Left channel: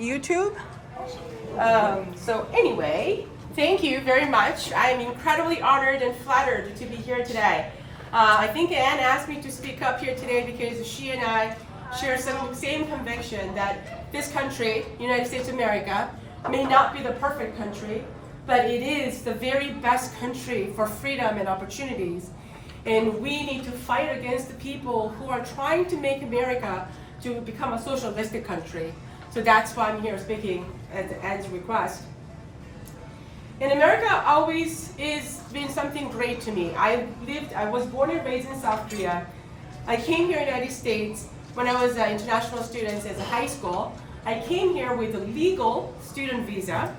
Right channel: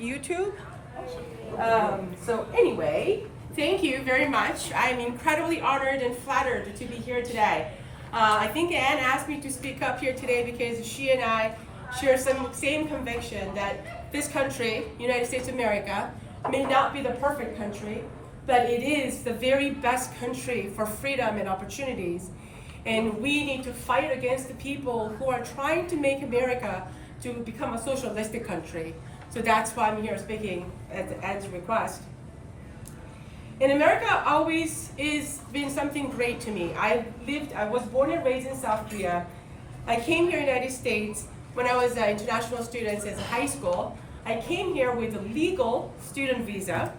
YouTube. So anyway, thank you very much. I'm incredibly honored and flattered to be here today. I think Anne asked me to speak up here today because she and I share some same conviction that this country, United States of America, may not be the perfect country, but it is the very best country for freedom and opportunities. And we need to fight against the people who are trying to make America to become a socialistic country. So that's why I'm here speaking at Anne's request. And America always has been something great to me. I was born and raised in South Korea. I came here in the United States when I was an international student as a high school. I came here with a legal student visa,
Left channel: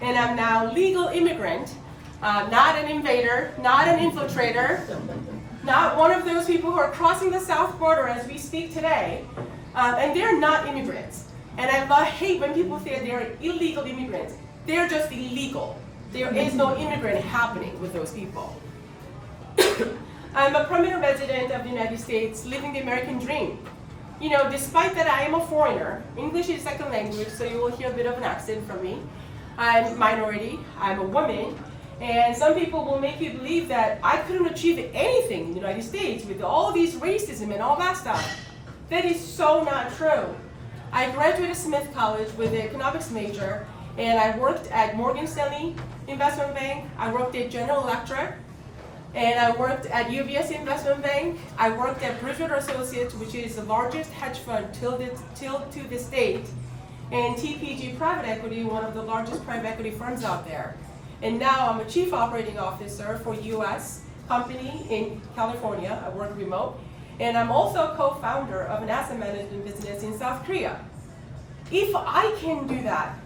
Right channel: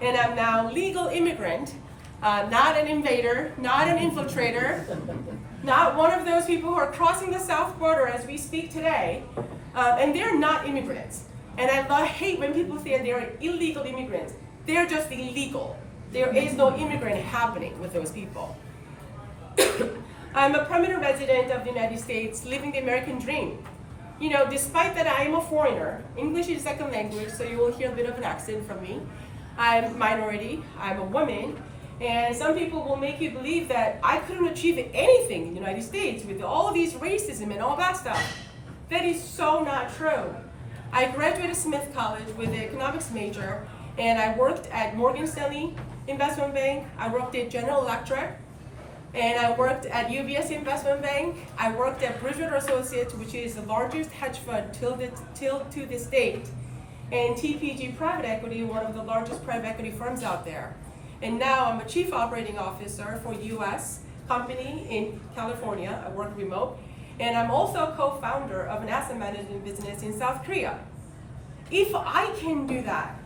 and I'm now legal immigrant, not an invader, not an infiltrator, not one of those people who are crossing the south border as we speak today, and they're not immigrants. And I hate when people say they're illegal immigrants. They're just illegal. There is no immigrant happening with those people. I'm a permanent resident of the United States, living the American dream. You know, despite that I am a foreigner, English is second language, so you will hear a bit of an accent from me. I'm minority, I'm a woman, and some people will make you believe that I couldn't achieve anything in the United States with all these racism and all that stuff. That is so not true. I graduated Smith College with an economics major, and I worked at Morgan Stanley Investment Bank, I worked at General Electric, and I worked at UBS Investment Bank. I worked at Bridgewater Associates, which is the largest hedge fund till to this date, and TPG Private Equity, one of the largest private equity firms out there. And now I'm a chief operating officer for US company in California. I work remote. And I'm also a co-founder of an asset management business in South Korea. If I can do that,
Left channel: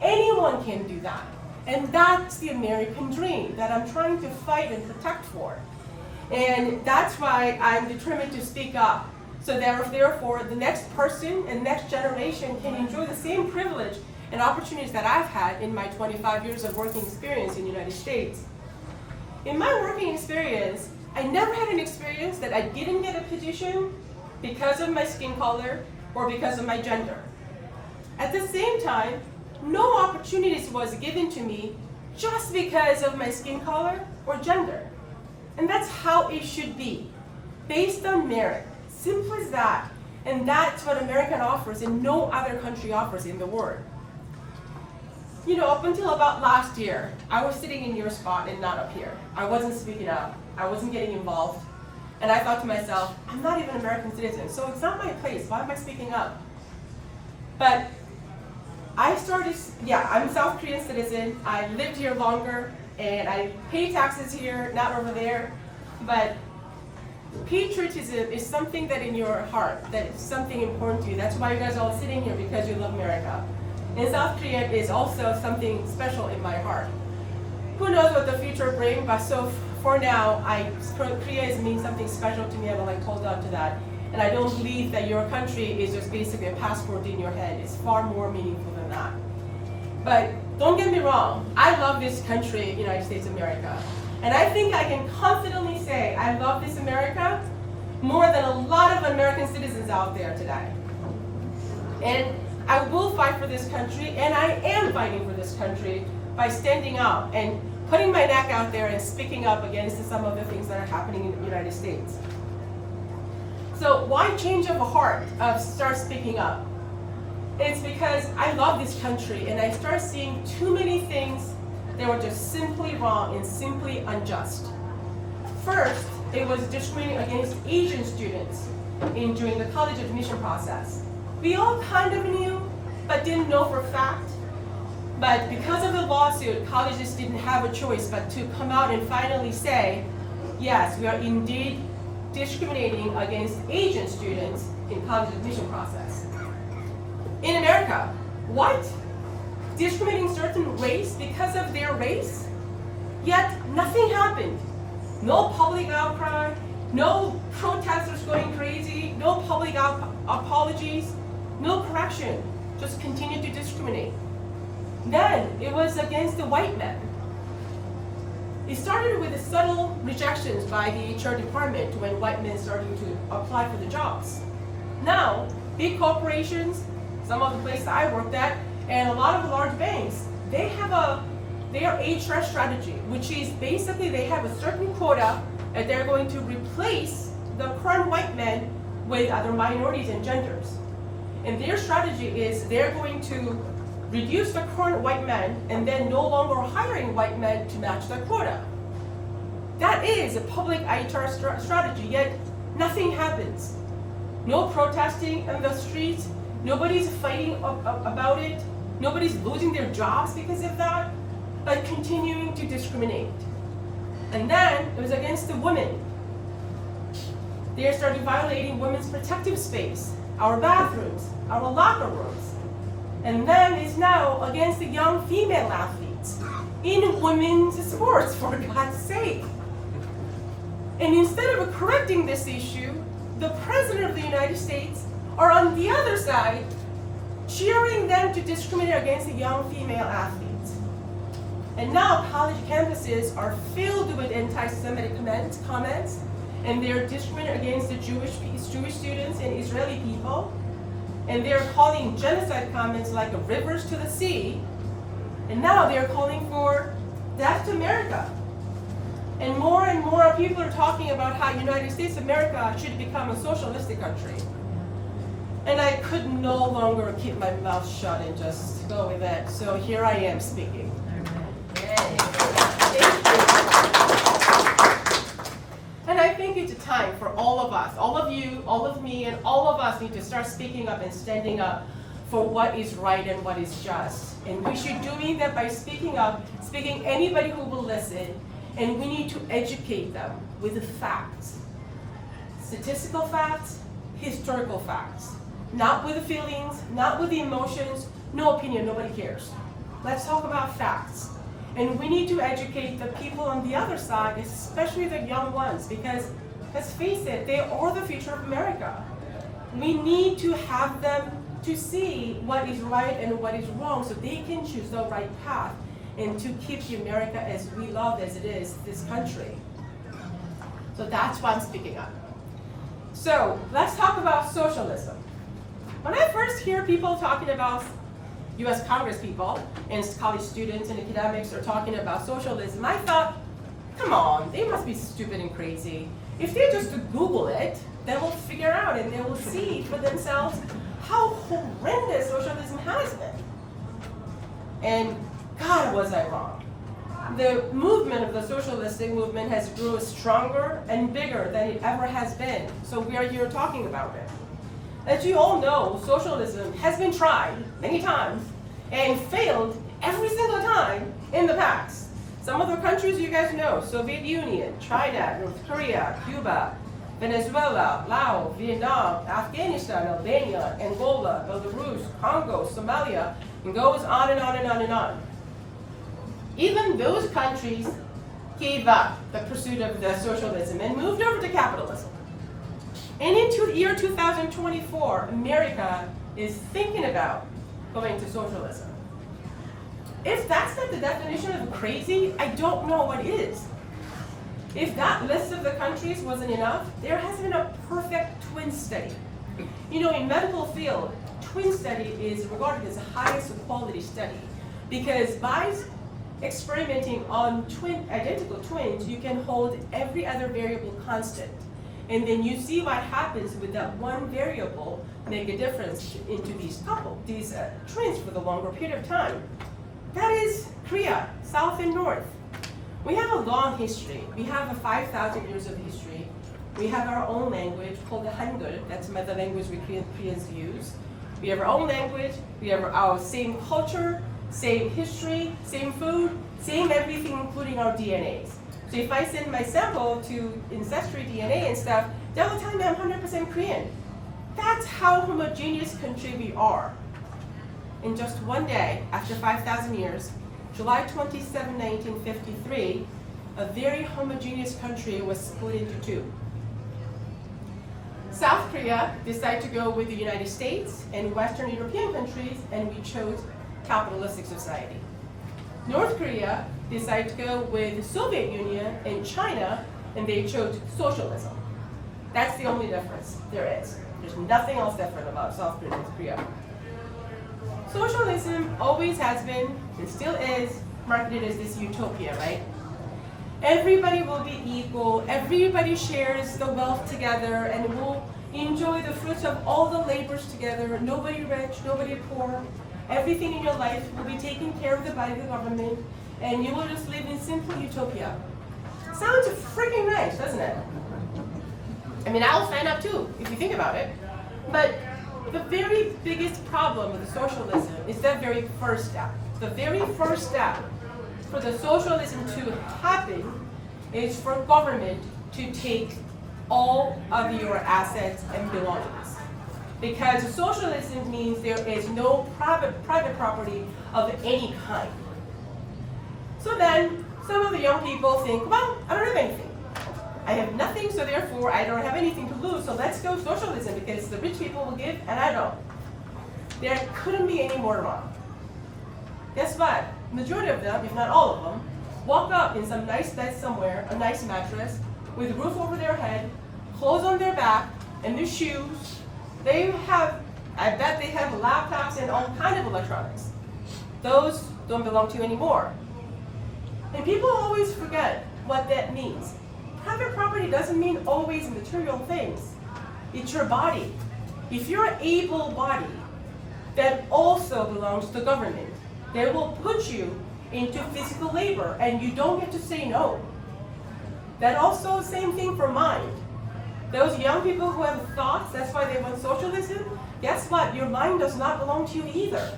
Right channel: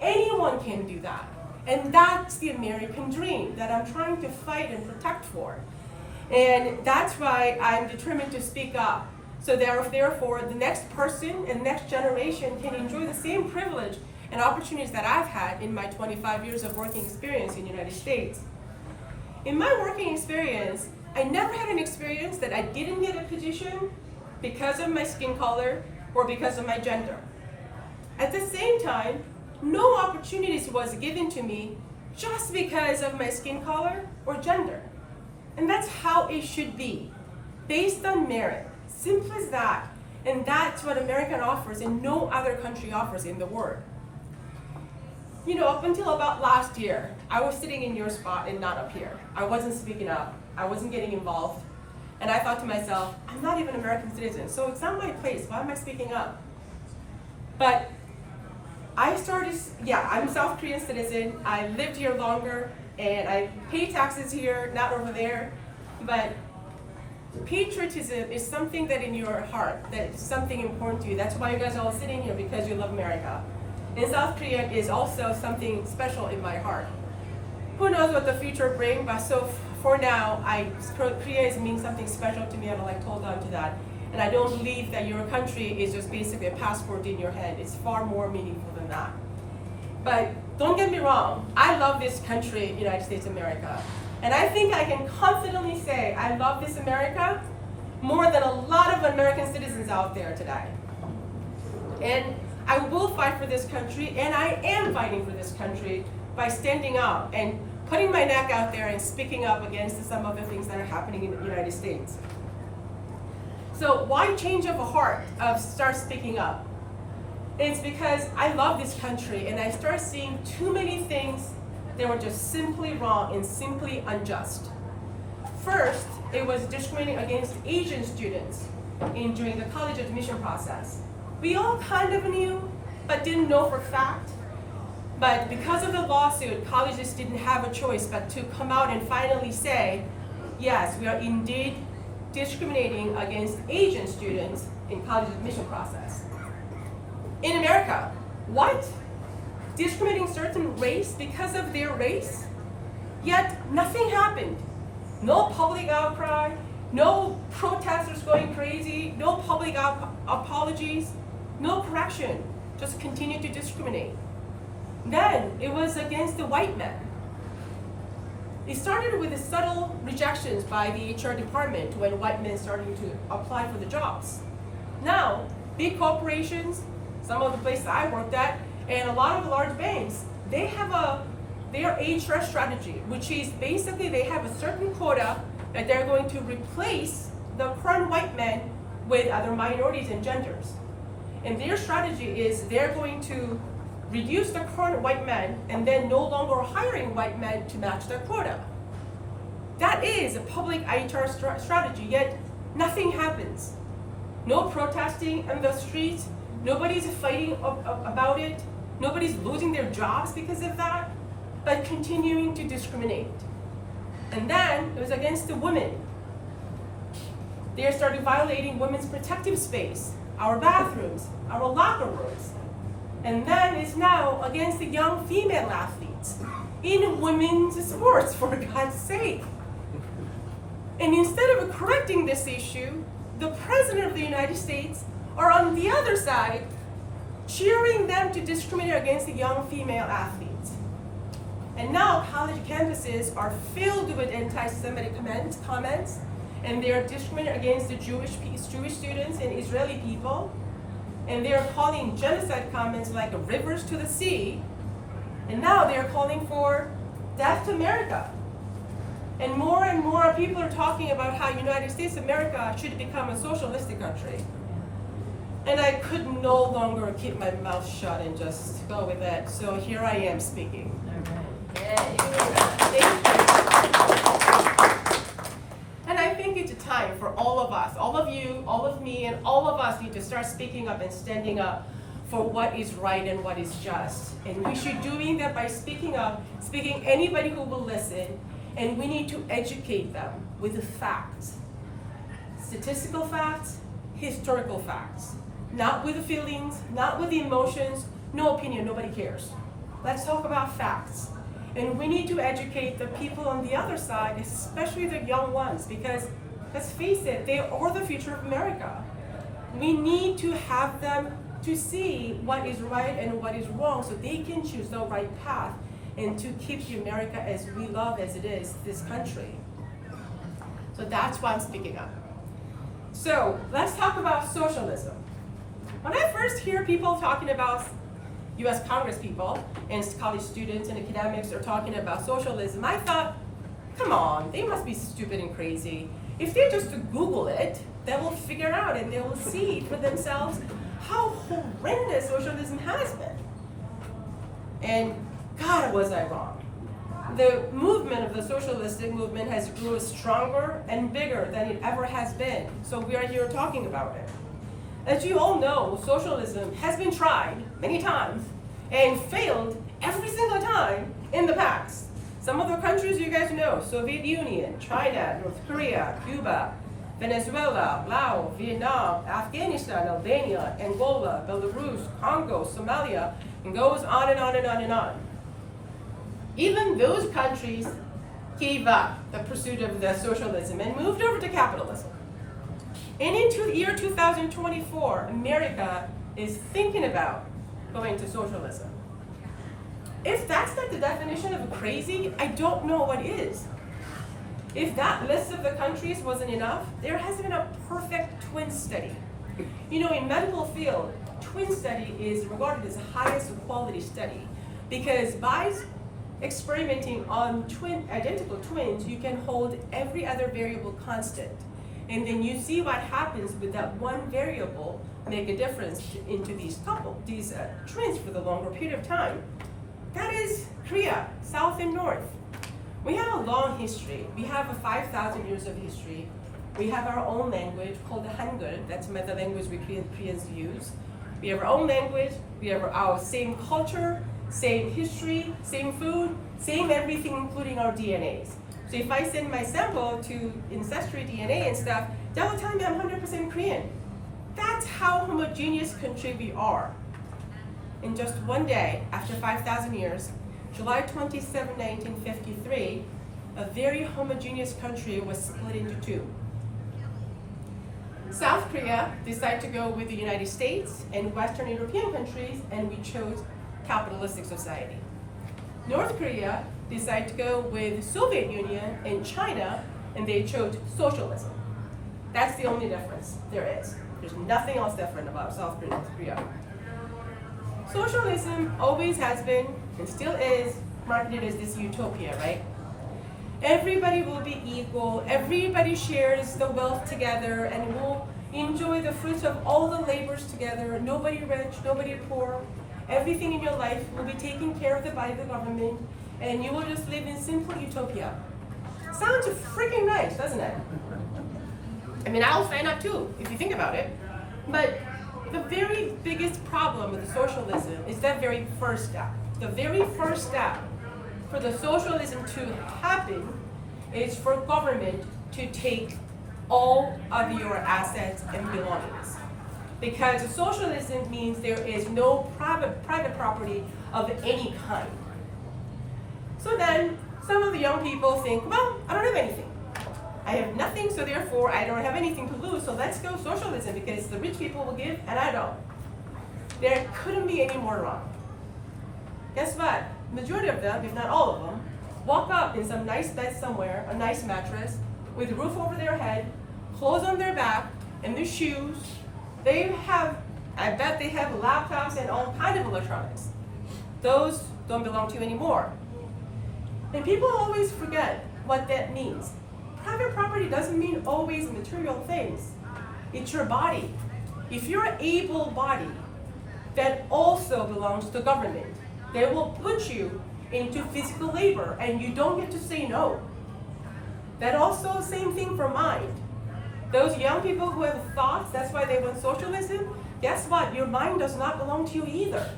anyone can do that. And that's the American dream that I'm trying to fight and protect for. And that's why I'm determined to speak up. So therefore, the next person and next generation can enjoy the same privilege and opportunities that I've had in my 25 years of working experience in the United States. In my working experience, I never had an experience that I didn't get a position because of my skin color or because of my gender. At the same time, no opportunities was given to me just because of my skin color or gender. And that's how it should be, based on merit. Simple as that. And that's what America offers and no other country offers in the world. You know, up until about last year, I was sitting in your spot and not up here. I wasn't speaking up. I wasn't getting involved. And I thought to myself, I'm not even an American citizen, so it's not my place. Why am I speaking up? But I'm a South Korean citizen. I lived here longer, and I pay taxes here, not over there. But patriotism is something that in your heart, that is something important to you. That's why you guys are all sitting here, because you love America. And South Korea is also something special in my heart. Who knows what the future brings, but so for now, Korea means something special to me, and I hold on to that. And I don't believe that your country is just basically a passport in your hand. It's far more meaningful than that. But don't get me wrong, I love this country, United States of America. And I think I can confidently say I love this America more than a lot of American citizens out there today. And I will fight for this country, and I am fighting for this country by standing up and putting my neck out there and speaking up against some of the things that are happening in the United States. So why change of a heart of start speaking up? It's because I love this country, and I start seeing too many things that were just simply wrong and simply unjust. First, it was discriminating against Asian students during the college admission process. We all kind of knew, but didn't know for fact. But because of the lawsuit, colleges didn't have a choice but to come out and finally say, yes, we are indeed discriminating against Asian students in college admission process. In America, what? Discriminating certain race because of their race? Yet nothing happened. No public outcry, no protesters going crazy, no public apologies, no correction, just continue to discriminate. Then it was against the white men. It started with the subtle rejections by the HR department when white men started to apply for the jobs. Now, big corporations, some of the places I worked at, and a lot of the large banks, they are HR strategy, which is basically they have a certain quota that they're going to replace the current white men with other minorities and genders. And their strategy is they're going to reduce the current white men and then no longer hiring white men to match their quota. That is a public HR strategy, yet nothing happens. No protesting in the streets, nobody's fighting about it, nobody's losing their jobs because of that, but continuing to discriminate. And then it was against the women. They started violating women's protective space, our bathrooms, our locker rooms. And then it's now against the young female athletes in women's sports, for God's sake. And instead of correcting this issue, the President of the United States are on the other side, cheering them to discriminate against the young female athletes. And now college campuses are filled with anti-Semitic comments, and they're discriminating against the Jewish students and Israeli people. And they're calling genocide comments like rivers to the sea. And now they're calling for death to America. And more people are talking about how United States of America should become a socialistic country. And I could no longer keep my mouth shut and just go with it. So here I am speaking. And I think it's time for all of us, all of you, all of me, and all of us need to start speaking up and standing up for what is right and what is just. And we should doing that by speaking up, speaking anybody who will listen, and we need to educate them with the facts. Statistical facts, historical facts. Not with the feelings, not with the emotions, no opinion, nobody cares. Let's talk about facts. And we need to educate the people on the other side, especially the young ones, because let's face it, they are the future of America. We need to have them to see what is right and what is wrong so they can choose the right path and to keep the America as we love as it is, this country. So that's why I'm speaking up. So let's talk about socialism. When I first hear people talking about US Congress people and college students and academics are talking about socialism, I thought, come on, they must be stupid and crazy. If they just Google it, they will figure out and they will see for themselves how horrendous socialism has been. And God, was I wrong. The movement of the socialistic movement has grew stronger and bigger than it ever has been. So we are here talking about it. As you all know, socialism has been tried many times and failed every single time in the past. Some of the countries you guys know, Soviet Union, China, North Korea, Cuba, Venezuela, Laos, Vietnam, Afghanistan, Albania, Angola, Belarus, Congo, Somalia, and goes on and on and on and on. Even those countries gave up the pursuit of the socialism and moved over to capitalism. And into the year 2024, America is thinking about going to socialism. If that's not the definition of crazy, I don't know what is. If that list of the countries wasn't enough, there has been a perfect twin study. You know, in medical field, twin study is regarded as the highest quality study because by experimenting on identical twins, you can hold every other variable constant. And then you see what happens with that one variable make a difference into these twins for the longer period of time. That is Korea, South and North. We have a long history. We have 5,000 years of history. We have our own language called the Hangul. That's the language we Koreans use. We have our own language. We have our same culture, same history, same food, same everything, including our DNAs. So if I send my sample to Ancestry DNA and stuff, they will tell me I'm 100% Korean. That's how homogeneous country we are. In just one day, after 5,000 years, July 27, 1953, a very homogeneous country was split into two. South Korea decided to go with the United States and Western European countries, and we chose capitalistic society. North Korea decided to go with the Soviet Union and China, and they chose socialism. That's the only difference there is. There's nothing else different about South Korea and North Korea. Socialism always has been, and still is, marketed as this utopia, right? Everybody will be equal, everybody shares the wealth together, and will enjoy the fruits of all the labors together. Nobody rich, nobody poor. Everything in your life will be taken care of by the government, and you will just live in simple utopia. Sounds freaking nice, doesn't it? I mean, I'll sign up too, if you think about it. But the very biggest problem with the socialism is that very first step. The very first step for the socialism to happen is for government to take all of your assets and belongings. Because socialism means there is no private property of any kind. So then, some of the young people think, well, I don't have anything. I have nothing, so therefore I don't have anything to lose, so let's go socialism because the rich people will give and I don't. There couldn't be any more wrong. Guess what? Majority of them, if not all of them, walk up in some nice bed somewhere, a nice mattress, with a roof over their head, clothes on their back, and their shoes. They have, I bet they have laptops and all kinds of electronics. Those don't belong to you anymore. And people always forget what that means. Private property doesn't mean always material things. It's your body. If you're able-bodied, that also belongs to government. They will put you into physical labor and you don't get to say no. That also same thing for mind. Those young people who have thoughts, that's why they want socialism, guess what? Your mind does not belong to you either.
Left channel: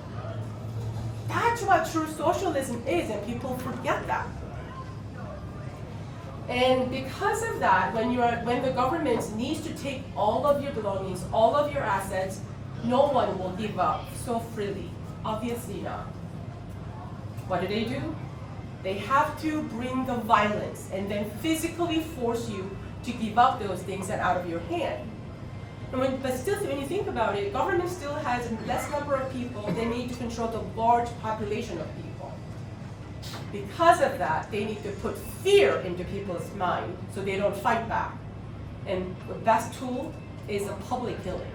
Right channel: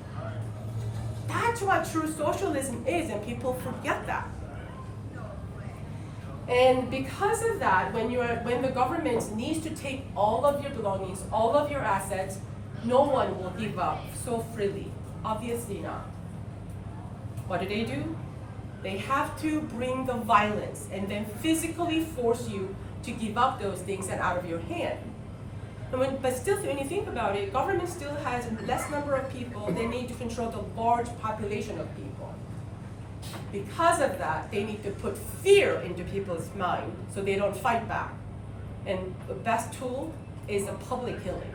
That's what true socialism is, and people forget that. And because of that, when the government needs to take all of your belongings, all of your assets, no one will give up so freely. Obviously not. What do? They have to bring the violence and then physically force you to give up those things and out of your hand. But still, when you think about it, government still has a less number of people. They need to control the large population of people. Because of that, they need to put fear into people's mind so they don't fight back. And the best tool is a public killing.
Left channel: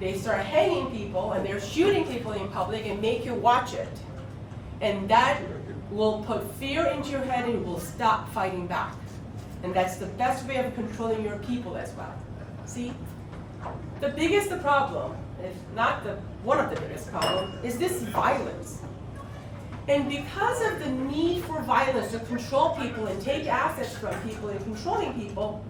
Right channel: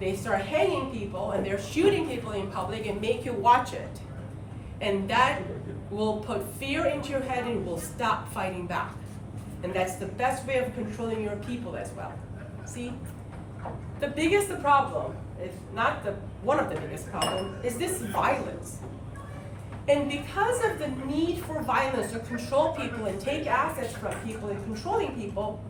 They start hanging people and they're shooting people in public and make you watch it. And that will put fear into your head and you will stop fighting back. And that's the best way of controlling your people as well. See? The biggest problem, if not one of the biggest problems, is this violence. And because of the need for violence to control people and take assets from people and controlling people,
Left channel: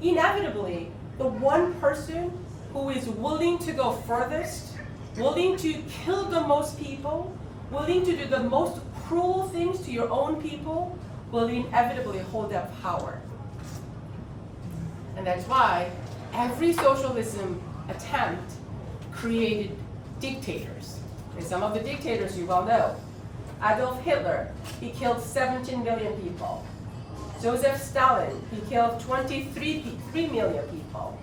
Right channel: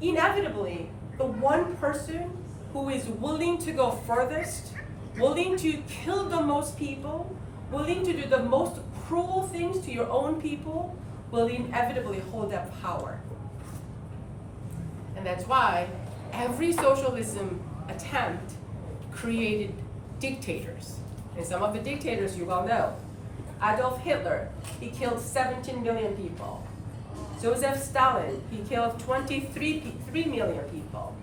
inevitably, the one person who is willing to go furthest, willing to kill the most people, willing to do the most cruel things to your own people, will inevitably hold that power. And that's why every socialism attempt created dictators. And some of the dictators you well know. Adolf Hitler, he killed 17 million people. Joseph Stalin, he killed 23 million people.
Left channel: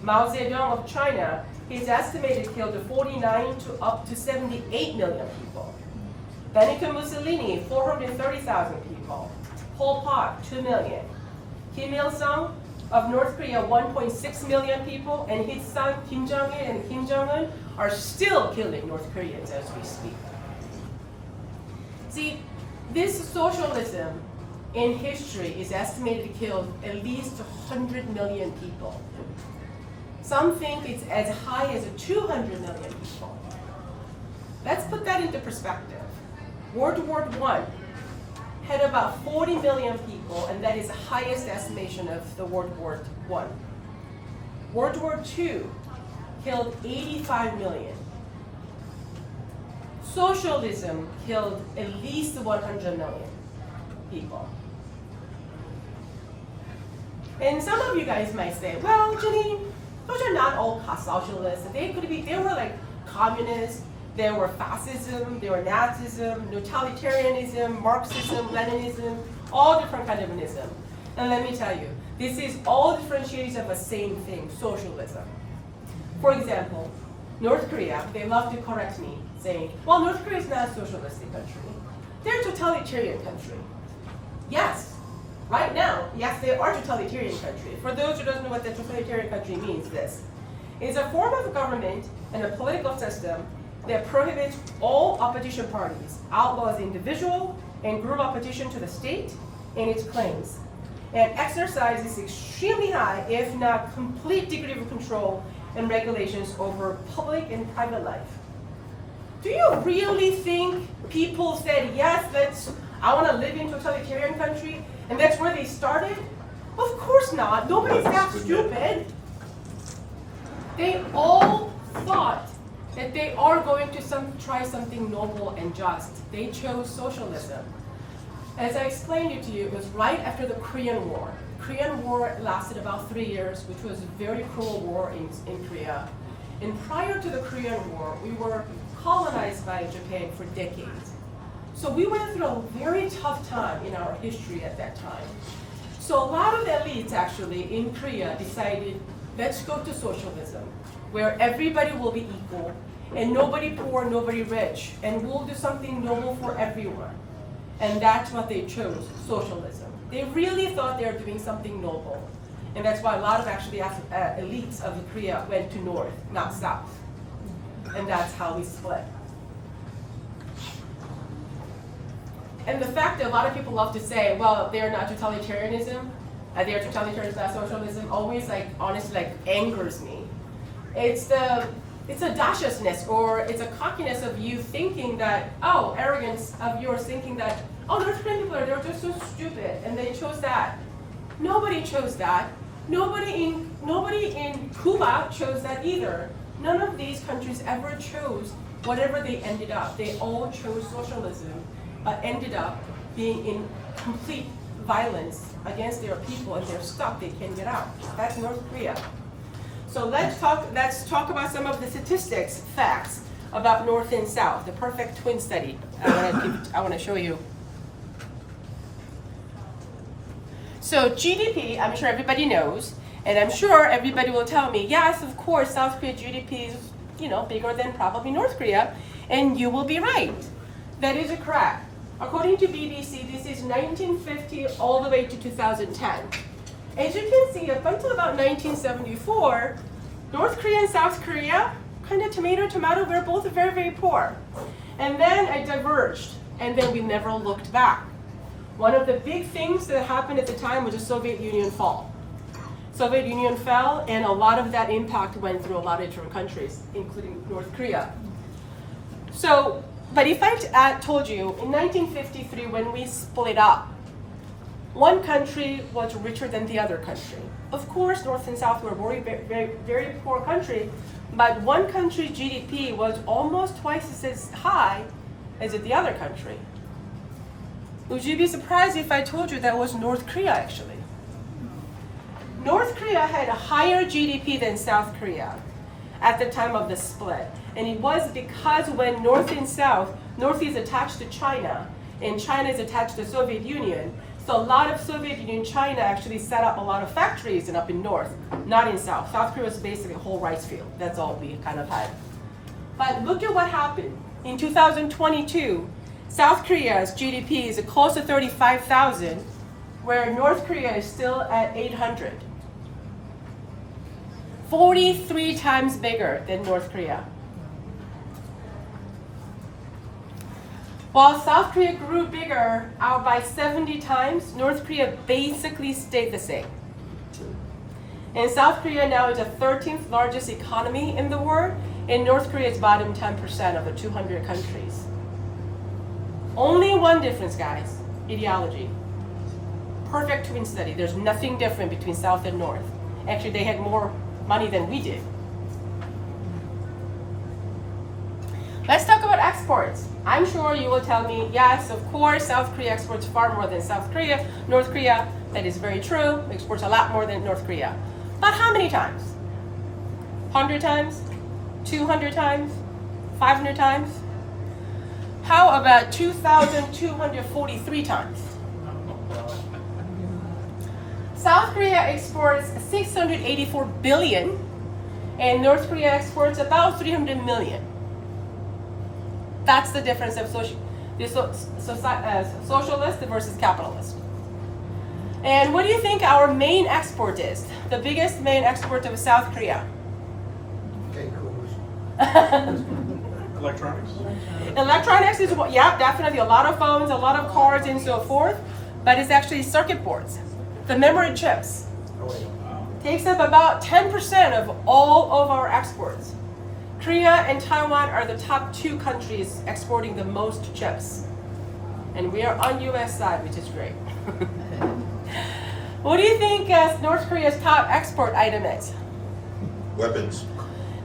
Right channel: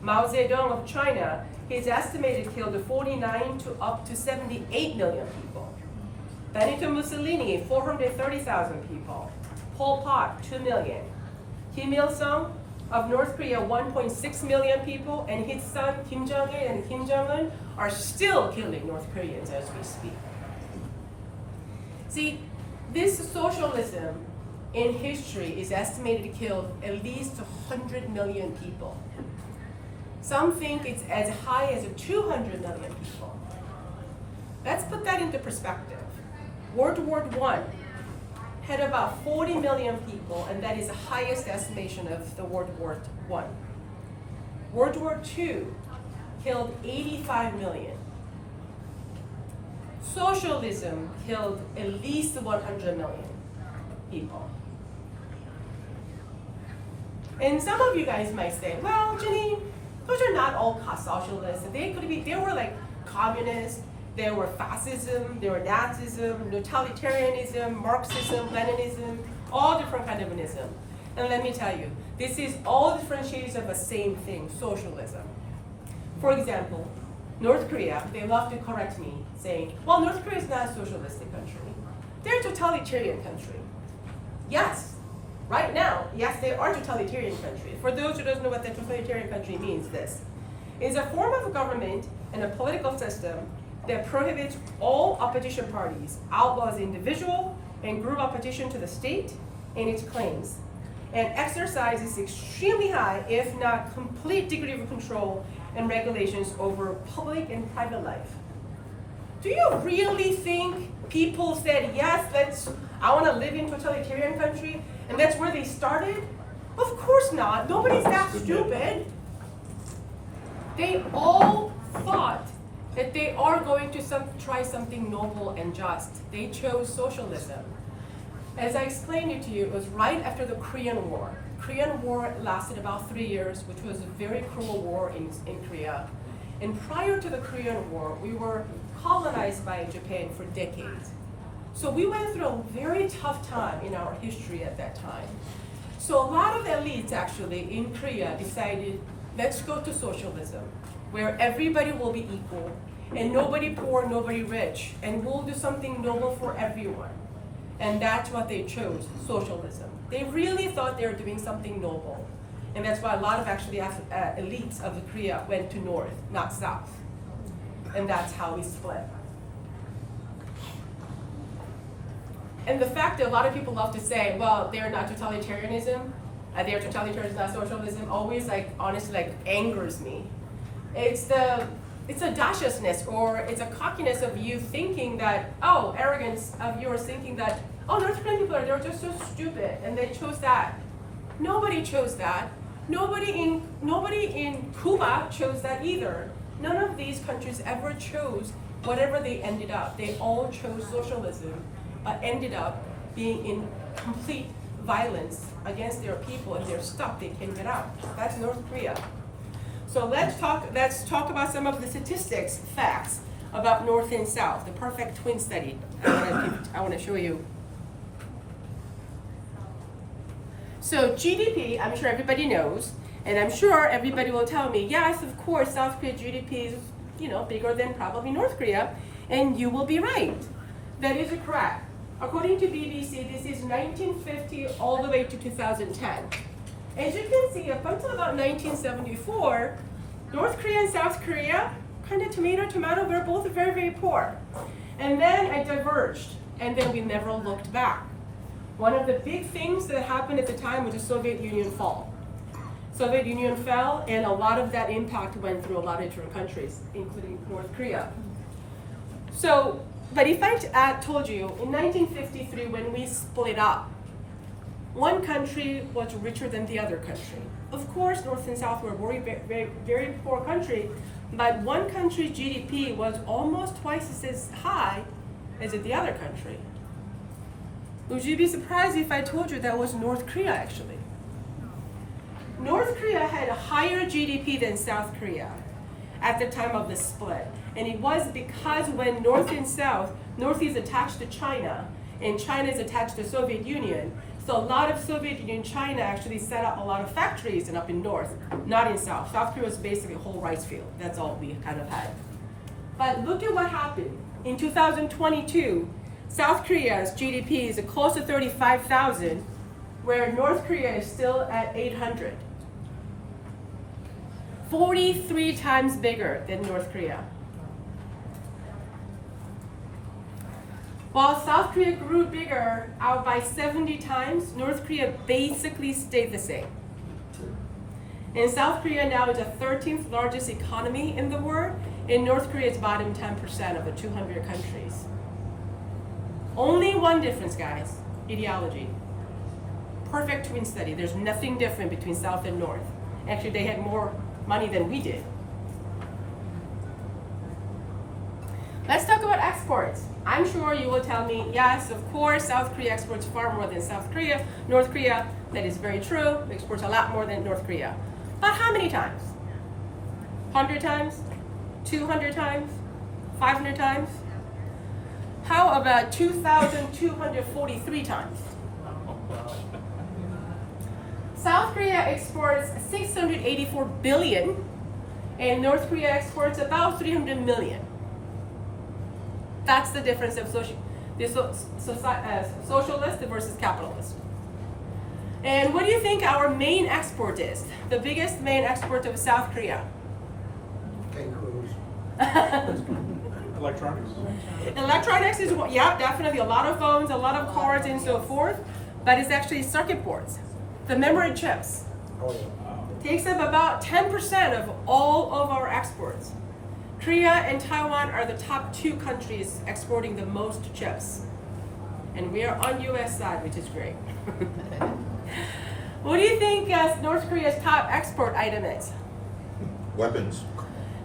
Mao Zedong of China, his estimated killed 49 to up to 78 million people. Benito Mussolini, 430,000 people. Pol Pot, 2 million. Kim Il-sung of North Korea, 1.6 million people, and his son Kim Jong-il and Kim Jong-un are still killing North Koreans as we speak. See, this socialism in history is estimated to kill at least 100 million people. Some think it's as high as 200 million people. Let's put that into perspective. World War I had about 40 million people, and that is the highest estimation of the World War I. World War II killed 85 million. Socialism killed at least 100 million people. And some of you guys might say, well, Jinny, those are not all socialists. They were like communists. There were fascism, there were Nazism, totalitarianism, Marxism, Leninism, all different kinds of ism. And let me tell you, this is all different shades of the same thing, socialism. For example, North Korea, they love to correct me, saying, well, North Korea is not a socialistic country. They're a totalitarian country. Yes, right now, yes, they are a totalitarian country. For those who don't know what the totalitarian country means, this is a form of government and a political system that prohibits all opposition parties, outlaws individual and group opposition to the state and its claims, and exercises extremely high, if not complete degree of control and regulations over public and private life. Do you really think people said, yes, I want to live in totalitarian country, and that's where they started? Of course not. Nobody's that stupid. They all thought that they are going to try something noble and just. They chose socialism. As I explained it to you, it was right after the Korean War. Korean War lasted about 3 years, which was a very cruel war in Korea. And prior to the Korean War, we were colonized by Japan for decades. So we went through a very tough time in our history at that time. So a lot of elites actually in Korea decided, let's go to socialism, where everybody will be equal, and nobody poor, nobody rich, and we'll do something noble for everyone. And that's what they chose, socialism. They really thought they were doing something noble. And that's why a lot of actually elites of Korea went to north, not south. And that's how we split. And the fact that a lot of people love to say, well, they're not totalitarianism, they're totalitarianism, not socialism, always honestly angers me. It's audaciousness, or it's a cockiness of you thinking that, arrogance of yours thinking that, North Korean people they're just so stupid and they chose that. Nobody chose that. Nobody in Cuba chose that either. None of these countries ever chose whatever they ended up. They all chose socialism, but ended up being in complete violence against their people, and they're stuck. They can't get out. That's North Korea. So let's talk about some of the statistics, facts about North and South, the perfect twin study. I want to show you. So GDP, I'm sure everybody knows, and I'm sure everybody will tell me, yes, of course, South Korea GDP is, bigger than probably North Korea, and you will be right. That is correct. According to BBC, this is 1950 all the way to 2010. As you can see, up until about 1974, North Korea and South Korea, kind of tomato, we're both very, very poor. And then it diverged, and then we never looked back. One of the big things that happened at the time was the Soviet Union fall. Soviet Union fell, and a lot of that impact went through a lot of different countries, including North Korea. So, but if I told you, in 1953, when we split up, one country was richer than the other country. Of course, North and South were very, very, very poor country, but one country's GDP was almost twice as high as the other country. Would you be surprised if I told you that was North Korea, actually? North Korea had a higher GDP than South Korea at the time of the split. And it was because when North and South, North is attached to China, and China is attached to the Soviet Union. So a lot of Soviet Union, China actually set up a lot of factories up in North, not in South. South Korea was basically a whole rice field. That's all we kind of had. But look at what happened. In 2022, South Korea's GDP is close to 35,000, where North Korea is still at 800. 43 times bigger than North Korea. While South Korea grew bigger out by 70 times, North Korea basically stayed the same. And South Korea now is the 13th largest economy in the world, and North Korea is bottom 10% of the 200 countries. Only one difference, guys, ideology. Perfect twin study. There's nothing different between South and North. Actually, they had more money than we did. Let's talk about exports. I'm sure you will tell me, yes, of course, South Korea exports far more than South Korea. North Korea, that is very true, exports a lot more than North Korea. But how many times? 100 times? 200 times? 500 times? How about 2,243 times? South Korea exports 684 billion, and North Korea exports about 300 million. That's the difference of socialist versus capitalist. And what do you think our main export is? The biggest main export of South Korea? Cake. Electronics? Electronics is, yeah, definitely a lot of phones, a lot of cars, and so forth, but it's actually circuit boards, the memory chips. Oh, yeah. Wow. Takes up about 10% of all of our exports. Korea and Taiwan are the top 2 countries exporting the most chips. And we are on US side, which is great. What do you think North Korea's top export item is? Weapons.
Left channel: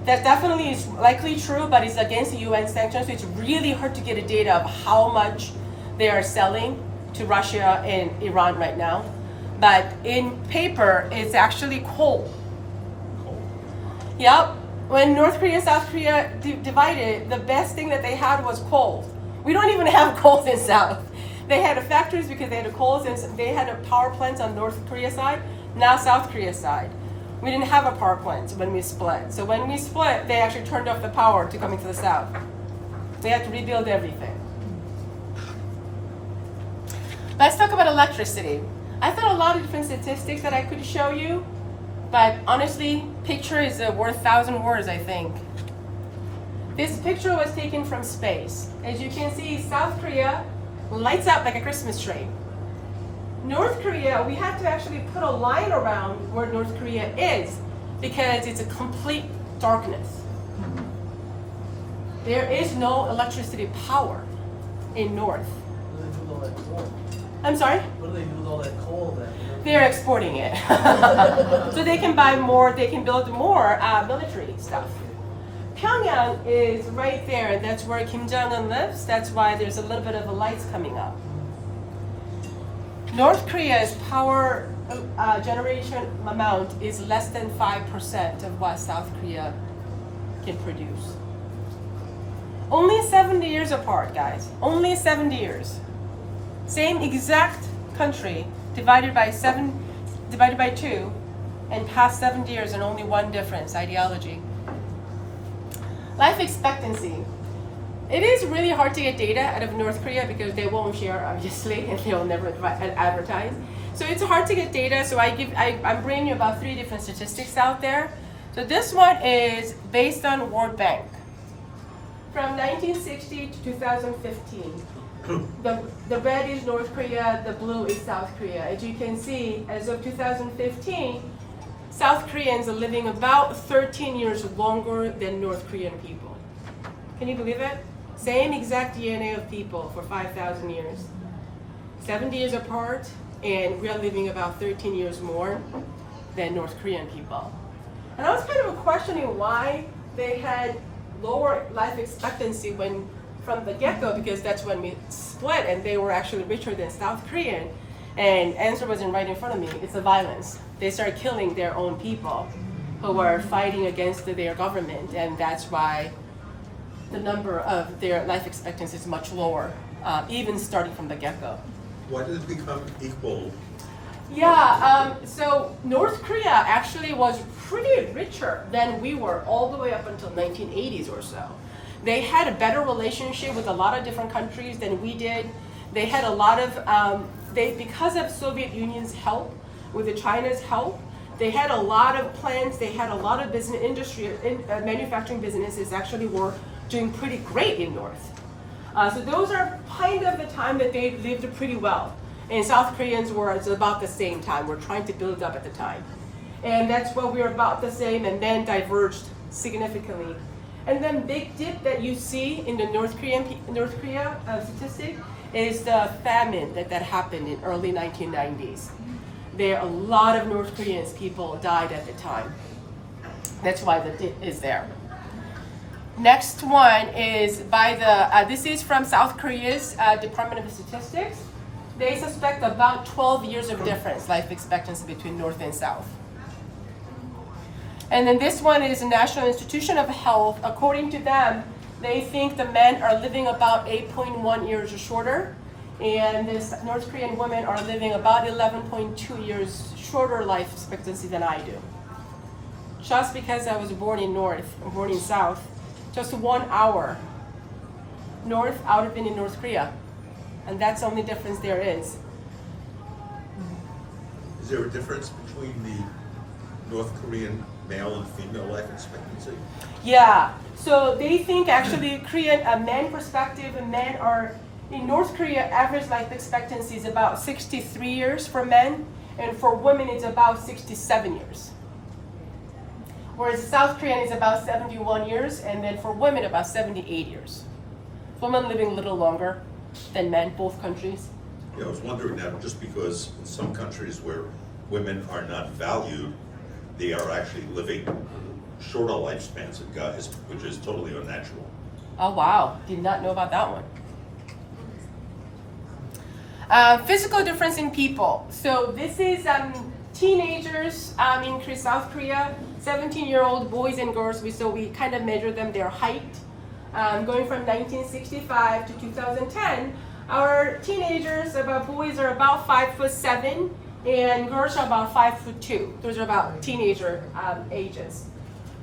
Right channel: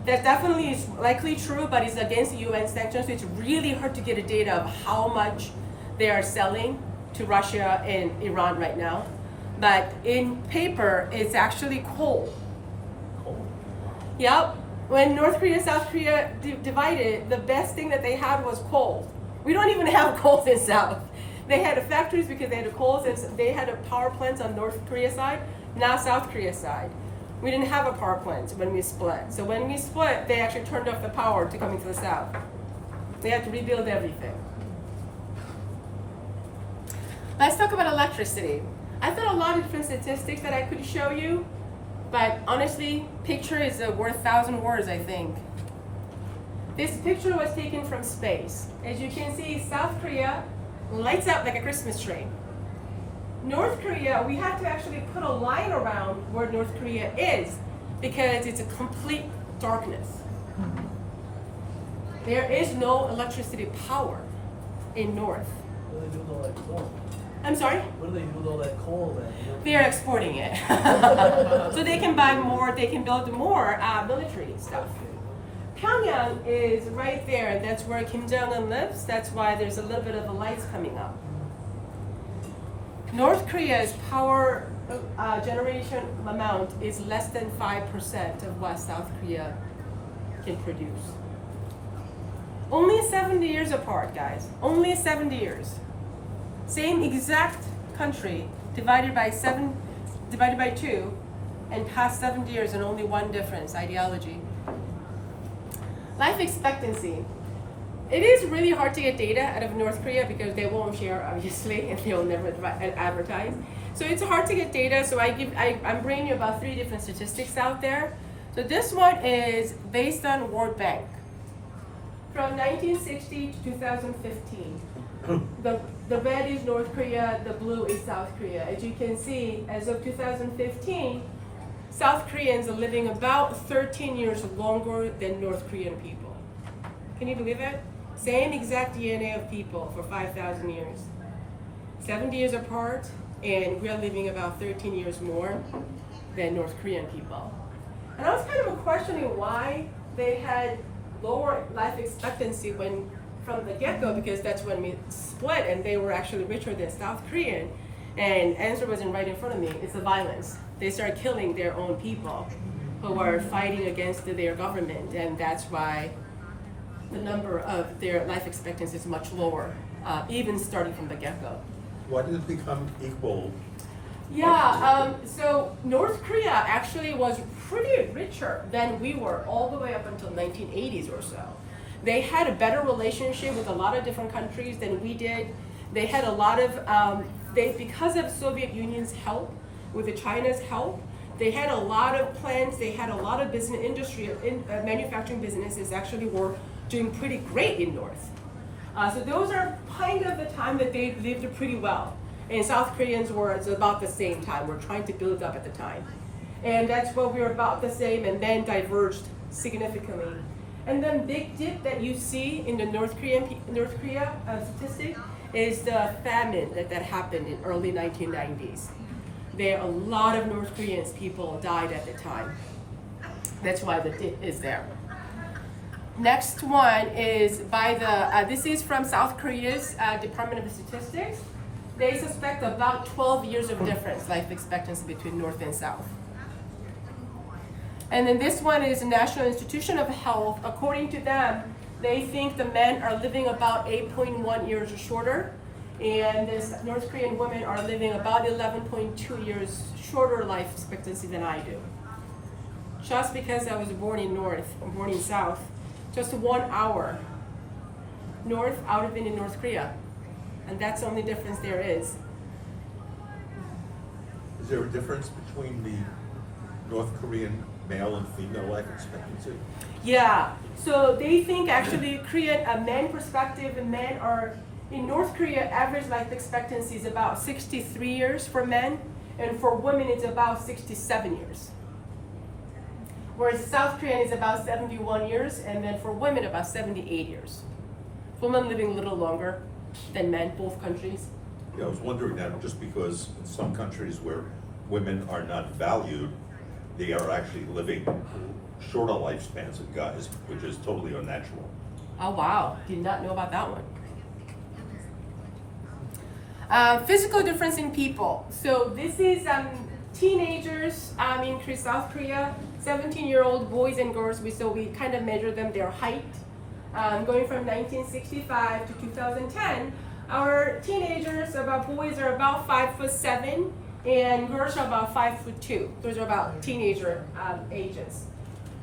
That definitely is likely true, but it's against the UN sanctions, so it's really hard to get a data of how much they are selling to Russia and Iran right now. But in paper, it's actually coal. Cool. Yep. When North Korea, South Korea divided, the best thing that they had was coal. We don't even have coal in South. They had factories because they had coal, and they had a power plants on North Korea side, now South Korea side. We didn't have a power plant when we split. So when we split, they actually turned off the power to come into the South. They had to rebuild everything. Let's talk about electricity. I found a lot of different statistics that I could show you, but honestly, picture is worth 1,000 words, I think. This picture was taken from space. As you can see, South Korea lights up like a Christmas tree. North Korea, we have to actually put a line around where North Korea is because it's a complete darkness. There is no electricity power in North. What do they do with all that coal? I'm sorry? What do they do with all that coal then? They're exporting it. So they can buy more, they can build more military stuff. Pyongyang is right there, and that's where Kim Jong-un lives. That's why there's a little bit of the lights coming up. North Korea's power generation amount is less than 5% of what South Korea can produce. Only 70 years apart, guys. Only 70 years. Same exact country divided by 2, and past 70 years, and only one difference: ideology. Life expectancy. It is really hard to get data out of North Korea because they won't share, obviously, and they'll never advertise. So it's hard to get data. So I'm bringing you about 3 different statistics out there. So this one is based on World Bank. From 1960 to 2015, the red is North Korea, the blue is South Korea. As you can see, as of 2015, South Koreans are living about 13 years longer than North Korean people. Can you believe it? Same exact DNA of people for 5,000 years. 70 years apart, and we are living about 13 years more than North Korean people. And I was kind of questioning why they had lower life expectancy from the get-go, because that's when we split and they were actually richer than South Korean. And answer wasn't right in front of me. It's the violence. They started killing their own people who were fighting against their government, and that's why the number of their life expectancy is much lower, even starting from the get-go. Why did it become equal? Yeah, so North Korea actually was pretty richer than we were all the way up until 1980s or so. They had a better relationship with a lot of different countries than we did. They had a lot of, because of Soviet Union's help, with the China's help, they had a lot of plants, they had a lot of business industry, manufacturing businesses actually were doing pretty great in North. So those are kind of the time that they lived pretty well. And South Koreans were about the same time. We're trying to build up at the time. And that's what we were about the same, and then diverged significantly. And then big dip that you see in the North Korea statistic is the famine that happened in early 1990s. A lot of North Koreans people died at the time. That's why the dip is there. Next one is by this is from South Korea's Department of Statistics. They suspect about 12 years of difference, life expectancy between North and South. And then this one is the National Institution of Health. According to them, they think the men are living about 8.1 years shorter, and this North Korean women are living about 11.2 years shorter life expectancy than I do. Just because I was born in North, born in South, just 1 hour north I would have been in North Korea. And that's the only difference there is. Is there a difference between the North Korean male and female life expectancy? Yeah, so they think actually Korean, a man perspective, men are, in North Korea, average life expectancy is about 63 years for men, and for women it's about 67 years. Whereas South Korean is about 71 years, and then for women about 78 years. Women living a little longer than men, both countries. Yeah, I was wondering that just because in some countries where women are not valued, they are actually living shorter lifespans than guys, which is totally unnatural. Oh wow, did not know about that one. Physical difference in people. So this is teenagers in South Korea, 17-year-old boys and girls. So we kind of measure them, their height. Going from 1965 to 2010, our teenagers, boys are about 5'7", and girls are about 5'2". Those are about teenager ages.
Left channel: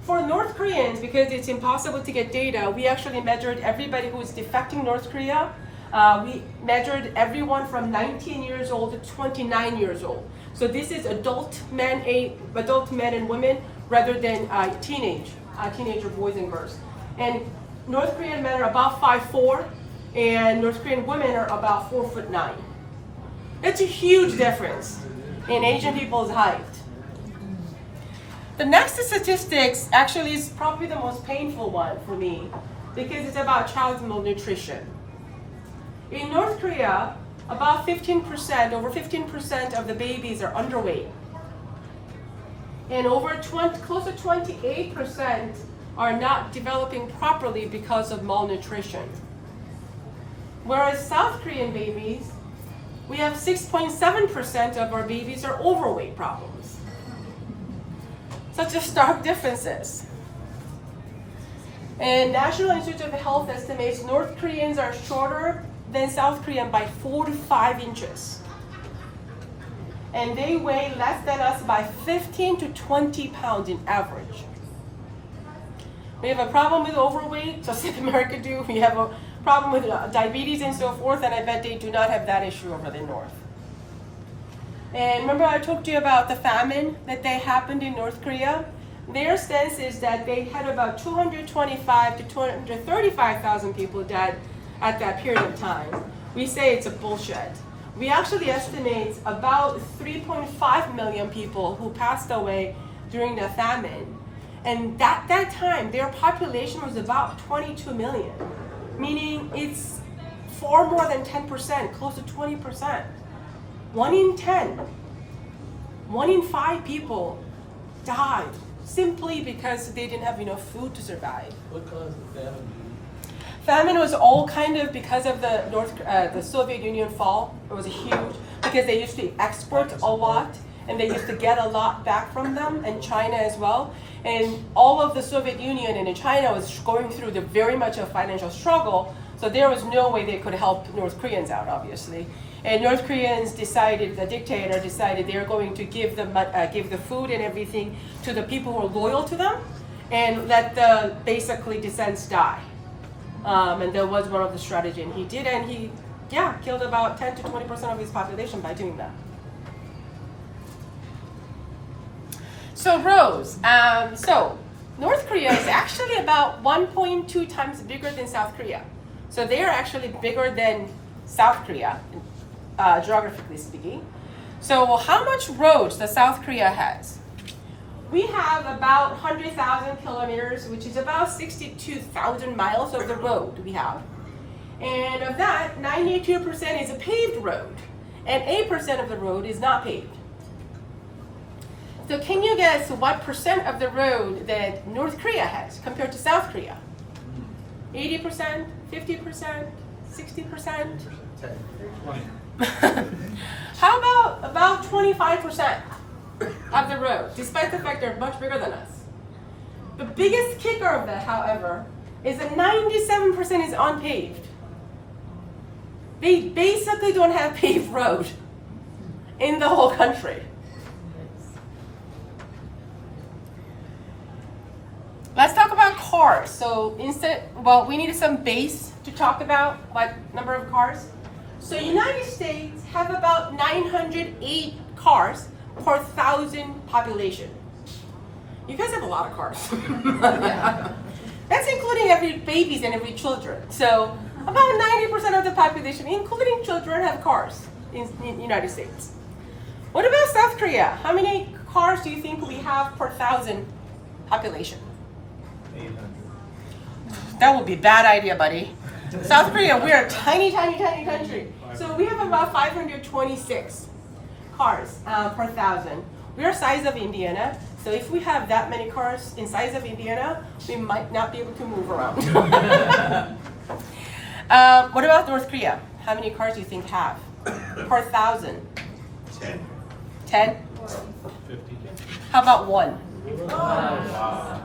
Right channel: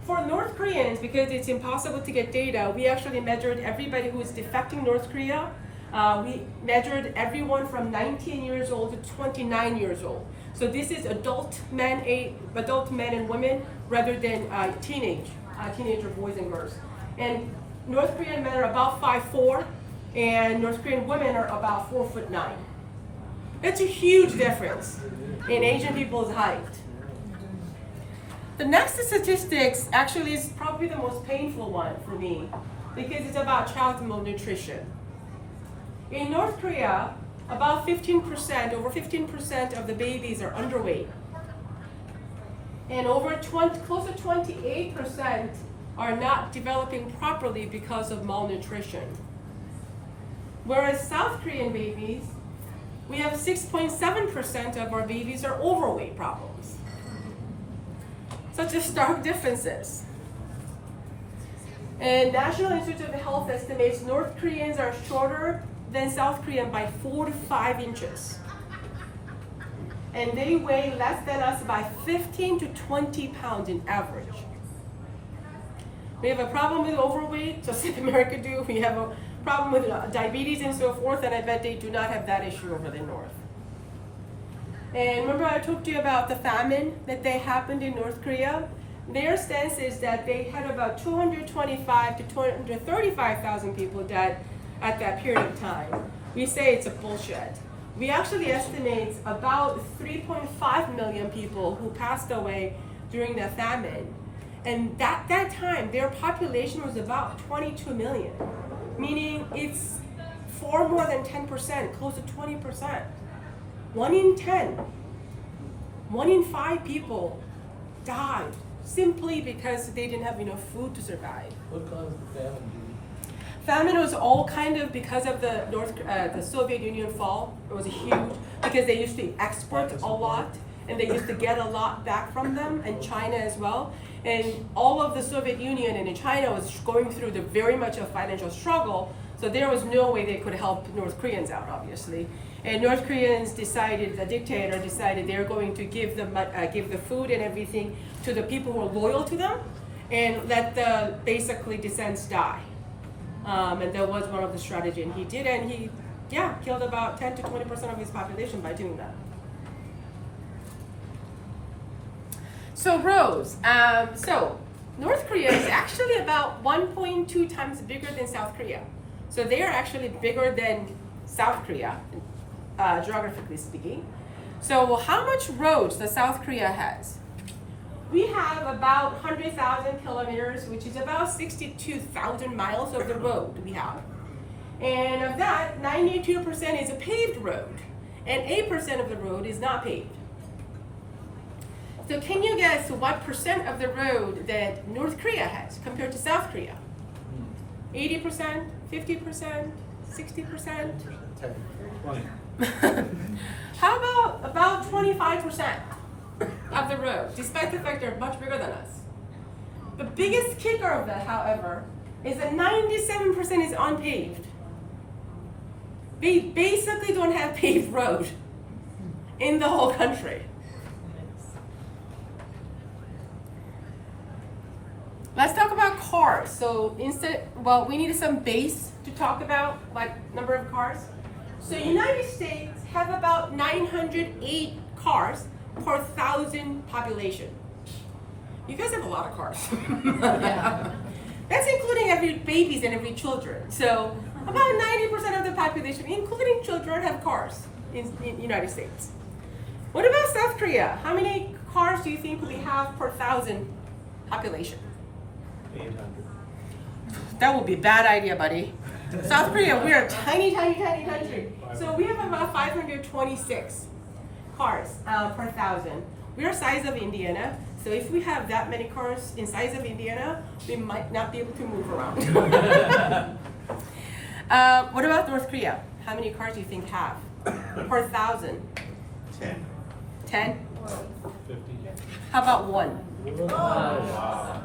For North Koreans, because it's impossible to get data, we actually measured everybody who is defecting North Korea. We measured everyone from 19 years old to 29 years old. So this is adult men and women rather than teenager boys and girls. And North Korean men are about 5'4", and North Korean women are about 4'9". That's a huge difference in Asian people's height. The next statistics actually is probably the most painful one for me because it's about child malnutrition. In North Korea, about 15%, over 15% of the babies are underweight. And close to 28% are not developing properly because of malnutrition. Whereas South Korean babies, we have 6.7% of our babies are overweight problems. Such a stark differences. And National Institute of Health estimates North Koreans are shorter than South Korean by 4 to 5 inches. And they weigh less than us by 15 to 20 pounds in average. We have a problem with overweight, just like America do. We have a problem with diabetes and so forth, and I bet they do not have that issue over the north. And remember I talked to you about the famine that happened in North Korea? Their sense is that they had about 225 to 235,000 people died at that period of time. We say it's a bullshit. We actually estimate about 3.5 million people who passed away during the famine. And at that time, their population was about 22 million, meaning it's far more than 10%, close to 20%. 1 in 10, 1 in 5 people died simply because they didn't have enough food to survive. What caused the famine? Famine was all kind of because of the Soviet Union fall. It was a huge, because they used to export a lot and they used to get a lot back from them, and China as well. And all of the Soviet Union and China was going through very much a financial struggle, so there was no way they could help North Koreans out, obviously. And North Koreans decided, the dictator decided they're going to give the food and everything to the people who are loyal to them, and let the basically descendants die. And that was one of the strategies, and he did, and he killed about 10 to 20% of his population by doing that. So Rose, North Korea is actually about 1.2 times bigger than South Korea. So they are actually bigger than South Korea, geographically speaking. So how much roads does South Korea has? We have about 100,000 kilometers, which is about 62,000 miles of the road we have. And of that, 92% is a paved road, and 8% of the road is not paved. So can you guess what percent of the road that North Korea has compared to South Korea? 80%, 50%, 60%? 10. 20. How about 25% of the road, despite the fact they're much bigger than us? The biggest kicker of that, however, is that 97% is unpaved. They basically don't have paved road in the whole country. Let's talk about cars. So we need some base to talk about what number of cars. So United States have about 908 cars per 1,000 population. You guys have a lot of cars. That's including every babies and every children. So about 90% of the population, including children, have cars in the United States. What about South Korea? How many cars do you think we have per 1,000 population? 800. That would be a bad idea, buddy. South Korea, we're a tiny, tiny, tiny country. So we have about 526 cars per 1,000. We're the size of Indiana. So if we have that many cars in size of Indiana, we might not be able to move around. What about North Korea? How many cars do you think have per 1,000? 10. 10? 50. How about one? Wow.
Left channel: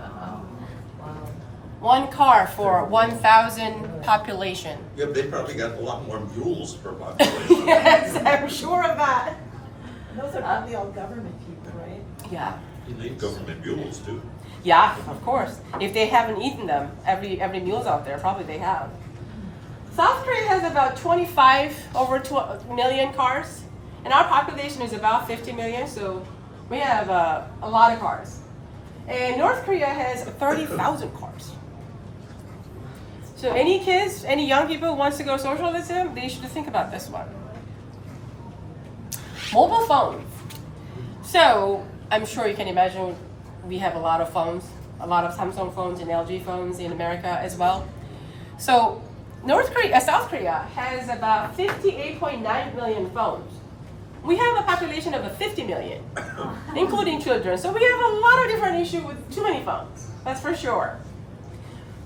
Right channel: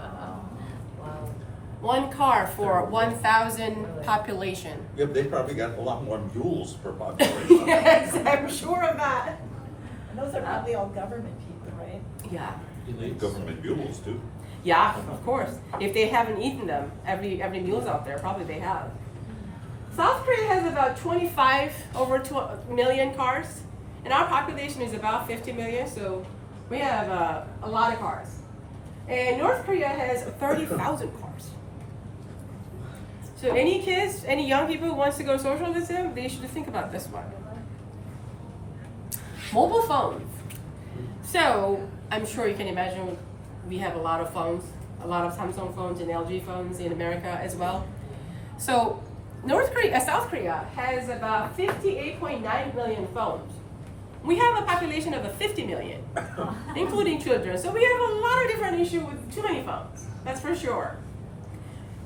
One car for 1,000 population. Yeah, but they probably got a lot more mules per population. Yes, I'm sure of that. Those are probably all government people, right? Yeah. Government mules too. Yeah, of course. If they haven't eaten them, every meal's out there, probably they have. South Korea has about 25 over 2 million cars, and our population is about 50 million, so we have a lot of cars. And North Korea has 30,000 cars. So any kids, any young people who wants to go socialism, they should think about this one. Mobile phones. So I'm sure you can imagine we have a lot of phones, a lot of Samsung phones and LG phones in America as well. So South Korea has about 58.9 million phones. We have a population of 50 million, including children. So we have a lot of different issues with too many phones, that's for sure.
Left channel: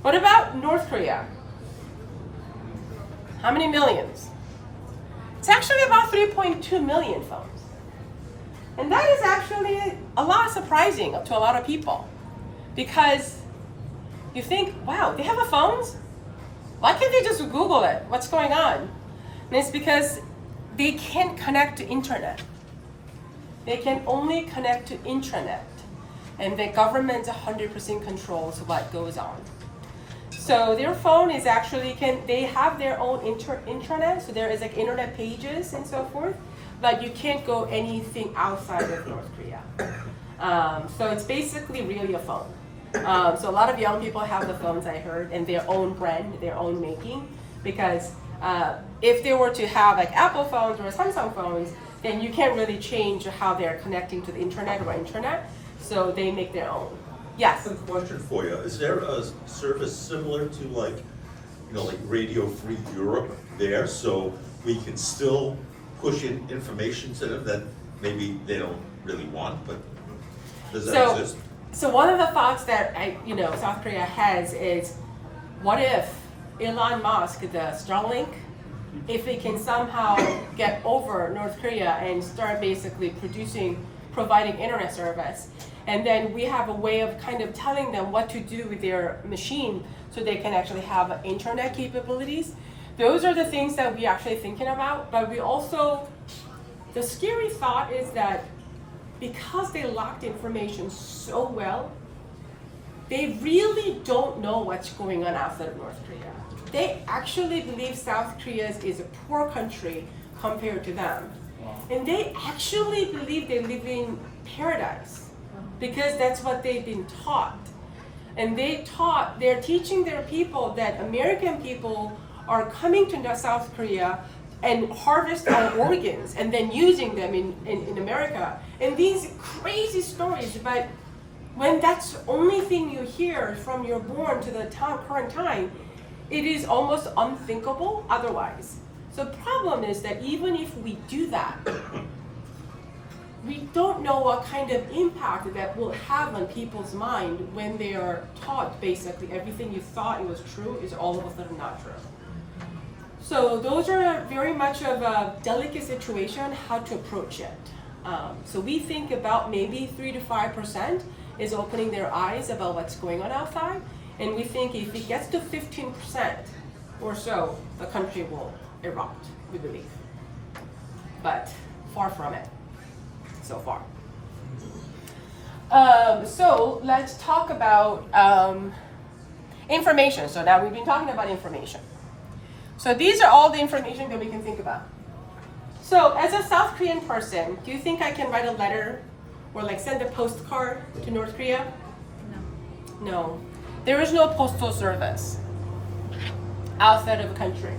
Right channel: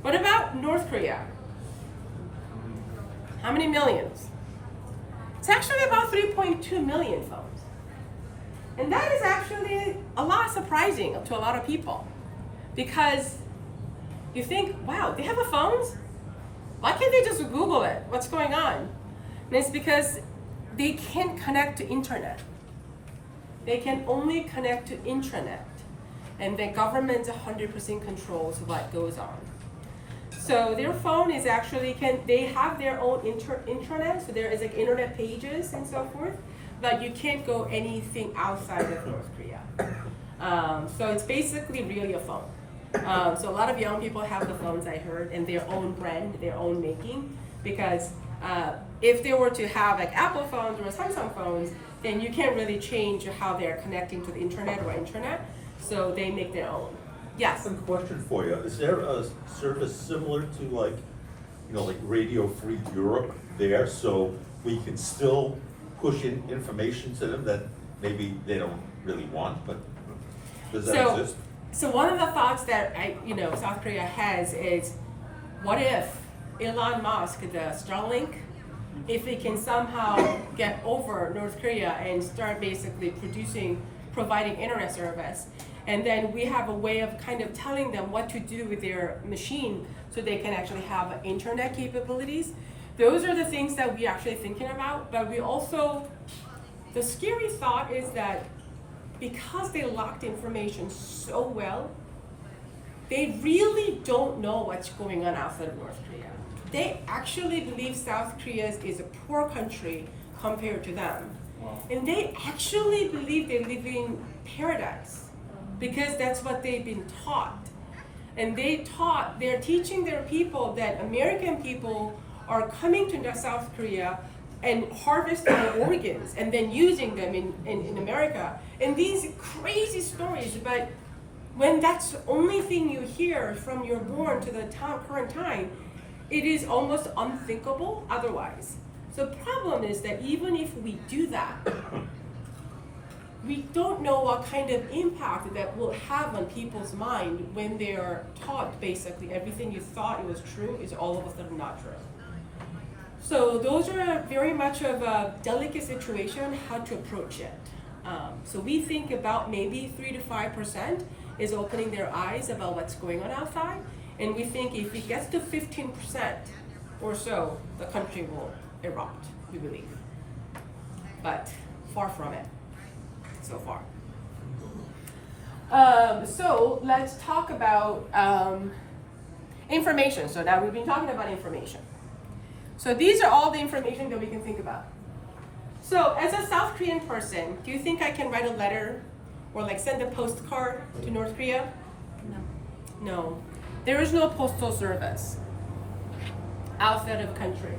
What about North Korea? How many millions? It's actually about 3.2 million phones. And that is actually a lot surprising to a lot of people, because you think, wow, they have phones? Why can't they just Google it? What's going on? And it's because they can't connect to internet. They can only connect to intranet. And the government 100% controls what goes on. So their phone is actually, they have their own intranet, so there is like internet pages and so forth, but you can't go anything outside of North Korea. So it's basically really a phone. So a lot of young people have the phones, I heard, and their own brand, their own making, because if they were to have like Apple phones or Samsung phones, then you can't really change how they're connecting to the internet or intranet, so they make their own. Yes? Quick question for you. Is there a service similar to like Radio Free Europe there, so we can still push in information to them that maybe they don't really want, but does that exist? So one of the thoughts that South Korea has is, what if Elon Musk, the Starlink, if it can somehow get over North Korea and start basically providing internet service, and then we have a way of kind of telling them what to do with their machine so they can actually have internet capabilities. Those are the things that we're actually thinking about, but we also, the scary thought is that because they locked information so well, they really don't know what's going on outside of North Korea. They actually believe South Korea is a poor country compared to them. Wow. And they actually believe they live in paradise because that's what they've been taught. And they're teaching their people that American people are coming to South Korea and harvest our organs and then using them in America. And these crazy stories, but when that's the only thing you hear from you're born to the current time, it is almost unthinkable otherwise. So the problem is that even if we do that, we don't know what kind of impact that will have on people's mind when they are taught basically everything you thought it was true is all of a sudden not true. So those are very much of a delicate situation, how to approach it. So we think about maybe 3 to 5% is opening their eyes about what's going on outside. And we think if it gets to 15% or so, the country will erupt, we believe. But far from it, so far. So let's talk about information. So now we've been talking about information. So these are all the information that we can think about. So as a South Korean person, do you think I can write a letter or like send a postcard to North Korea No. There is no postal service outside of the country.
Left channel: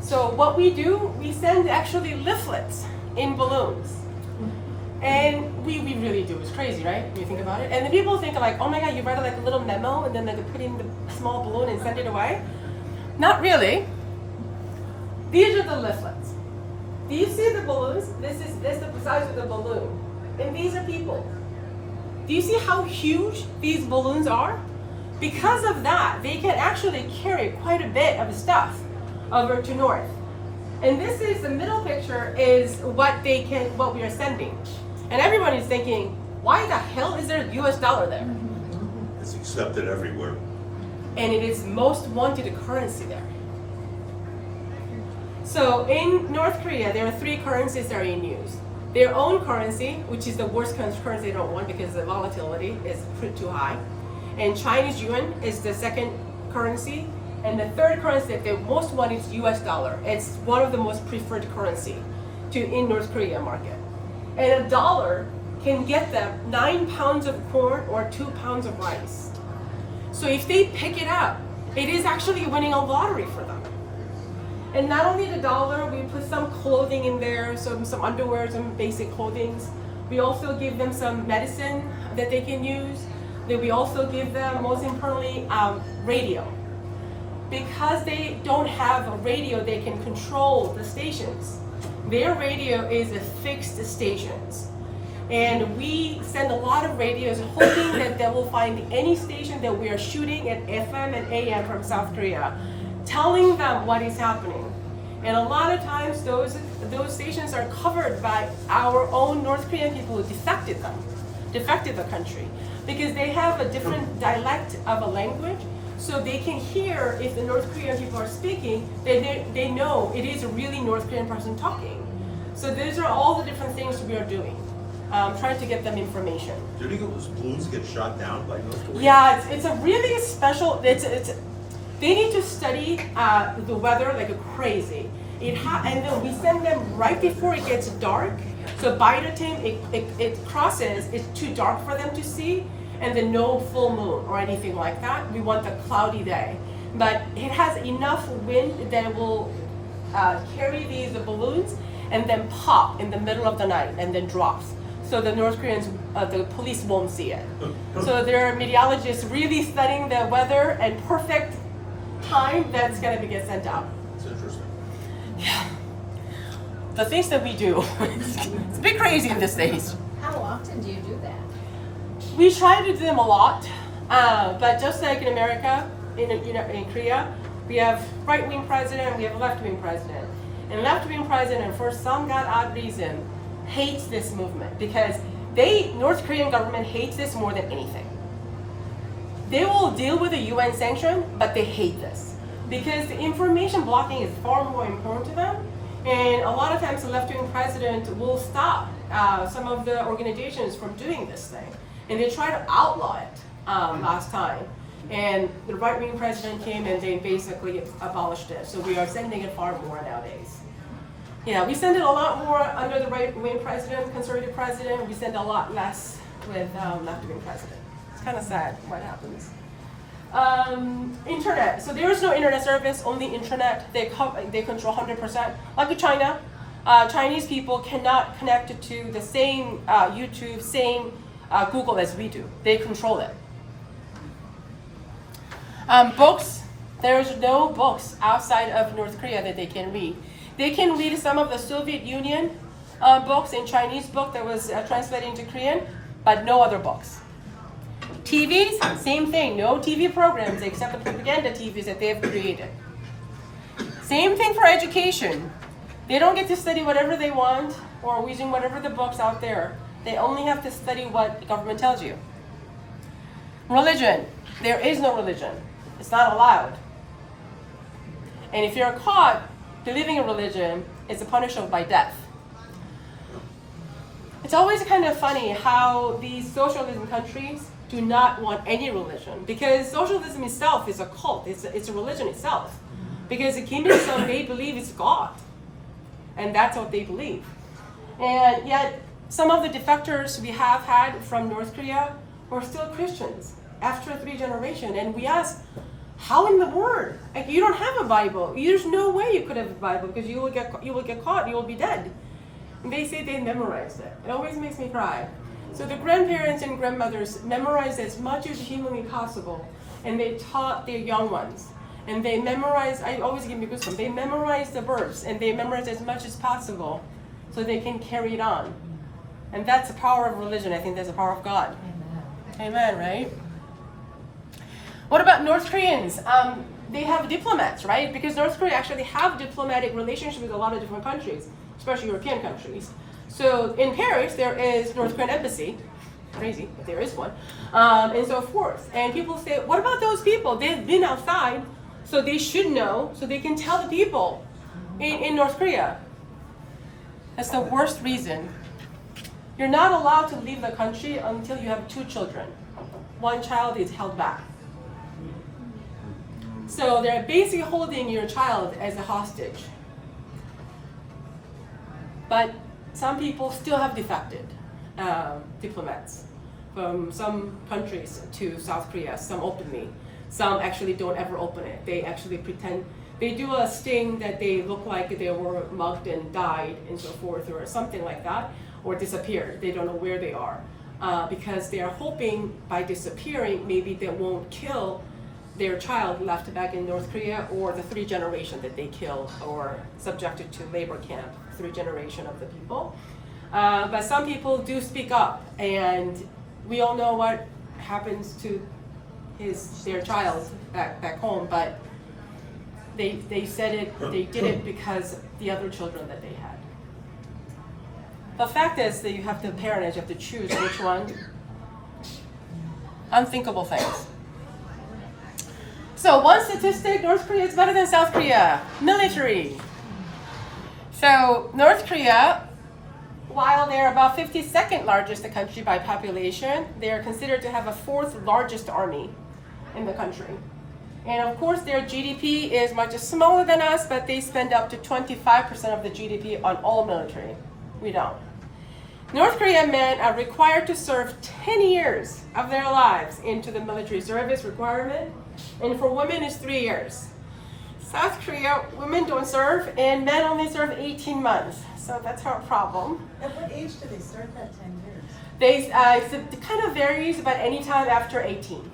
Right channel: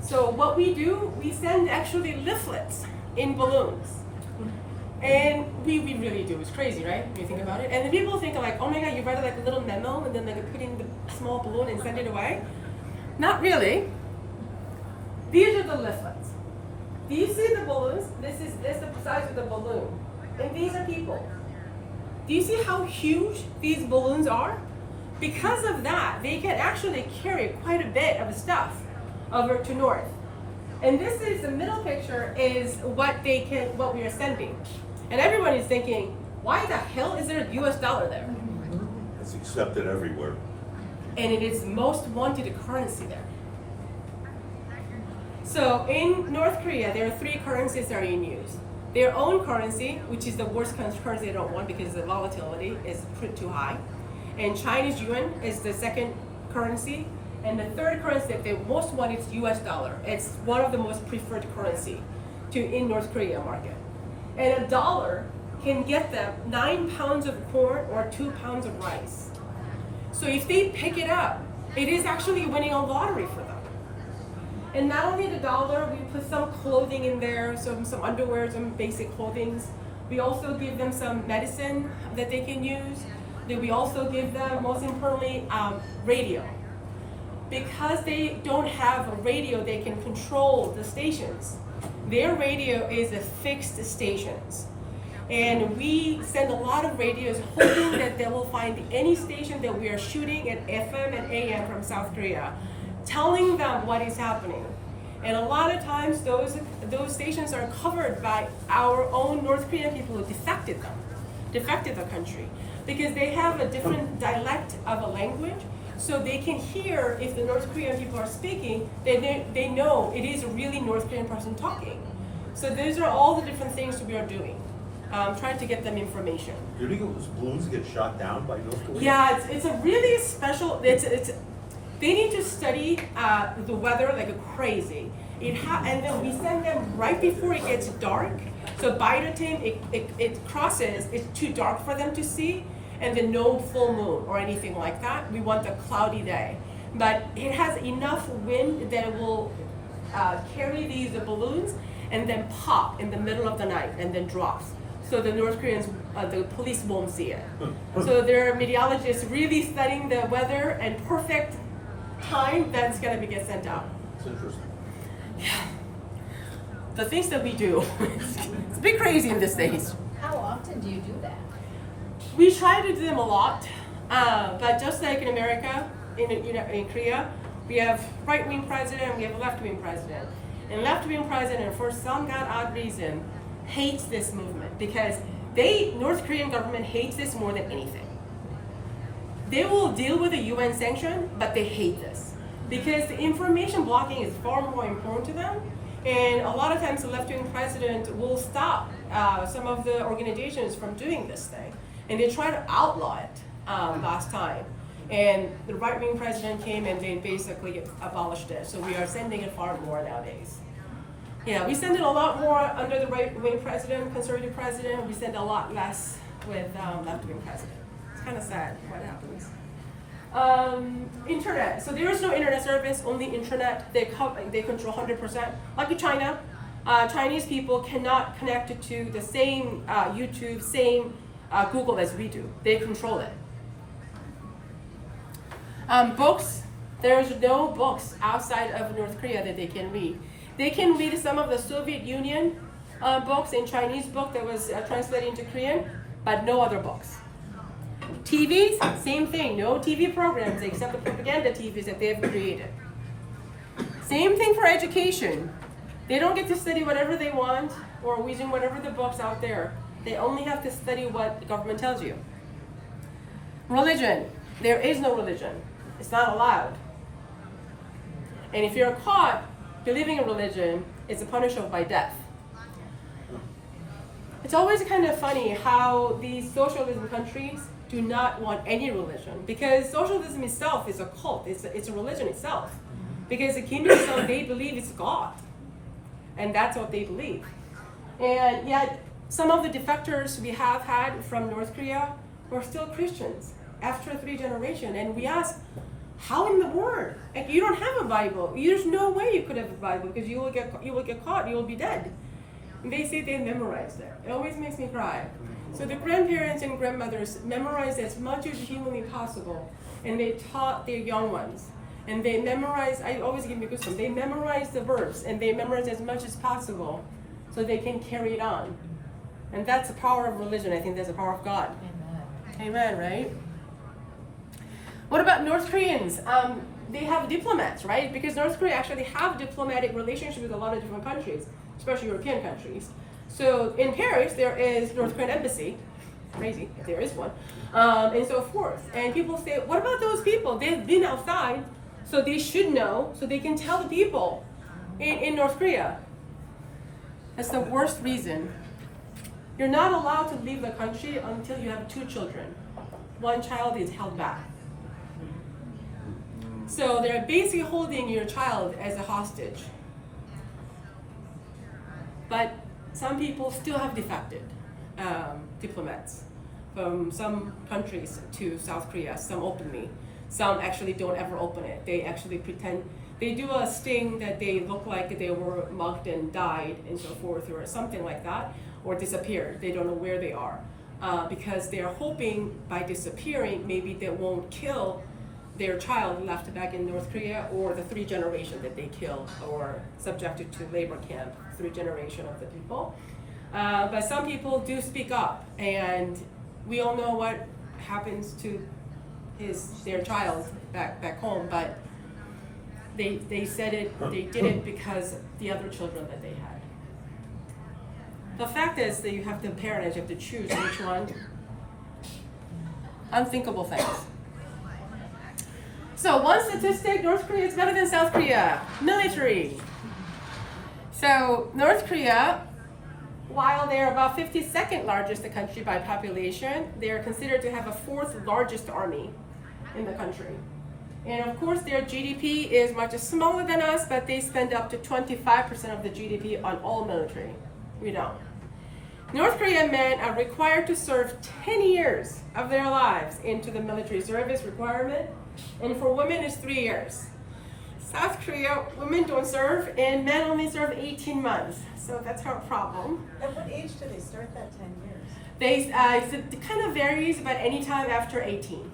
So what we do, we send actually leaflets in balloons. And we really do. It's crazy, right? When you think about it. And the people think like, oh my God, you write like a little memo and then like put in the small balloon and send it away. Not really. These are the leaflets. Do you see the balloons? This is the size of the balloon. And these are people. Do you see how huge these balloons are? Because of that, they can actually carry quite a bit of stuff over to north. And this is the middle picture is what we are sending. And everyone is thinking, why the hell is there a US dollar there? It's accepted everywhere. And it is most wanted currency there. So in North Korea, there are 3 currencies that are in use. Their own currency, which is the worst currency they don't want because the volatility is too high. And Chinese yuan is the second currency. And the third currency that they most want is US dollar. It's one of the most preferred currency in North Korea market. And a dollar can get them 9 pounds of corn or 2 pounds of rice. So if they pick it up, it is actually winning a lottery for them. And not only the dollar, we put some clothing in there, some underwear, some basic clothing. We also give them some medicine that they can use. Then we also give them, most importantly, radio. Because they don't have a radio, they can control the stations. Their radio is a fixed stations. And we send a lot of radios hoping that they will find any station that we are shooting at FM and AM from South Korea, telling them what is happening. And a lot of times those stations are covered by our own North Korean people who defected the country. Because they have a different dialect of a language, so they can hear if the North Korean people are speaking, they know it is a really North Korean person talking. So these are all the different things we are doing, trying to get them information. Do those balloons get shot down by North Korea? Yeah, it's a really special, they need to study the weather like crazy. And then we send them right before it gets dark. So by the time it crosses, it's too dark for them to see, and then no full moon or anything like that. We want a cloudy day. But it has enough wind that it will carry these balloons and then pop in the middle of the night and then drops. So the North Koreans, the police won't see it. So there are meteorologists really studying the weather and perfect time that's gonna get sent out. It's interesting. Yeah. The things that we do, it's a bit crazy in these days. How often do you do that? We try to do them a lot, but just like in America, in Korea, we have right-wing president, we have left-wing president. And left-wing president, for some odd reason, hates this movement because North Korean government hates this more than anything. They will deal with the UN sanction, but they hate this because the information blocking is far more important to them. And a lot of times the left-wing president will stop some of the organizations from doing this thing. And they try to outlaw it last time. And the right-wing president came and they basically abolished it. So we are sending it far more nowadays. Yeah, we send it a lot more under the right-wing president, conservative president. We send a lot less with left-wing president. It's kind of sad what happens. Internet. So there is no internet service, only internet. They control 100%. Like in China, Chinese people cannot connect to the same YouTube, same Google as we do. They control it. Books. There's no books outside of North Korea that they can read. They can read some of the Soviet Union books in Chinese book that was translated into Korean, but no other books. TVs, same thing. No TV programs except the propaganda TVs that they have created. Same thing for education. They don't get to study whatever they want or using whatever the books out there. They only have to study what the government tells you. Religion. There is no religion. It's not allowed. And if you're caught believing in religion, it's punishable by death. It's always kind of funny how these socialism countries do not want any religion because socialism itself is a cult. It's a religion itself. Because the Kim Il-sung, they believe it's God. And that's what they believe. And yet, some of the defectors we have had from North Korea were still Christians. after 3 generations. And we ask, how in the world? Like, you don't have a Bible. There's no way you could have a Bible because you will get caught. You will be dead. And they say they memorized it. It always makes me cry. So the grandparents and grandmothers memorized as much as humanly possible, and they taught their young ones. And they memorized. I always give me goosebumps. They memorized the verse, and they memorized as much as possible, so they can carry it on. And that's the power of religion. I think that's the power of God. Amen, right? What about North Koreans? They have diplomats, right? Because North Korea actually have diplomatic relationships with a lot of different countries, especially European countries. So in Paris, there is North Korean embassy. Crazy, but there is one. And so forth. And people say, what about those people? They've been outside, so they should know, so they can tell the people in North Korea. That's the worst reason. You're not allowed to leave the country until you have 2 children. 1 child is held back. So they're basically holding your child as a hostage. But some people still have defected diplomats from some countries to South Korea, some openly. Some actually don't ever open it. They actually pretend, they do a sting that they look like they were mugged and died and so forth, or something like that, or disappeared. They don't know where they are. Because they are hoping by disappearing, maybe they won't kill their child left back in North Korea, or the 3 generation that they killed or subjected to labor camp, 3 generation of the people. But some people do speak up, and we all know what happens to their child back home, but they said it, they did it because the other children that they had. The fact is that you have the parentage, you have to choose which one. Unthinkable things. So one statistic, North Korea is better than South Korea. Military. So North Korea, while they're about 52nd largest country by population, they are considered to have a 4th largest army in the country. And of course their GDP is much smaller than us, but they spend up to 25% of the GDP on all military. We don't. North Korean men are required to serve 10 years of their lives into the military service requirement, and for women it's 3 years. South Korea, women don't serve, and men only serve 18 months. So that's our problem. At what age do they start that 10 years? It kind of varies, but anytime after 18.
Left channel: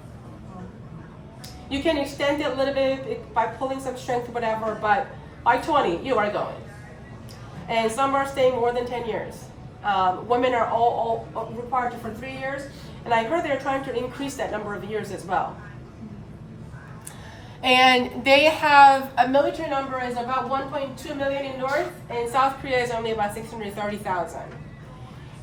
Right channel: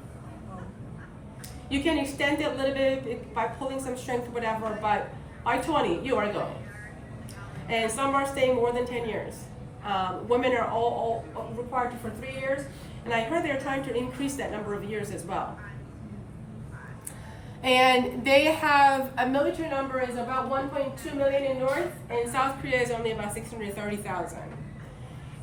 You can extend it a little bit by pulling some strength, whatever, but by 20, you are going. And some are staying more than 10 years. Women are all required for 3 years, and I heard they're trying to increase that number of years as well. And they have a military number is about 1.2 million in North, and South Korea is only about 630,000.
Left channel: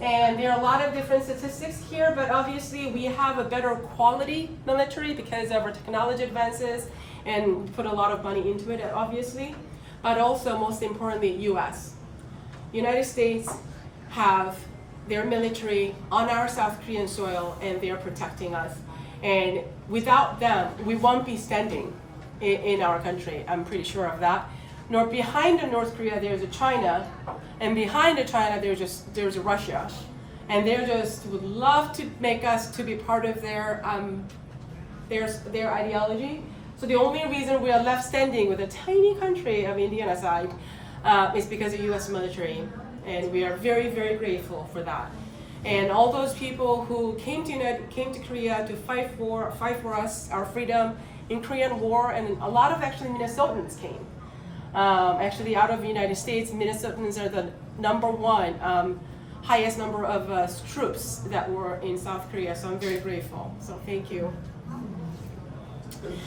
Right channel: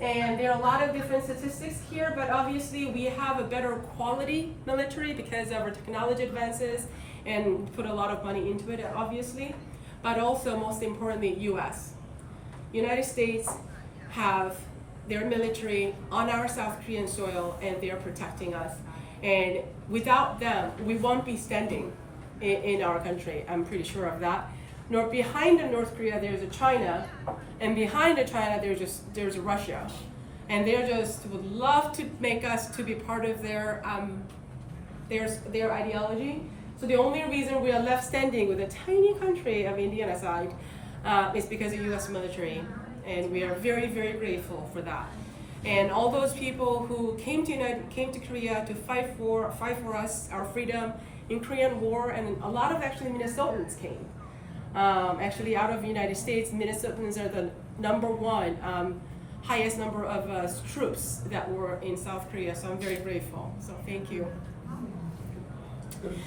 And there are a lot of different statistics here, but obviously we have a better quality military because of our technology advances, and we put a lot of money into it, obviously. But also, most importantly, U.S. United States have their military on our South Korean soil, and they're protecting us. And without them, we won't be standing in our country. I'm pretty sure of that. Behind the North Korea, there's a China, and behind the China, there's a Russia, and they just would love to make us to be part of their ideology. So the only reason we are left standing with a tiny country of India aside is because of U.S. military, and we are very, very grateful for that. And all those people who came to Korea to fight for us, our freedom in Korean War, and a lot of actually Minnesotans came. Actually, out of the United States, Minnesotans are the #1 highest number of troops that were in South Korea. So I'm very grateful. So thank you.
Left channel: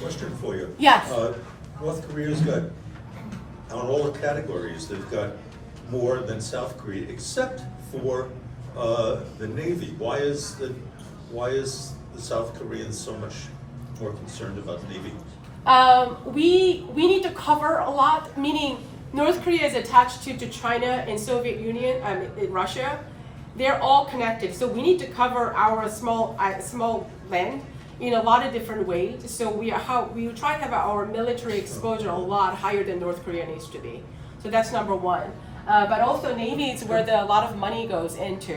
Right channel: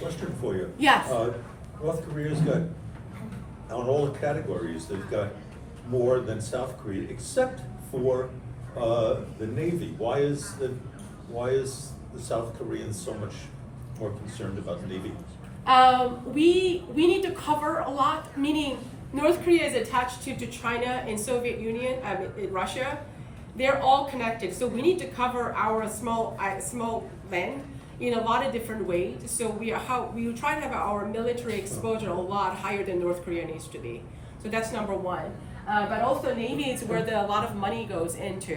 Question for you. Yes. North Korea's got, on all the categories, they've got more than South Korea, except for the Navy. Why is the South Koreans so much more concerned about the Navy? We need to cover a lot, meaning North Korea is attached to China and Soviet Union, Russia. They're all connected, so we need to cover our small land in a lot of different ways. So we try to have our military exposure a lot higher than North Korea needs to be. So that's #1. But also Navy is where a lot of money goes into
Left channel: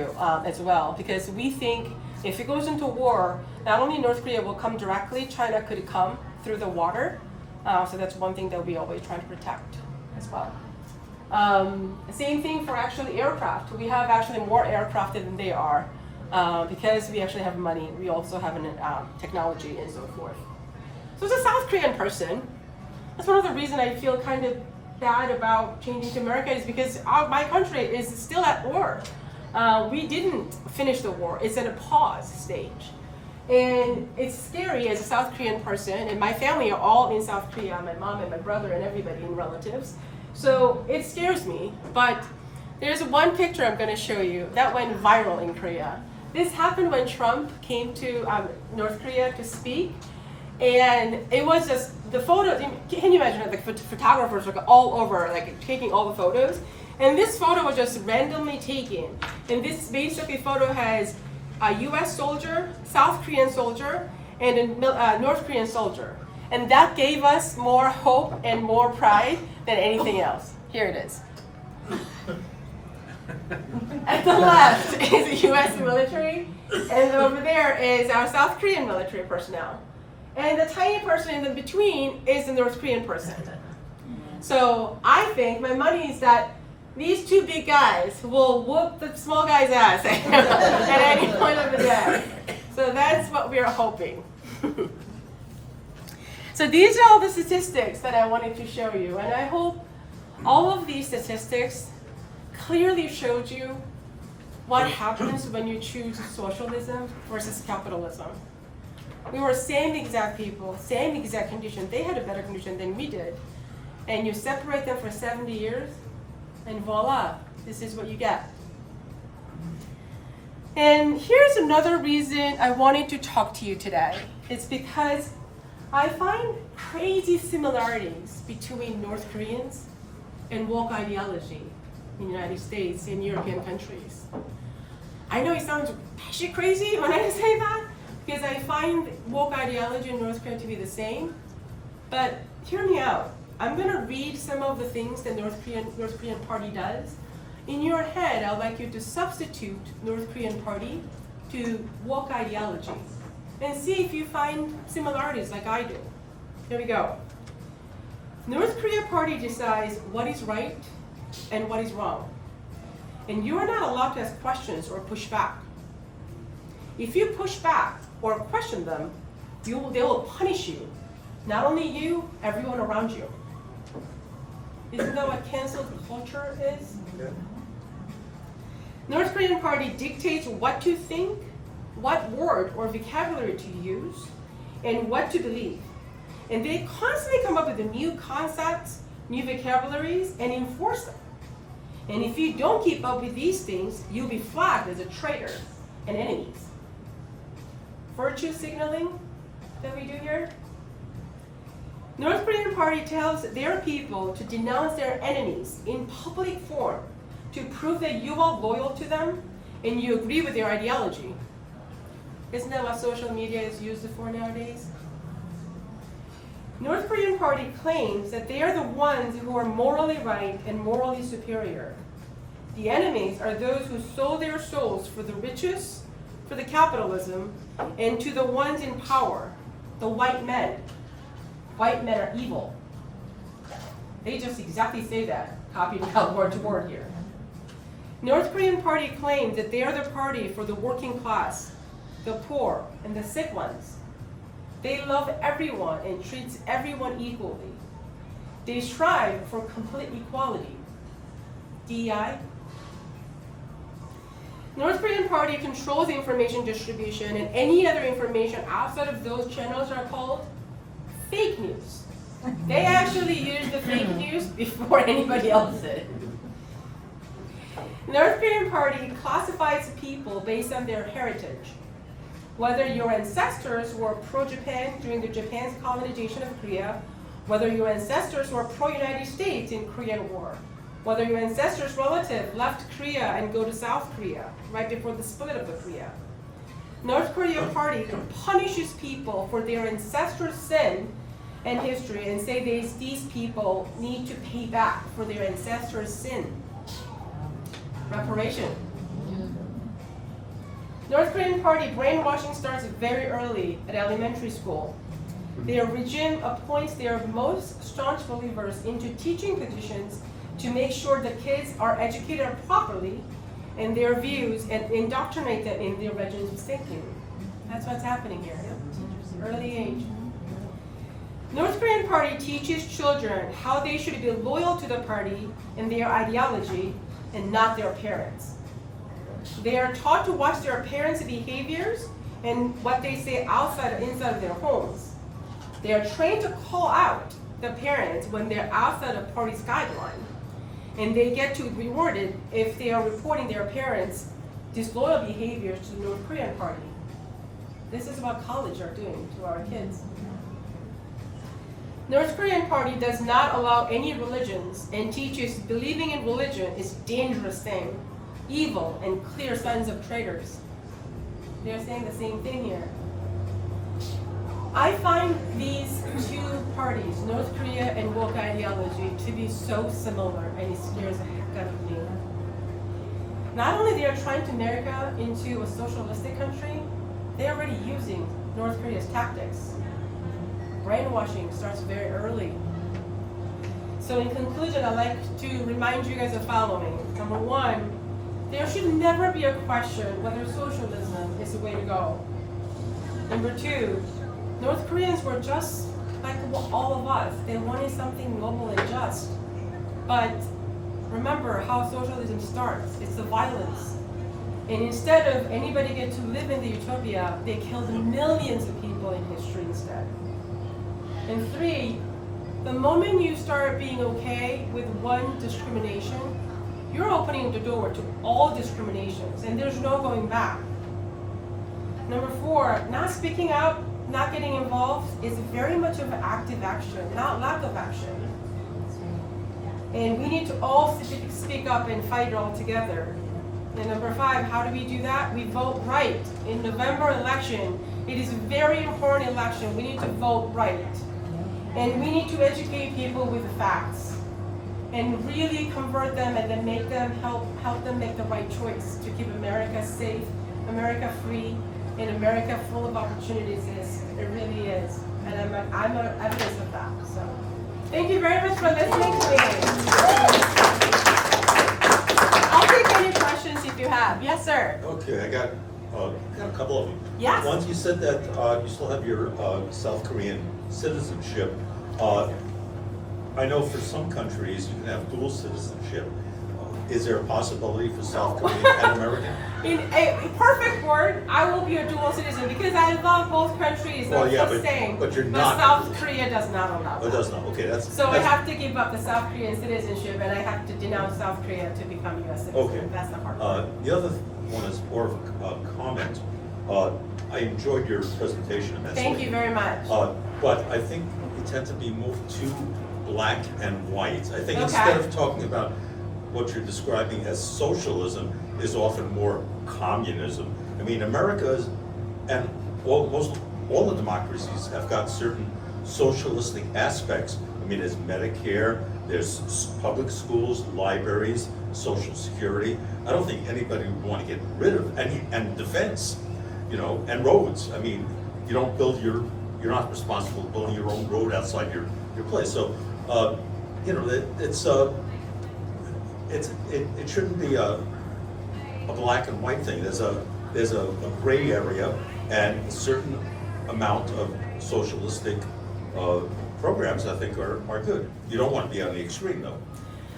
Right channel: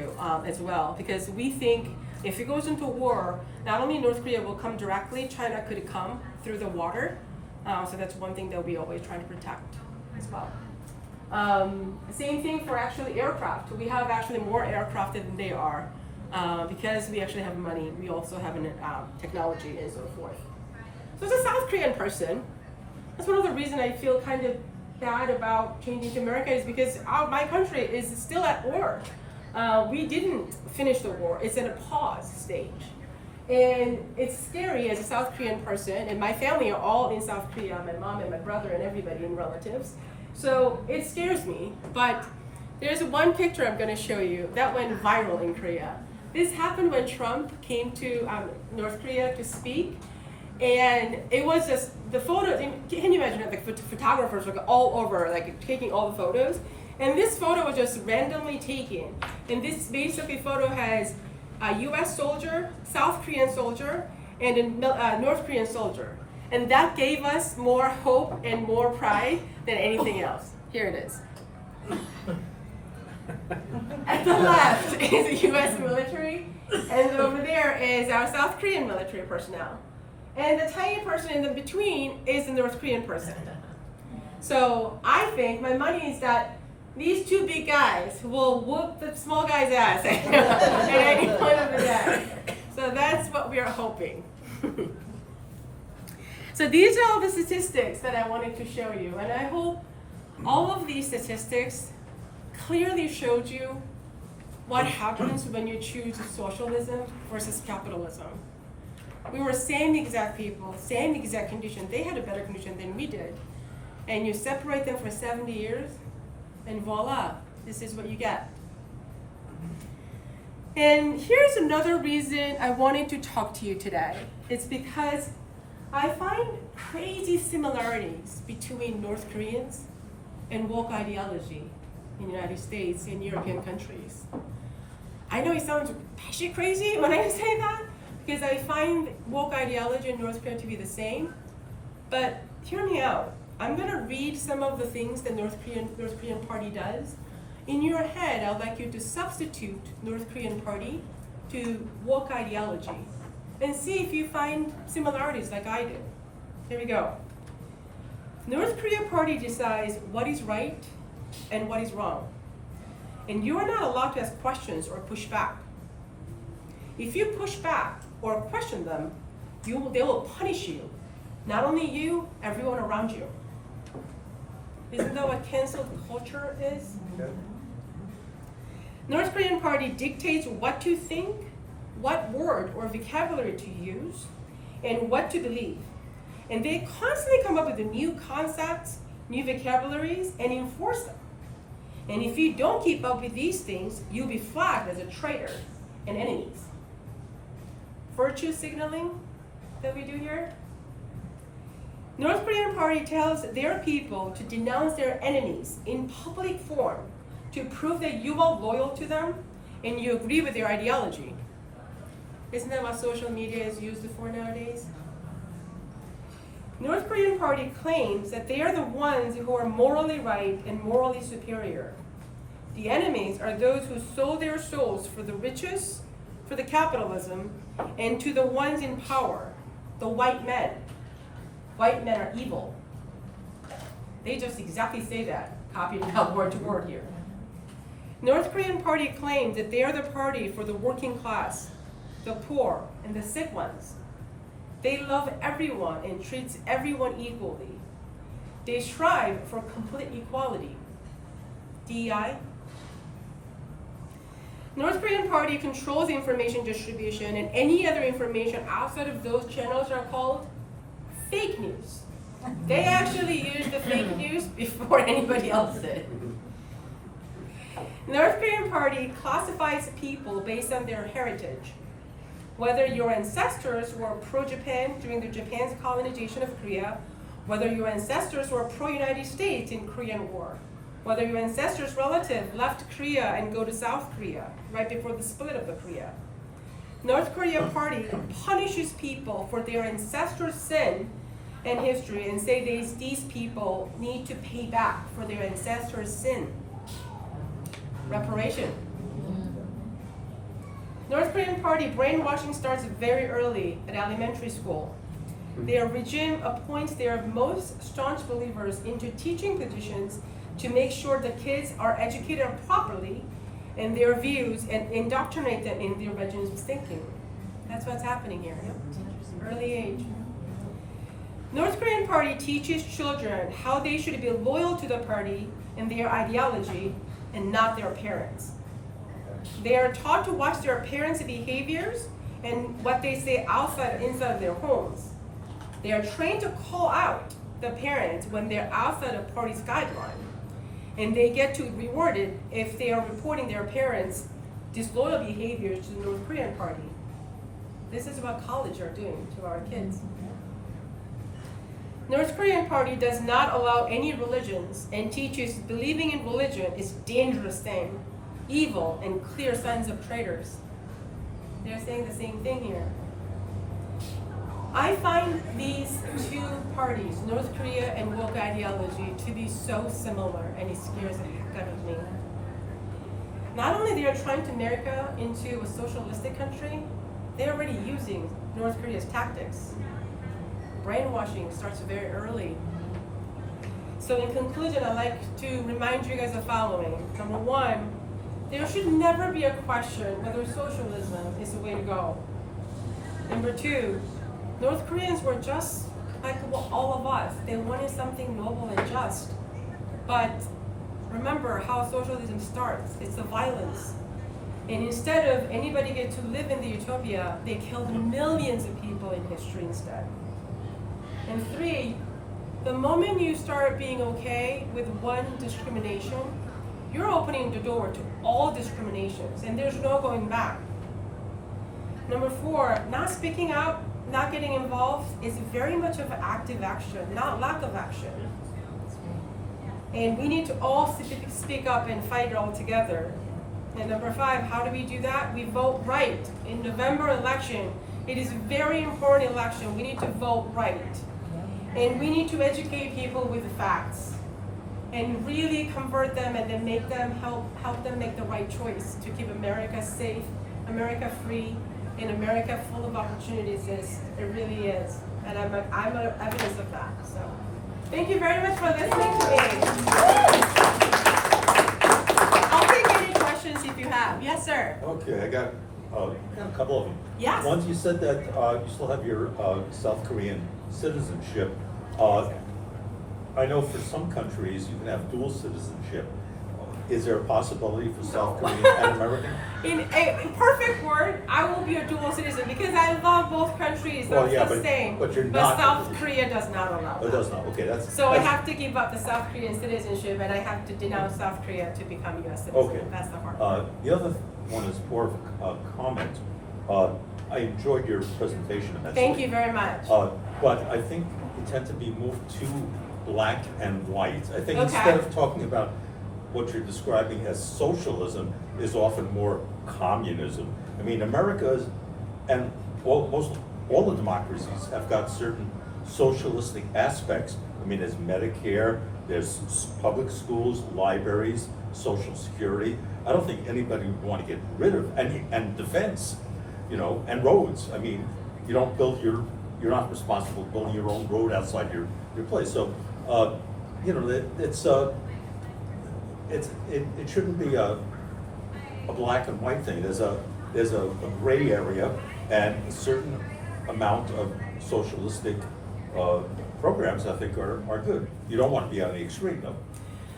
as well, because we think If it goes into war, not only North Korea will come directly, China could come through the water. So that's one thing that we always try to protect as well. Same thing for actually aircraft. We have actually more aircraft than they are because we actually have money. We also have technology and so forth. So as a South Korean person, that's one of the reasons I feel kind of bad about changing to America is because my country is still at war. We didn't finish the war. It's in a pause stage. And it's scary as a South Korean person, and my family are all in South Korea, my mom and my brother and everybody and relatives. So it scares me, but there's one picture I'm going to show you that went viral in Korea. This happened when Trump came to North Korea to speak, and it was just the photos. Can you imagine it? Like photographers were all over, like taking all the photos. And this photo was just randomly taken. And this basically photo has a U.S. soldier, South Korean soldier, and a North Korean soldier. And that gave us more hope and more pride than anything else. Here it is. At the left is the U.S. military, and over there is our South Korean military personnel. And the tiny person in the between is the North Korean person. So I think my money is that these two big guys will whoop the small guy's ass at any point of the day. So that's what we are hoping. So these are all the statistics that I wanted to show you, and I hope all of these statistics clearly showed you what happens when you choose socialism versus capitalism. We were same exact people, same exact condition. They had a better condition than we did. And you separate them for 70 years, and voila, this is what you get. And here's another reason I wanted to talk to you today. It's because I find crazy similarities between North Koreans and woke ideology in the United States and European countries. I know it sounds batshit crazy when I say that, because I find woke ideology in North Korea to be the same, but hear me out. I'm going to read some of the things the North Korean party does. In your head, I'd like you to substitute North Korean party to woke ideology and see if you find similarities like I do. Here we go. North Korea party decides what is right and what is wrong. And you are not allowed to ask questions or push back. If you push back or question them, they will punish you. Not only you, everyone around you. Isn't that what canceled culture is? Okay. North Korean party dictates what to think, what word or vocabulary to use, and what to believe. And they constantly come up with new concepts, new vocabularies, and enforce them. And if you don't keep up with these things, you'll be flagged as a traitor and enemies. Virtue signaling that we do here. North Korean party tells their people to denounce their enemies in public form to prove that you are loyal to them and you agree with their ideology. Isn't that what social media is used for nowadays? North Korean party claims that they are the ones who are morally right and morally superior. The enemies are those who sold their souls for the riches, for the capitalism, and to the ones in power, the white men. White men are evil. They just exactly say that, copied out word to word here. North Korean party claims that they are the party for the working class, the poor, and the sick ones. They love everyone and treats everyone equally. They strive for complete equality. DEI. North Korean party controls information distribution, and any other information outside of those channels are called fake news. They actually use the fake news before anybody else did. North Korean party classifies people based on their heritage. Whether your ancestors were pro-Japan during the Japan's colonization of Korea, whether your ancestors were pro-United States in Korean War, whether your ancestors' relative left Korea and go to South Korea right before the split of the Korea. North Korea party punishes people for their ancestors' sin and history and say these people need to pay back for their ancestors' sin. Reparation. North Korean Party brainwashing starts very early at elementary school. Their regime appoints their most staunch believers into teaching positions to make sure the kids are educated properly in their views and indoctrinate them in their regime's thinking. That's what's happening here, early age. North Korean Party teaches children how they should be loyal to the party and their ideology and not their parents. They are taught to watch their parents' behaviors and what they say outside or inside of their homes. They are trained to call out the parents when they're outside of party's guideline. And they get to be rewarded if they are reporting their parents' disloyal behaviors to the North Korean Party. This is what college are doing to our kids. North Korean Party does not allow any religions and teaches believing in religion is a dangerous thing, evil, and clear signs of traitors. They're saying the same thing here. I find these two parties, North Korea and woke ideology, to be so similar, and it scares the heck out of me. Not only they are trying to America into a socialistic country, they're already using North Korea's tactics. Brainwashing starts very early. So in conclusion, I'd like to remind you guys the following. Number one, there should never be a question whether socialism is the way to go. Number two, North Koreans were just like all of us. They wanted something noble and just. But remember how socialism starts. It's the violence. And instead of anybody get to live in the utopia, they killed millions of people in history instead. And three, the moment you start being okay with one discrimination, you're opening the door to all discriminations, and there's no going back. Number four, not speaking up, not getting involved is very much of an active action, not lack of action. And we need to all speak up and fight it all together. And number five, how do we do that? We vote right. In November election, it is a very important election. We need to vote right. And we need to educate people with the facts and really convert them and then make them help them make the right choice to keep America safe, America free, and America full of opportunities as it really is. And I'm evidence of that. So thank you very much for listening to me. I'll take any questions if you have. Yes, sir. Okay, I got a couple of them. Yes. Once you said that you still have your South Korean citizenship. I know for some countries you can have dual citizenship. Is there a possibility for South Korean and American? In a perfect word, I will be a dual citizen because I love both countries. Well, yeah, the same. but you're But not. South Korea does not allow Oh, it that. does not. Okay, that's. So I that's- have to give up the South Korean citizenship and I have to denounce South Korea to become U.S. citizen. Okay. That's the hard part. The other one is more of a comment. I enjoyed your presentation. And that's Thank you very much. But I think we tend to be moved too black and white. I think Okay. instead of talking about what you're describing as socialism is often more communism. I mean, America is, and all the democracies have got certain socialistic aspects. I mean, there's Medicare, there's public schools, libraries, Social Security. I don't think anybody would want to get rid of, and defense, and roads. I mean, you don't build you're not responsible for building your own road outside your place. So, it shouldn't be a black and white thing. There's a gray area and a certain amount of socialistic programs I think are good. You don't want to be on the extreme though.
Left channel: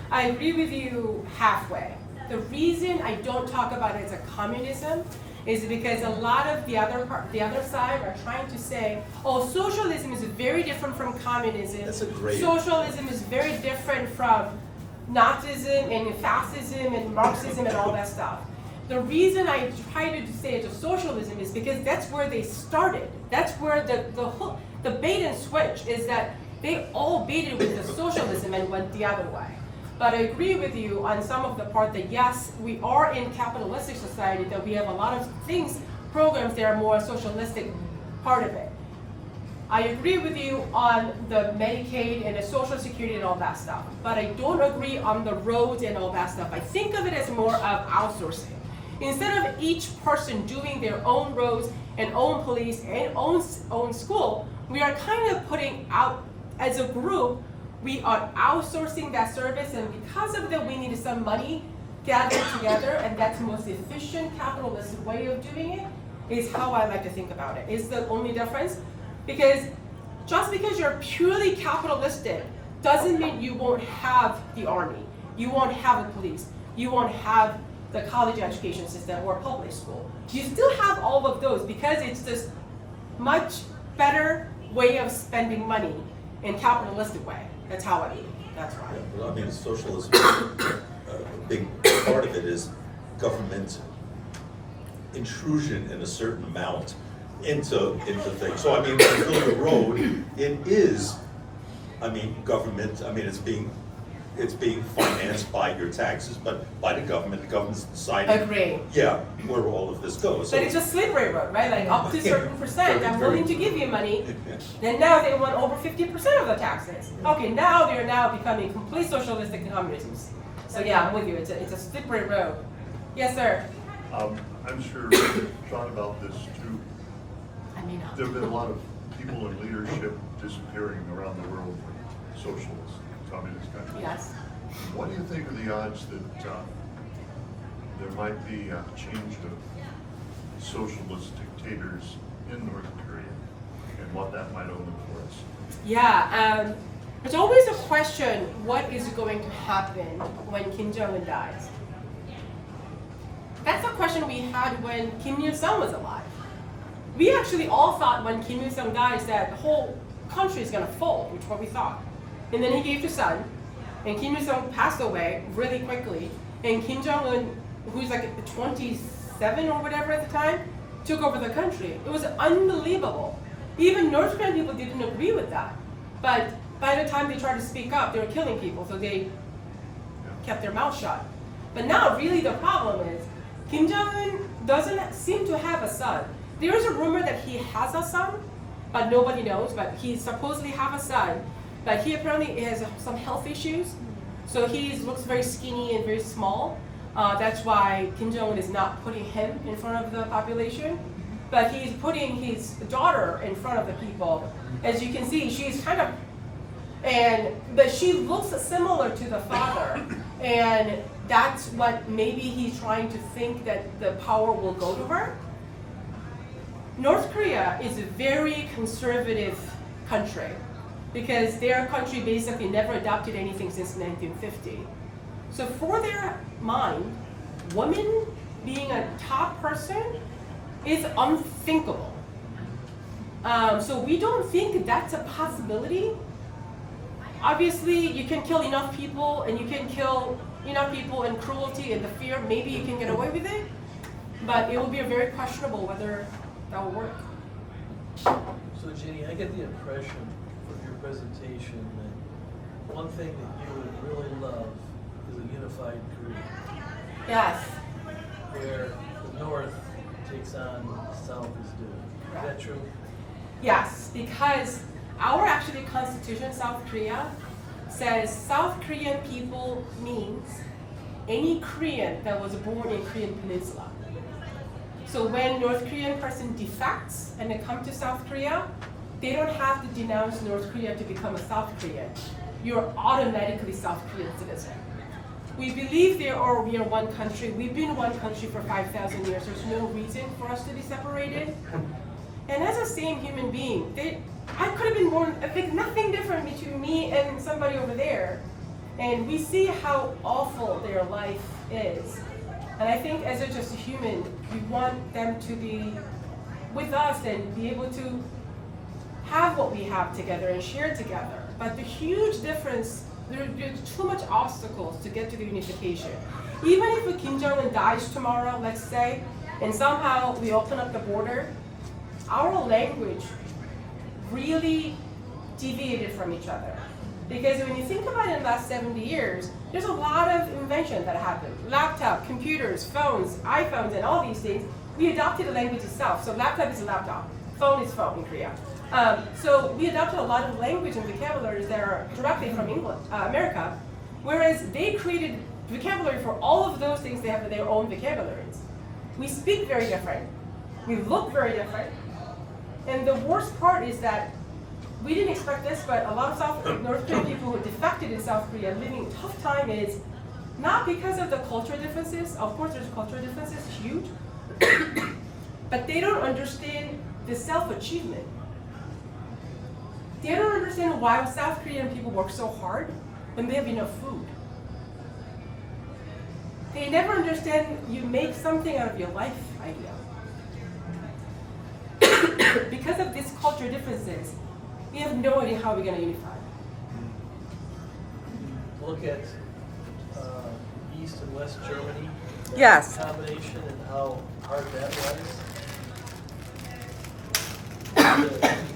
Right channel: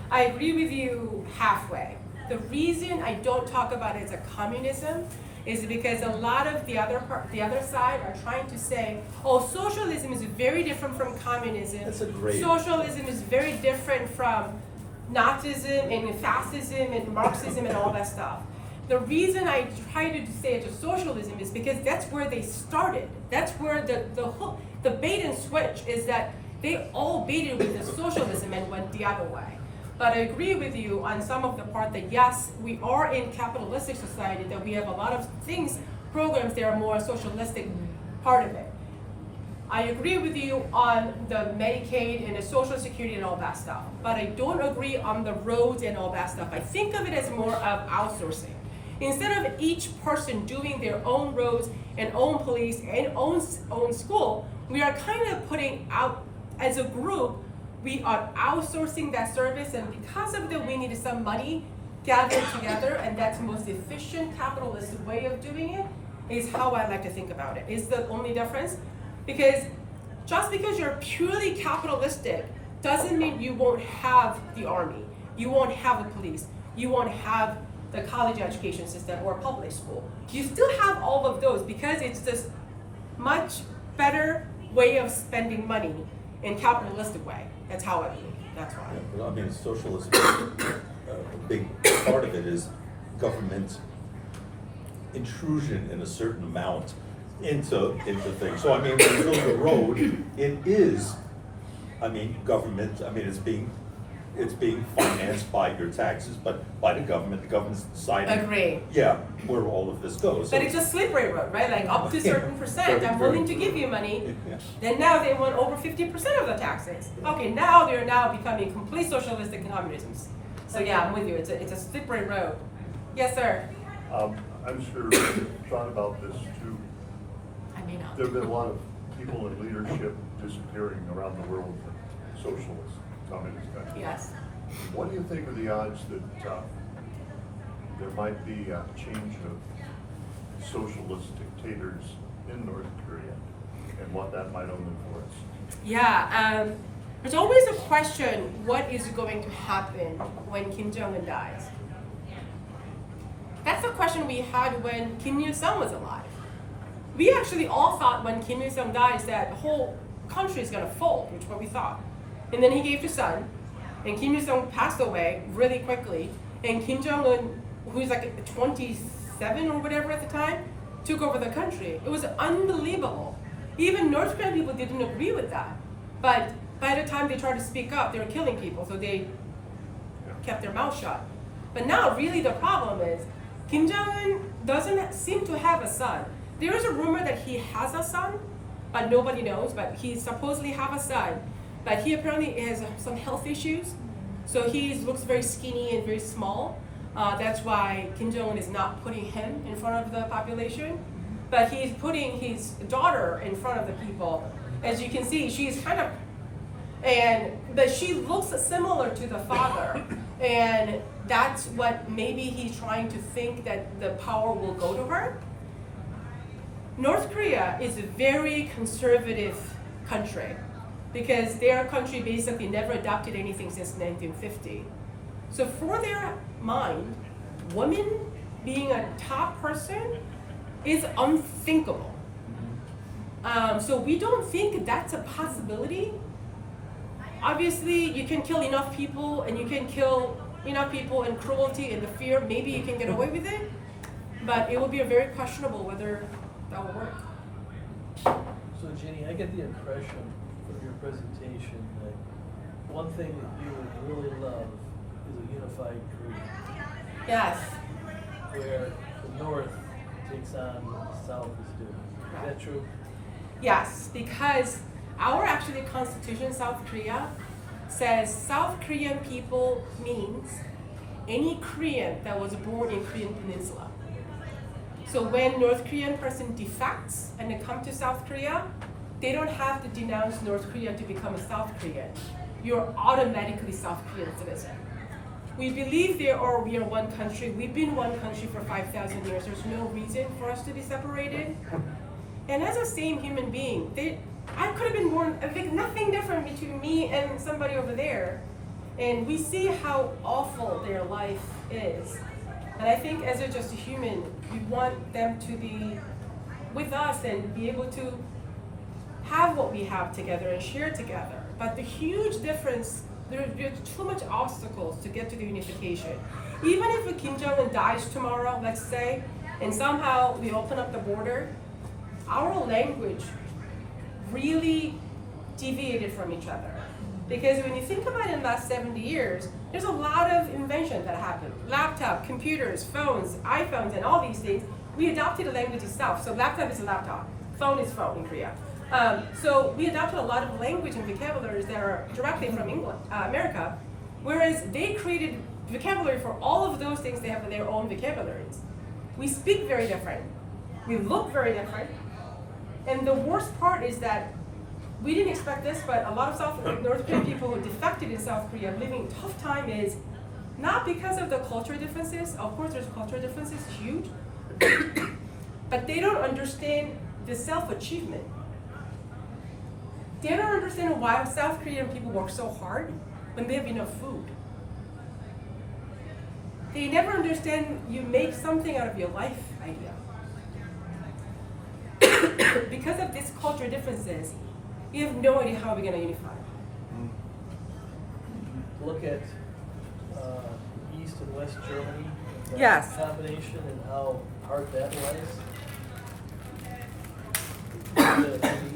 I agree with you halfway. The reason I don't talk about it as a communism is because a lot of the other side are trying to say, oh, socialism is very different from communism. That's a great- Socialism is very different from Nazism and fascism and Marxism and all that stuff. The reason I try to say it's a socialism is because that's where they started. That's where the bait and switch is that they all baited with the socialism and went the other way. But I agree with you on some of the part that yes, we are in capitalistic society, that we have a lot of things, programs that are more socialistic part of it. I agree with you on the Medicaid and the Social Security and all that stuff, but I don't agree on the roads and all that stuff. I think of it as more of outsourcing. Instead of each person doing their own roads and own police and own school, we are kind of putting out, as a group, we are outsourcing that service, and because of that, we need some money gathered together, and that's the most efficient capitalist way of doing it, is how I like to think about it. Is the only difference. Because just because you're purely capitalistic doesn't mean you won't have the army, you won't have the police, you won't have the college education system or public school. You still have all of those because it's this much better way of spending money in capitalistic way. That's how I believe. That's why. I mean, socialism, a big part of it is government intrusion in a certain amount into things. So I mean, when you build a road, it is, I mean, government, I mean, it's being financed by your taxes, but by the government's deciding. Agree. Yeah, where all of this goes. But it's a slippery road, right? Like up to a certain percent, I'm willing to give you money. Then now they want over 50% of the taxes. Okay, now they're now becoming complete socialistic communisms. So yeah, I'm with you. It's a slippery road. Yes, sir. I'm sure you've thought about this too. I may not. There have been a lot of people in leadership disappearing around the world from socialist, communist countries. Yes. What do you think are the odds that there might be a change of socialist dictators in North Korea, and what that might open for us? Yeah. There's always a question: what is going to happen when Kim Jong-un dies? That's a question we had when Kim Il-sung was alive. We actually all thought when Kim Il-sung dies that the whole country is going to fall, which is what we thought. And then he gave to son, and Kim Il-sung passed away really quickly, and Kim Jong-un, who's like 27 or whatever at the time, took over the country. It was unbelievable. Even North Korean people didn't agree with that. But by the time they tried to speak up, they were killing people, so they kept their mouth shut. But now really the problem is, Kim Jong-un doesn't seem to have a son. There is a rumor that he has a son, but nobody knows, but he supposedly have a son. But he apparently has some health issues, so he looks very skinny and very small. That's why Kim Jong-un is not putting him in front of the population, but he's putting his daughter in front of the people. As you can see, she's kind of, but she looks similar to the father, and that's what maybe he's trying to think that the power will go to her. North Korea is a very conservative country because their country basically never adopted anything since 1950. So for their mind, women being a top person is unthinkable. So we don't think that's a possibility. Obviously, you can kill enough people, and you can kill enough people in cruelty and the fear, maybe you can get away with it, but it will be very questionable whether that will work. So Jinny, I get the impression from your presentation that one thing that you would really love is a unified Korea, Yes. where the North takes on what the South is doing. Is that true? Yes, because our actually constitution, South Korea, says South Korean people means any Korean that was born in Korean Peninsula. So when North Korean person defects and they come to South Korea, they don't have to denounce North Korea to become a South Korean. You're automatically South Korean citizen. We believe we are one country. We've been one country for 5,000 years. There's no reason for us to be separated. And as a same human being, I could have been born, I think nothing different between me and somebody over there. And we see how awful their life is. And I think as just a human, we want them to be with us and be able to have what we have together and share together. But the huge difference, there's too much obstacles to get to the unification. Even if Kim Jong-un dies tomorrow, let's say, and somehow we open up the border, our language really deviated from each other. Because when you think about it in the last 70 years, there's a lot of invention that happened. Laptop, computers, phones, iPhones, and all these things. We adopted the language itself. So laptop is a laptop, phone is phone in Korea. So we adopted a lot of language and vocabularies that are directly from America, whereas they created vocabulary for all of those things. They have their own vocabularies. We speak very different. We look very different. And the worst part is that we didn't expect this, but a lot of North Korean people who defected in South Korea living a tough time is not because of the cultural differences. Of course, there's cultural differences, huge. But they don't understand the self-achievement. They don't understand why South Korean people work so hard when they have enough food. They never understand you make something out of your life idea. Because of these cultural differences, we have no idea how we're going to unify. Look at East and West Germany. Yes. Combination and how hard that was. The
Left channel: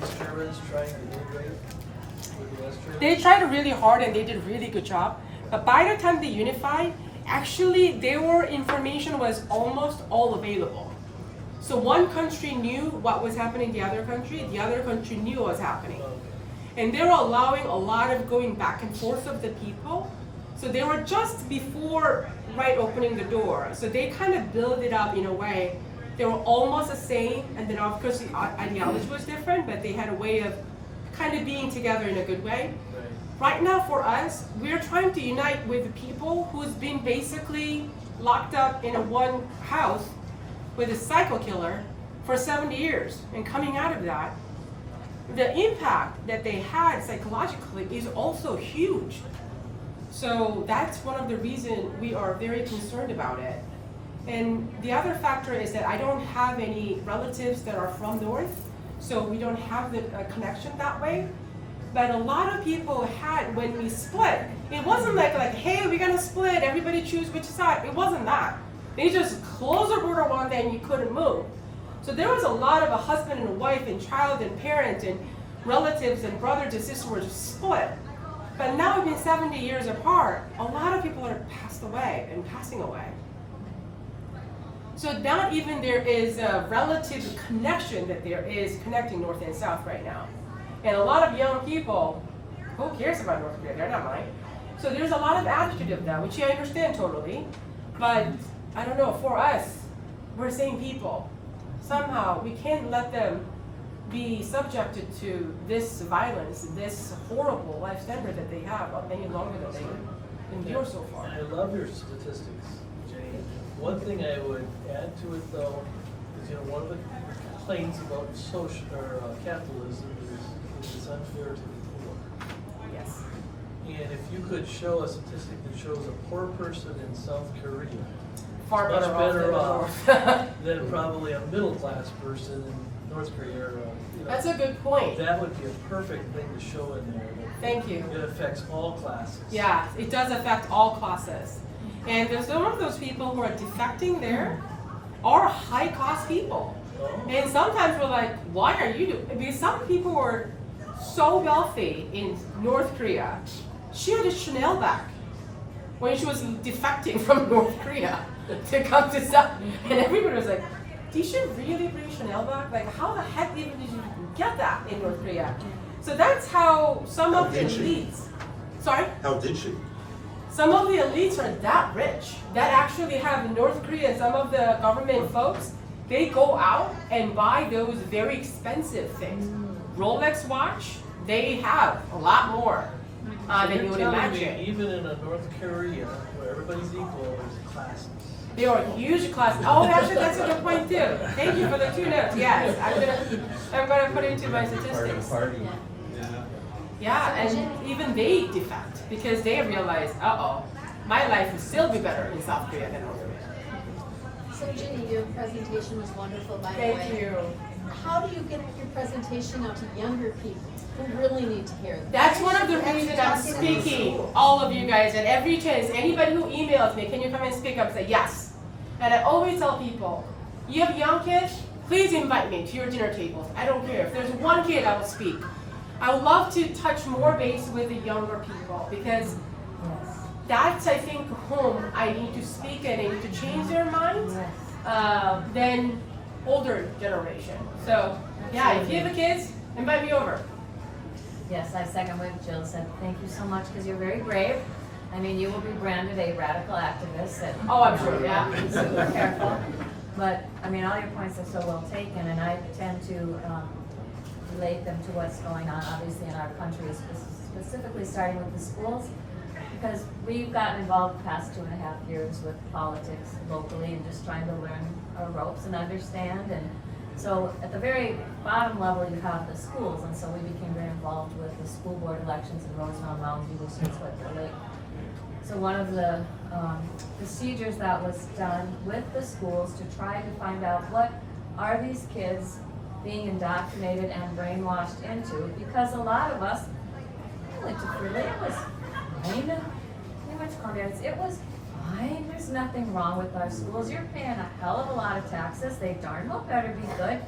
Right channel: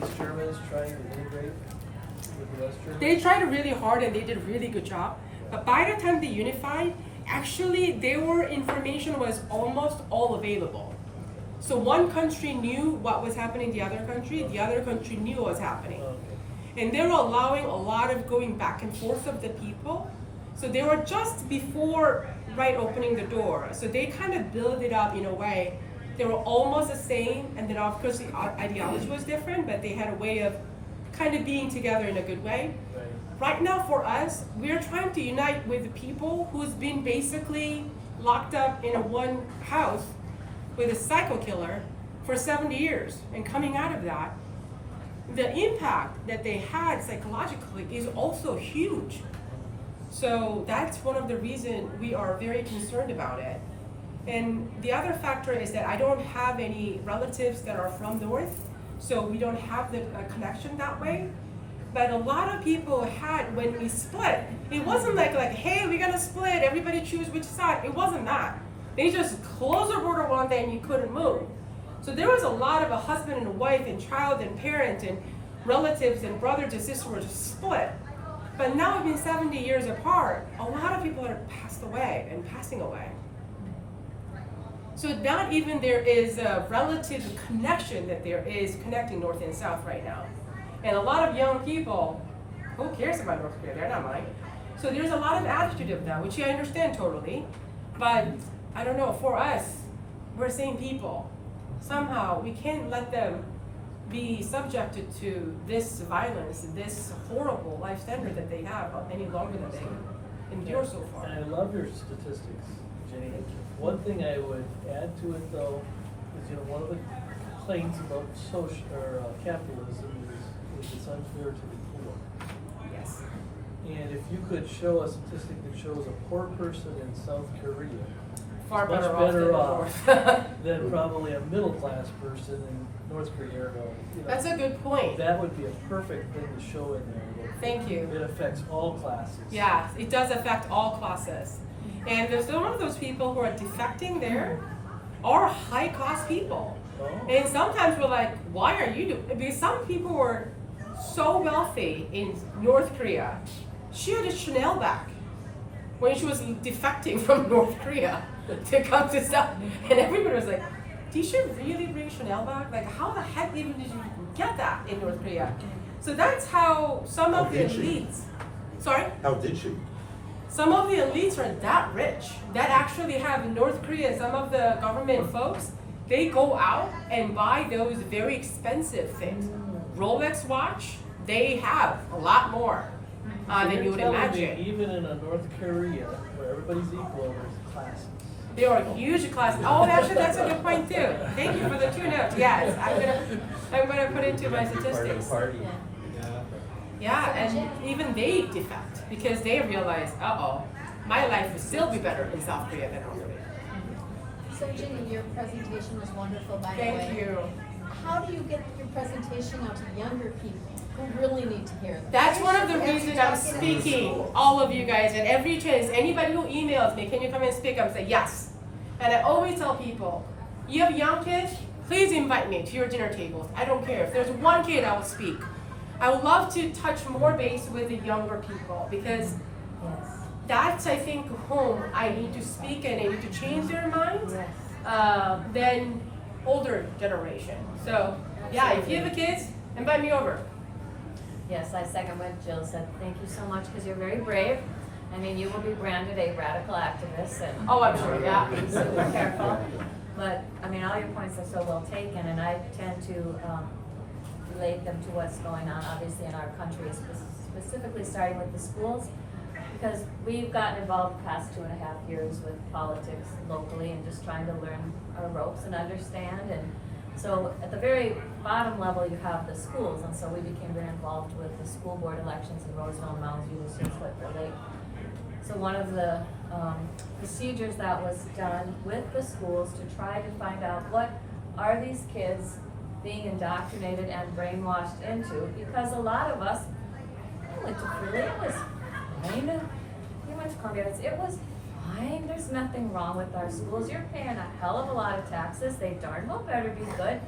East Germans trying to integrate with the West Germans. They tried really hard and they did a really good job. But by the time they unified, actually their information was almost all available. So one country knew what was happening in the other country knew what was happening. And they were allowing a lot of going back and forth of the people. So they were just before opening the door. So they kind of built it up in a way. They were almost the same, and then of course the ideology was different, but they had a way of kind of being together in a good way. Right now for us, we're trying to unite with the people who's been basically locked up in a one house with a psycho killer for 70 years. And coming out of that, the impact that they had psychologically is also huge. So that's one of the reasons we are very concerned about it. And the other factor is that I don't have any relatives that are from North, so we don't have the connection that way. But a lot of people had, when we split, it wasn't like hey, we're gonna split, everybody choose which side. It wasn't that. They just closed the border one day and you couldn't move. So there was a lot of a husband and a wife and child and parent and relatives and brothers and sisters were just split. But now we've been 70 years apart, a lot of people are passed away and passing away. So not even there is a relative connection that there is connecting North and South right now. And a lot of young people, who cares about North Korea? They're not mine. So there's a lot of attitude of that, which I understand totally. But I don't know, for us, we're the same people. Somehow we can't let them be subjected to this violence, this horrible life standard that they have any longer than they endure so far. And I love your statistics, Jenny. One thing I would add to it though is, one of the complaints about social or capitalism is it's unfair to the poor. Yes. And if you could show a statistic that shows a poor person in South Korea Far much better off than the off North. than probably a middle class person in North Korea. That's a good point. That would be a perfect thing to show in there. Thank you. It affects all classes. Yeah, it does affect all classes. And there's some of those people who are defecting there are high-class people. And sometimes we're like, why are you doing? Because some people were so wealthy in North Korea. She had a Chanel bag when she was defecting from North Korea to come to South. And everybody was like, did you really bring Chanel bag? Like, how the heck even did you get that in North Korea? So that's how some of the How did she? elites, sorry? How did she? Some of the elites are that rich that actually have in North Korea, some of the government folks, they go out and buy those very expensive things. Rolex watch, they have a lot more than you would You're telling me imagine. even in a North Korea where everybody's equal, there's classes. They are huge classes. Oh, actually, that's a good point too. Thank you for the 2 notes. Yes, I'm gonna put into my statistics. Yeah, and even they defect because they realize, my life would still be better in South Korea than North Korea. So Jinny, your presentation was wonderful. By the Thank way. you. How do you get your presentation out to younger people who really need to hear it? That's one of the reasons I'm speaking, all of you guys, and every chance, anybody who emails me, can you come and speak? I'm say yes. And I always tell people, you have young kids, please invite me to your dinner tables. I don't care. If there's one kid, I will speak. I would love to touch more base with the younger people because that's, I think, whom I need to speak and I need to change their minds than older generation. So, yeah, if you have a kids, invite me over. Yes, I second what Jill said. Thank you so much because you're very brave. I mean, you will be branded a radical activist. And Oh, I'm sure, yeah. be super careful. But, I mean, all your points are so well taken, and I tend to relate them to what's going on, obviously, in our country, specifically starting with the schools, because we've gotten involved the past 2.5 years with politics locally and just trying to learn our ropes and understand. And so at the very bottom level, you have the schools, and so we became very involved with the school board elections in Roseville and Mounds View, Swifter Lake. So one of the procedures that was done with the schools to try to find out what are these kids being indoctrinated and brainwashed into, because a lot of us went to Free Lake, it was fine. We went to Corvettes, it was fine. There's nothing wrong with our schools. You're paying a hell of a lot of taxes. They darn well better be good.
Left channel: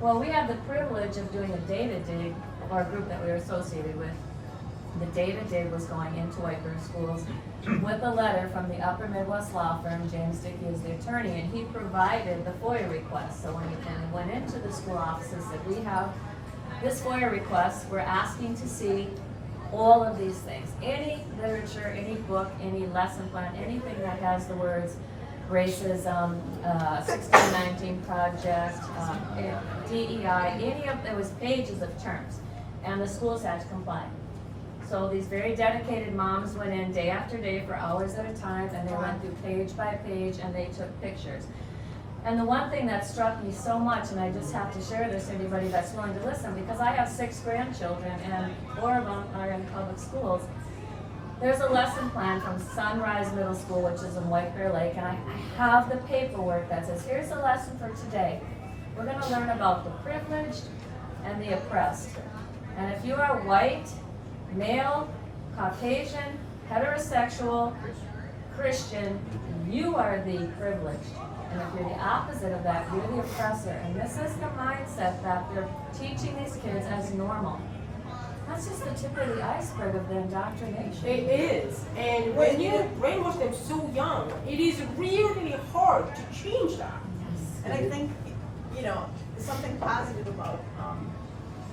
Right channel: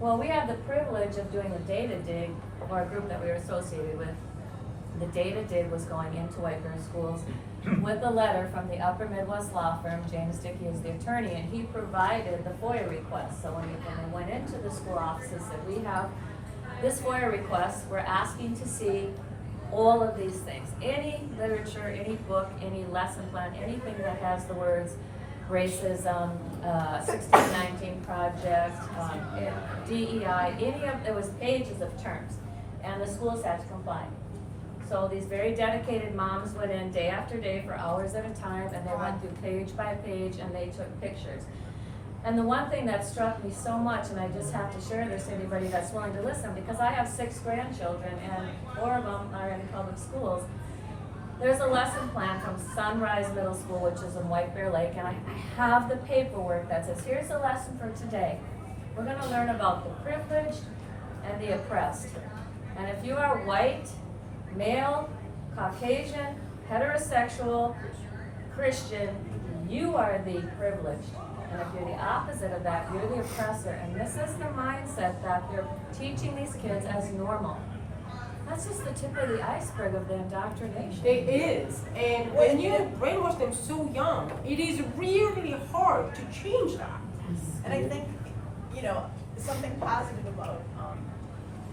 Well, we have the privilege of doing a data dig for a group that we were associated with. The data dig was going into Whiteburn schools with a letter from the Upper Midwest law firm. James Dickey is the attorney, and he provided the FOIA request. So when we went into the school offices, said, we have this FOIA request, we're asking to see all of these things. Any literature, any book, any lesson plan, anything that has the words racism, 1619 Project, DEI, there was pages of terms, and the schools had to comply. So these very dedicated moms went in day after day for hours at a time, and they went through page by page, and they took pictures. And the one thing that struck me so much, and I just have to share this to anybody that's willing to listen, because I have 6 grandchildren, and 4 of them are in public schools. There's a lesson plan from Sunrise Middle School, which is in White Bear Lake, and I have the paperwork that says, here's the lesson for today. We're gonna learn about the privileged and the oppressed. And if you are white, male, Caucasian, heterosexual, Christian, you are the privileged. And if you're the opposite of that, you're the oppressor. And this is the mindset that they're teaching these kids as normal. That's just the tip of the iceberg of the indoctrination. It is. And when you brainwash them so young, it is really hard to change that. And I think, something positive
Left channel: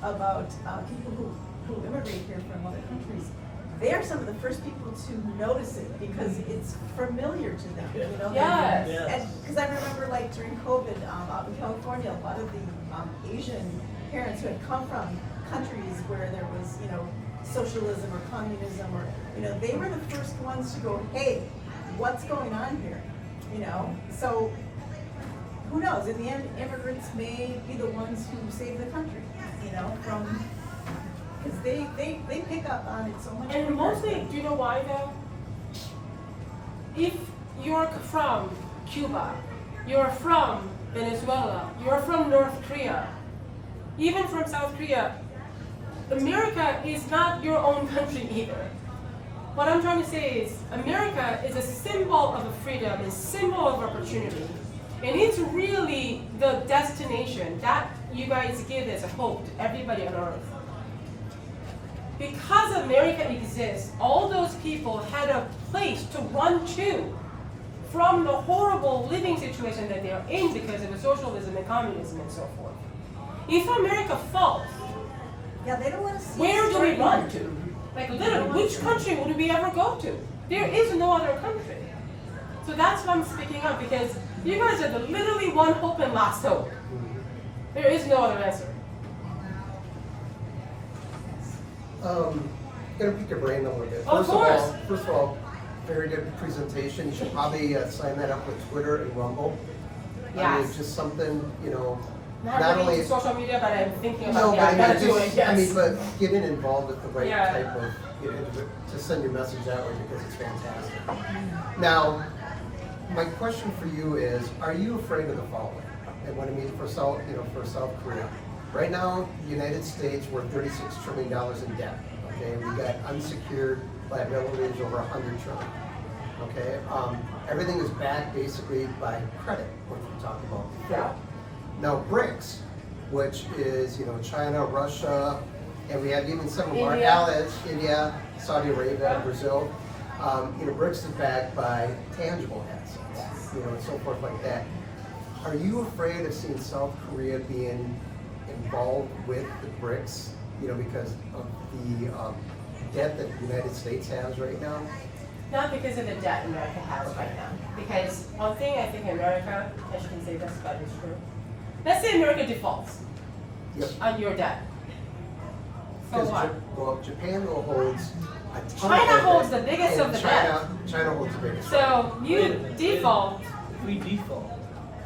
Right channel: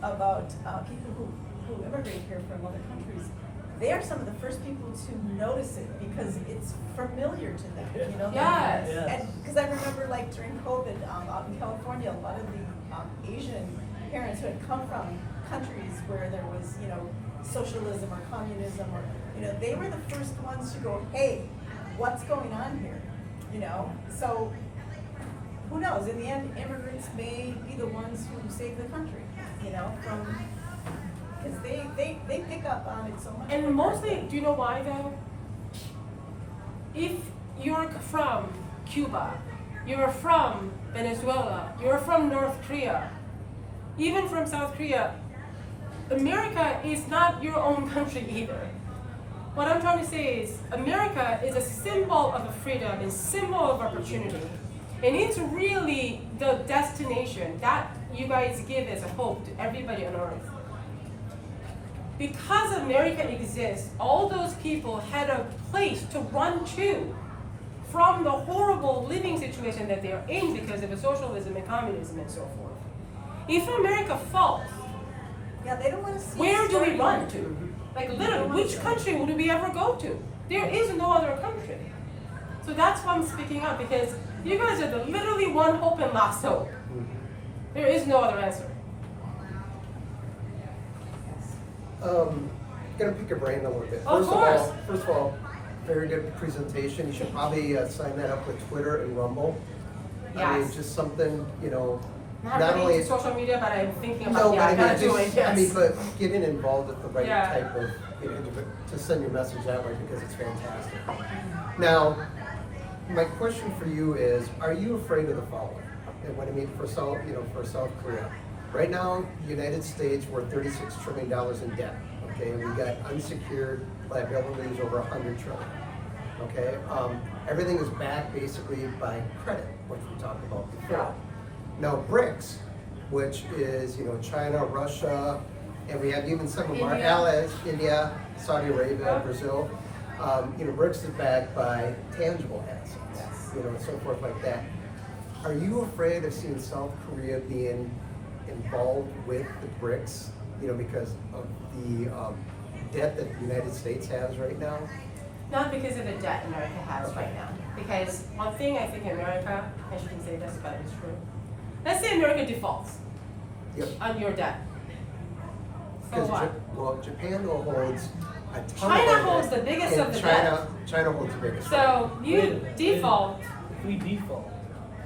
about people who immigrate here from other countries, they are some of the first people to notice it because it's familiar to them, Yes. And because I remember, like, during COVID, out in California, a lot of the Asian parents who had come from countries where there was, socialism or communism, or, they were the first ones to go, hey, what's going on here? So who knows? In the end, immigrants may be the ones who save the country, from, because they pick up on it so much. And mostly, do you know why though? If you're from Cuba, you're from Venezuela, you're from North Korea, even from South Korea, America is not your own country either. What I'm trying to say is America is a symbol of freedom, a symbol of opportunity. And it's really the destination that you guys give as a hope to everybody on earth. Because America exists, all those people had a place to run to from the horrible living situation that they're in because of socialism and communism and so forth. If America falls, Yeah, they don't want to see. where do we run to? Like literally, which country would we ever go to? There is no other country. So that's why I'm speaking up, because you guys are the literally one hope and last hope. There is no other answer. Gonna pick your brain a little bit. Of course. First of all, very good presentation. You should probably sign that up with Twitter and Rumble. I mean, Yes. just something, Not not really only. into social media, but I'm thinking No, about but yeah, I I mean, gotta do it, just, yes. but getting involved with the right Yeah. type of, to send your message that way, because it's fantastic. Now, my question for you is, are you afraid of the following? And what I mean for South Korea. Right now, the United States, we're $36 trillion in debt, okay? We got unsecured liabilities over $100 trillion, okay? Everything is backed basically by credit, which we talked about before. Yeah. Now, BRICS, which is, China, Russia, and we have even some of our India. allies, India, Saudi Arabia, Yeah. Brazil. BRICS is backed by tangible assets, and so forth like that. Are you afraid of seeing South Korea being involved with the BRICS, because of the debt that the United States has right now? Not because of the debt America has right now. because one thing I think America, I shouldn't say this, but it's true. Let's say America defaults Yep. on your debt. So Because what? Well, Japan though holds a ton of China debt, holds the biggest and of the debt. China holds the biggest. So Wait a you minute. default, If we default,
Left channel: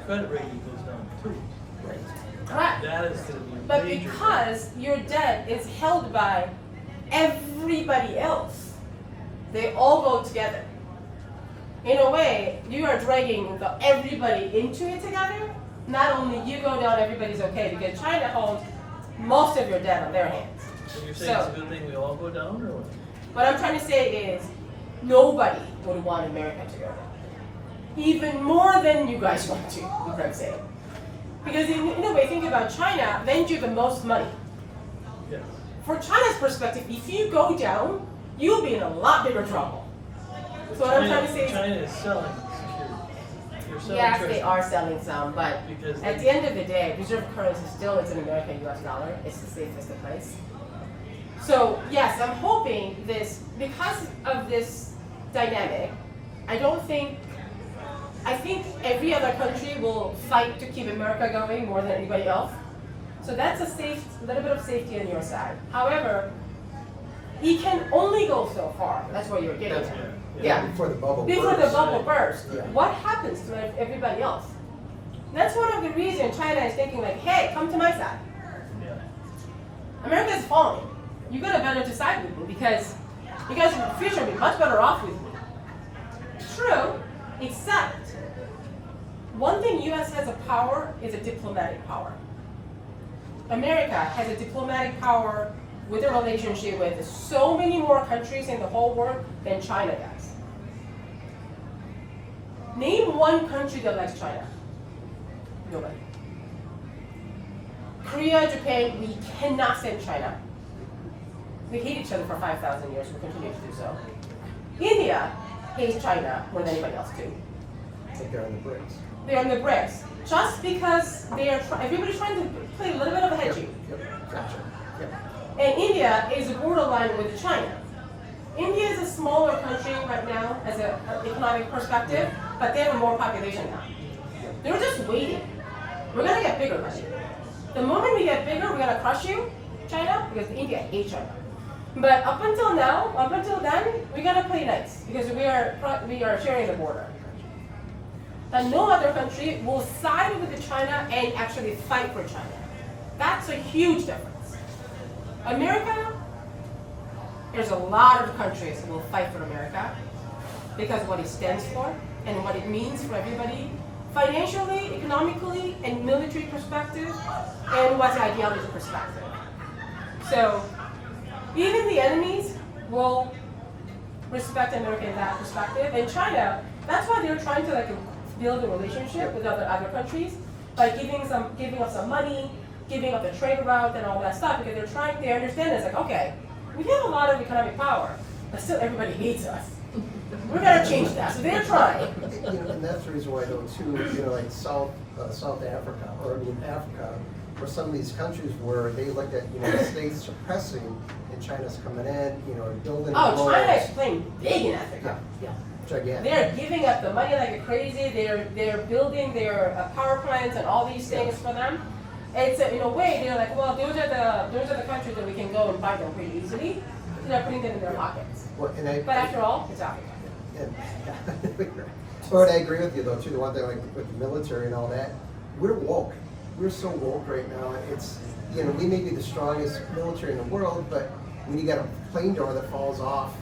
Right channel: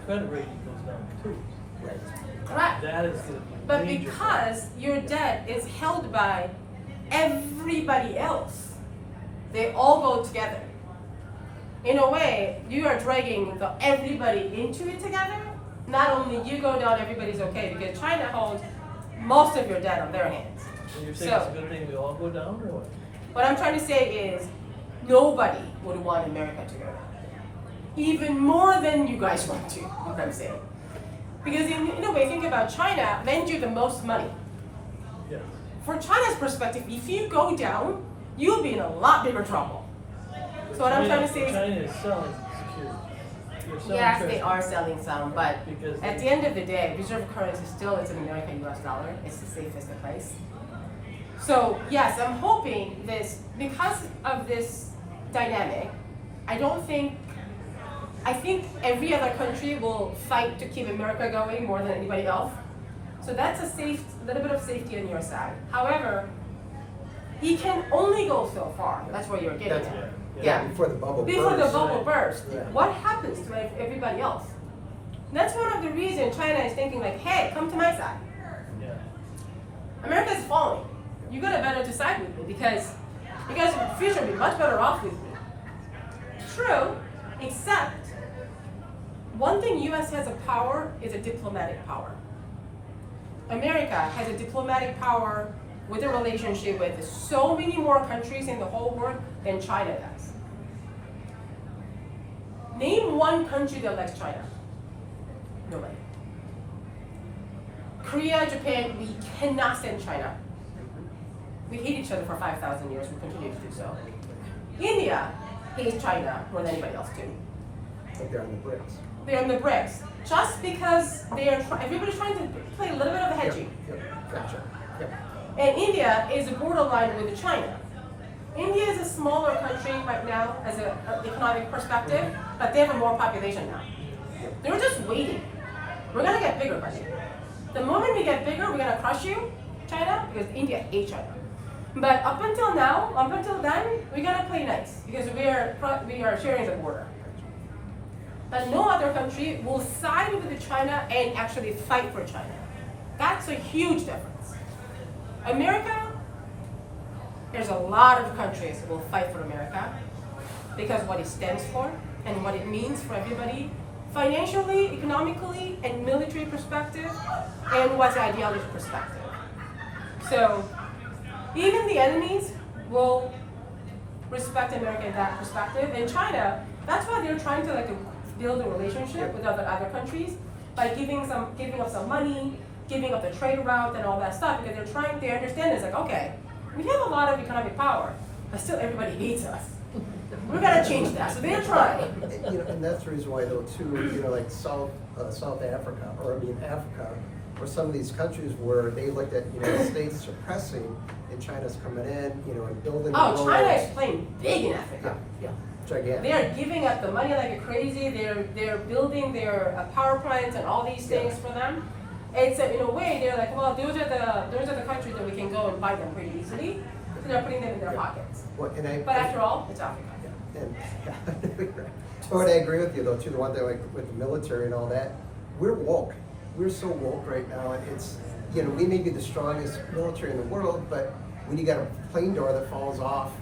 credit rating goes down too. Right. correct? That is like But major. because your debt is held by everybody else, they all go together. In a way, you are dragging everybody into it together. Not only you go down, everybody's okay, because China holds most of your debt on their hands. You're saying it's a So, good thing we all go down, or what? what I'm trying to say is, nobody would want America to go down. Even more than you guys want to, what I'm saying. Because in a way, think about China lends you the most money. Yes. For China's perspective, if you go down, you'll be in a lot bigger trouble. So what I'm trying to say is, China is selling securities. They're selling yes, they treasuries. are selling some, but Because at the end of the day, reserve currency still is an American US dollar. It's the safest place. So yes, I'm hoping this, because of this dynamic, I think every other country will fight to keep America going more than anybody else. So that's a little bit of safety on your side. However, you can only go so far. That's what you're getting at. Yeah. Before the bubble Before the bursts. bubble bursts, Yeah. what happens to everybody else? That's one of the reasons China is thinking like, hey, come to my side. Yeah. America is falling. You gotta better to side with me because you guys in the future will be much better off with me. True, except one thing US has a power is a diplomatic power. America has a diplomatic power with a relationship with so many more countries in the whole world than China does. Name one country that likes China. Nobody. Korea, Japan, we cannot stand China. We hate each other for 5,000 years, we continue to do so. India hates China more than anybody else too. But they're on the bricks. They're in the BRICS, just because everybody's trying to play a little bit of hedging. Yep, gotcha. Yep. And India is a borderline with China. India is a smaller country right now as an economic perspective, but they have more population now. They're just waiting. We're gonna get bigger, buddy. The moment we get bigger, we're gonna crush you, China, because India hates China. But up until then, we're gonna play nice because we are sharing the border. But no other country will side with China and actually fight for China. That's a huge difference. America, there's a lot of countries that will fight for America because of what it stands for and what it means for everybody, financially, economically, and military perspective, and what's the ideology perspective. So even the enemies will respect America in that perspective. And China, that's why they're trying to build a relationship with other countries by giving up some money, giving up the trade route and all that stuff, because they understand it's like, okay, we have a lot of economic power, but still everybody hates us. We're gonna change that, so they're trying. And that's the reason why though too, like South Africa, or Africa, or some of these countries where they looked at, the states suppressing and China's coming in, and building. Oh, walls. China is playing big in Africa. Yeah. Gigantic. They're giving up the money like crazy. They're building their power plants and all these things for them. It's in a way they're like, well, those are the countries that we can go and buy them pretty easily. So they're putting it in their pockets. Well, But after all, it's Africa. And, but I agree with you though too. The one thing with the military and all that, we're woke. We're so woke right now. It's we may be the strongest military in the world, but when you got a plane door that falls off,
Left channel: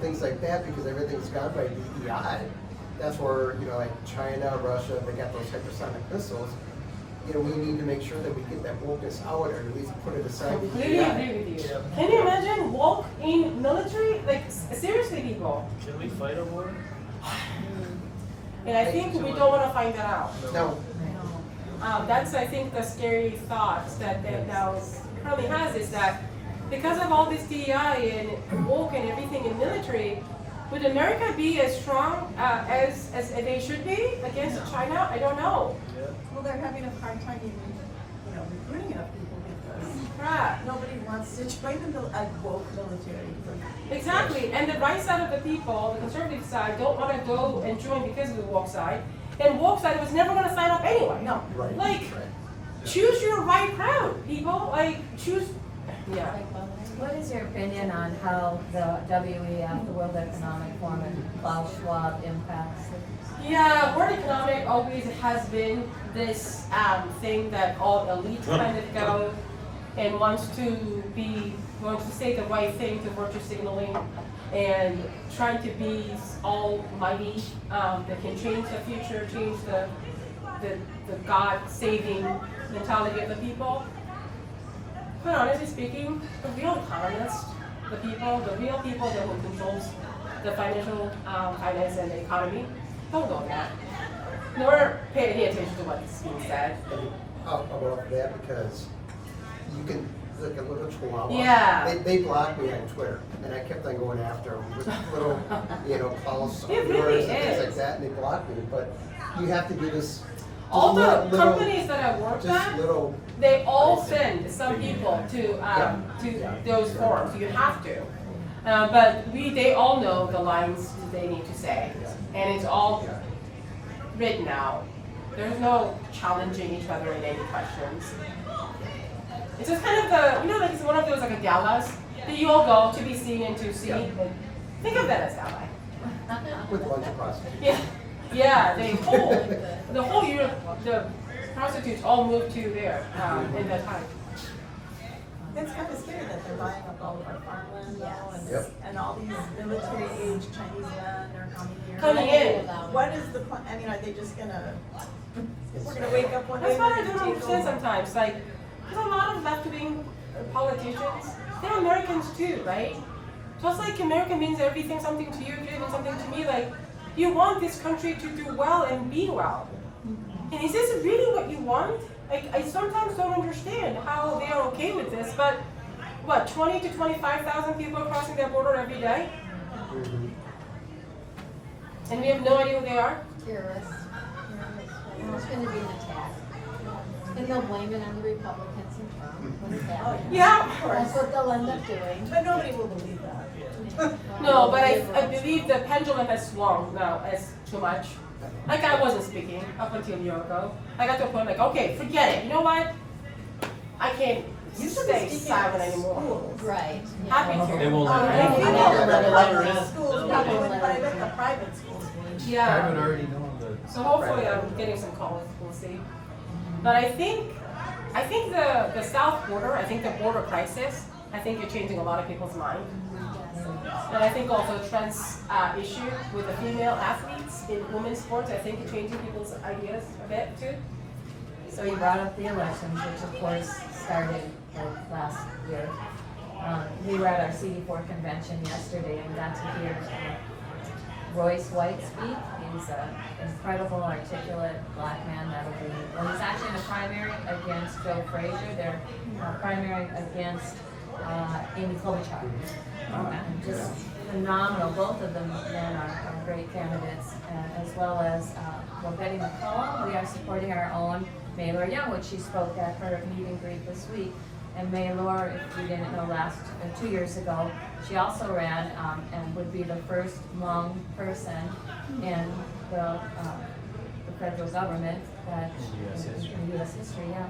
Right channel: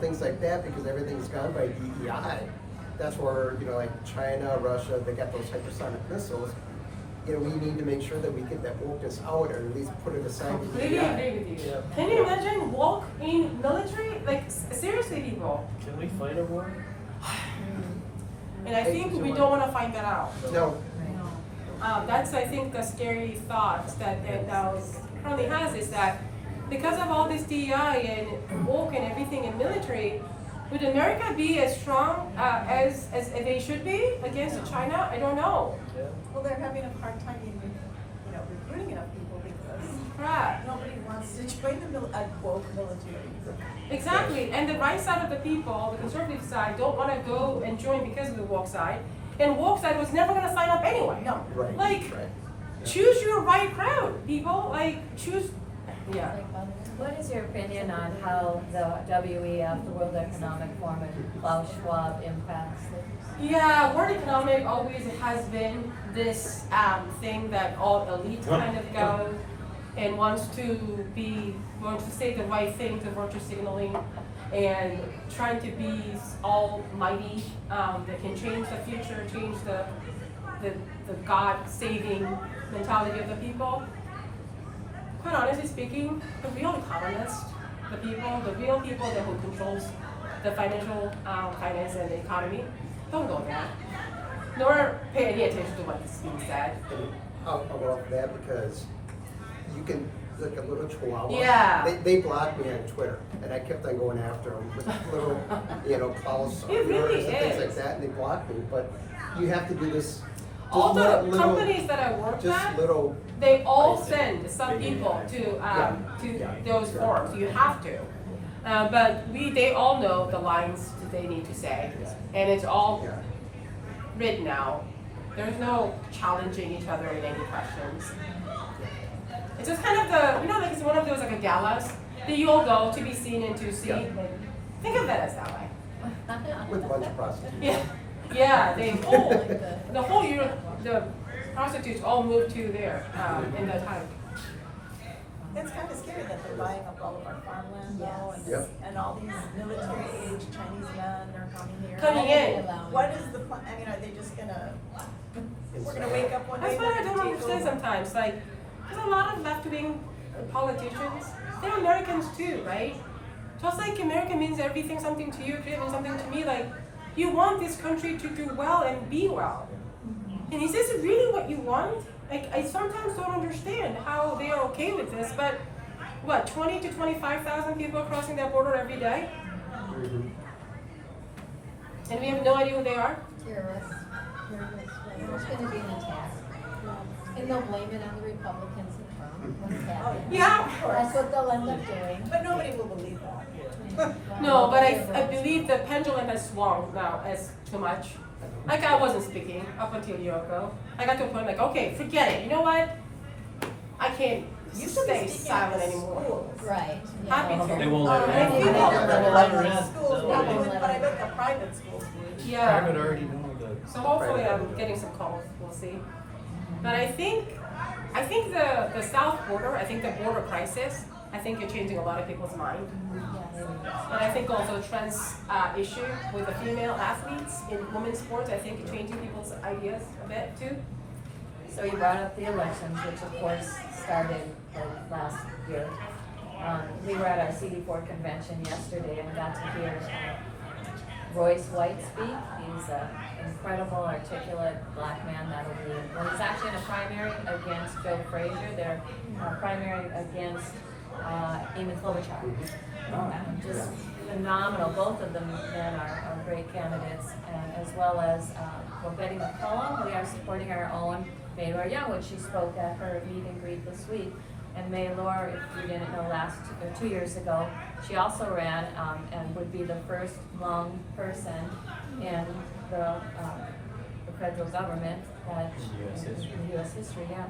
things like that, because everything's gone by DEI. That's where like China, Russia, they got those hypersonic missiles. We need to make sure that we get that wokeness out, or at least put it aside. Completely agree with you. Can you imagine woke in military? Like seriously, people. Can we fight a war? And I think we don't want to find that out. No. That's, I think, the scary thoughts that now currently has is that because of all this DEI and woke and everything in military, would America be as strong as they should be against China? I don't know. Well, they're having a hard time even, recruiting enough people because crap. Nobody wants to join the woke military. Exactly, and the right side of the people, the conservative side, don't want to go and join because of the woke side. And woke side was never going to sign up anyway. No. Right. Like, choose your right crowd, people. Like, choose, yeah. What is your opinion on how the WEF, the World Economic Forum, and Klaus Schwab impacts it? Yeah, World Economic always has been this thing that all elites kind of go and wants to say the right thing to virtue signaling and trying to be almighty that can change the future, change the God-saving mentality of the people. Quite honestly speaking, the real economists, the real people that who controls the financial finance and the economy, don't go there. Nor pay any attention to what is being said. I'll go off of that because you can, like a little chihuahua. Yeah. They blocked me on Twitter, and I kept on going after them with little calls, It really and things is. like that, and they blocked me. But you have to do this. All just the little- companies that I work just at, little. they all send some people to Yeah. those forums. You have to. But they all know the lines that they need to say, and it's all Yeah. written out. There's no challenging each other in any questions. It's just kind of like it's one of those like a galas that you all go to be seen and to see. Yeah. Like, think of that as that way. With a bunch of prostitutes. Yeah, the whole Europe, the prostitutes all moved to there in that time. It's kind of scary that they're buying up all of our farmland now, and, Yep. and all these military-aged Chinese men are coming here. Coming in. What is the point? I mean, are they just gonna? We're gonna wake up one day. That's what I and don't take understand over? sometimes. Like, there's a lot of left-wing politicians. They're Americans too, right? Just like American means everything, something to you, Canadian something to me. Like, you want this country to do well and be well. And is this really what you want? Like, I sometimes don't understand how they are okay with this, but what, 20 to 25,000 people are crossing their border every day? Mhm. And we have no idea who they are? Terrorists. There's gonna be an attack. And they'll blame it on the Republicans and Trump. Yeah. That's what they'll end up doing. But nobody will believe that. No, but I believe the pendulum has swung now as too much. Like I wasn't speaking up until a year ago. I got to a point like, okay, forget it. You know what? I can't You should stay be speaking silent at anymore. schools. Right. Happy to. They won't let And it I in. think Yeah. that the Yeah. public Yeah. schools, Yeah. not the private, the private schools would. Yeah. Private already know that. So hopefully I'm getting some calls. We'll see. But I think the south border, I think the border crisis, I think you're changing a lot of people's mind. And I think also trans issue with the female athletes in women's sports, I think it's changing people's ideas a bit too. So you brought up the elections, which of course started last year. We were at our CD4 convention yesterday and got to hear Royce White speak. He's an incredible, articulate black man that'll be, well, he's actually in a primary against Joe Frazier. They're primary against Amy Klobuchar. Just phenomenal. Both of them men are great candidates, and as well as Betty McCollum. We are supporting our own Maylor Young, which she spoke at her meet and greet this week. And Maylor, if you didn't know, 2 years ago, she also ran and would be the first Hmong person in the federal government in U.S. history, yeah.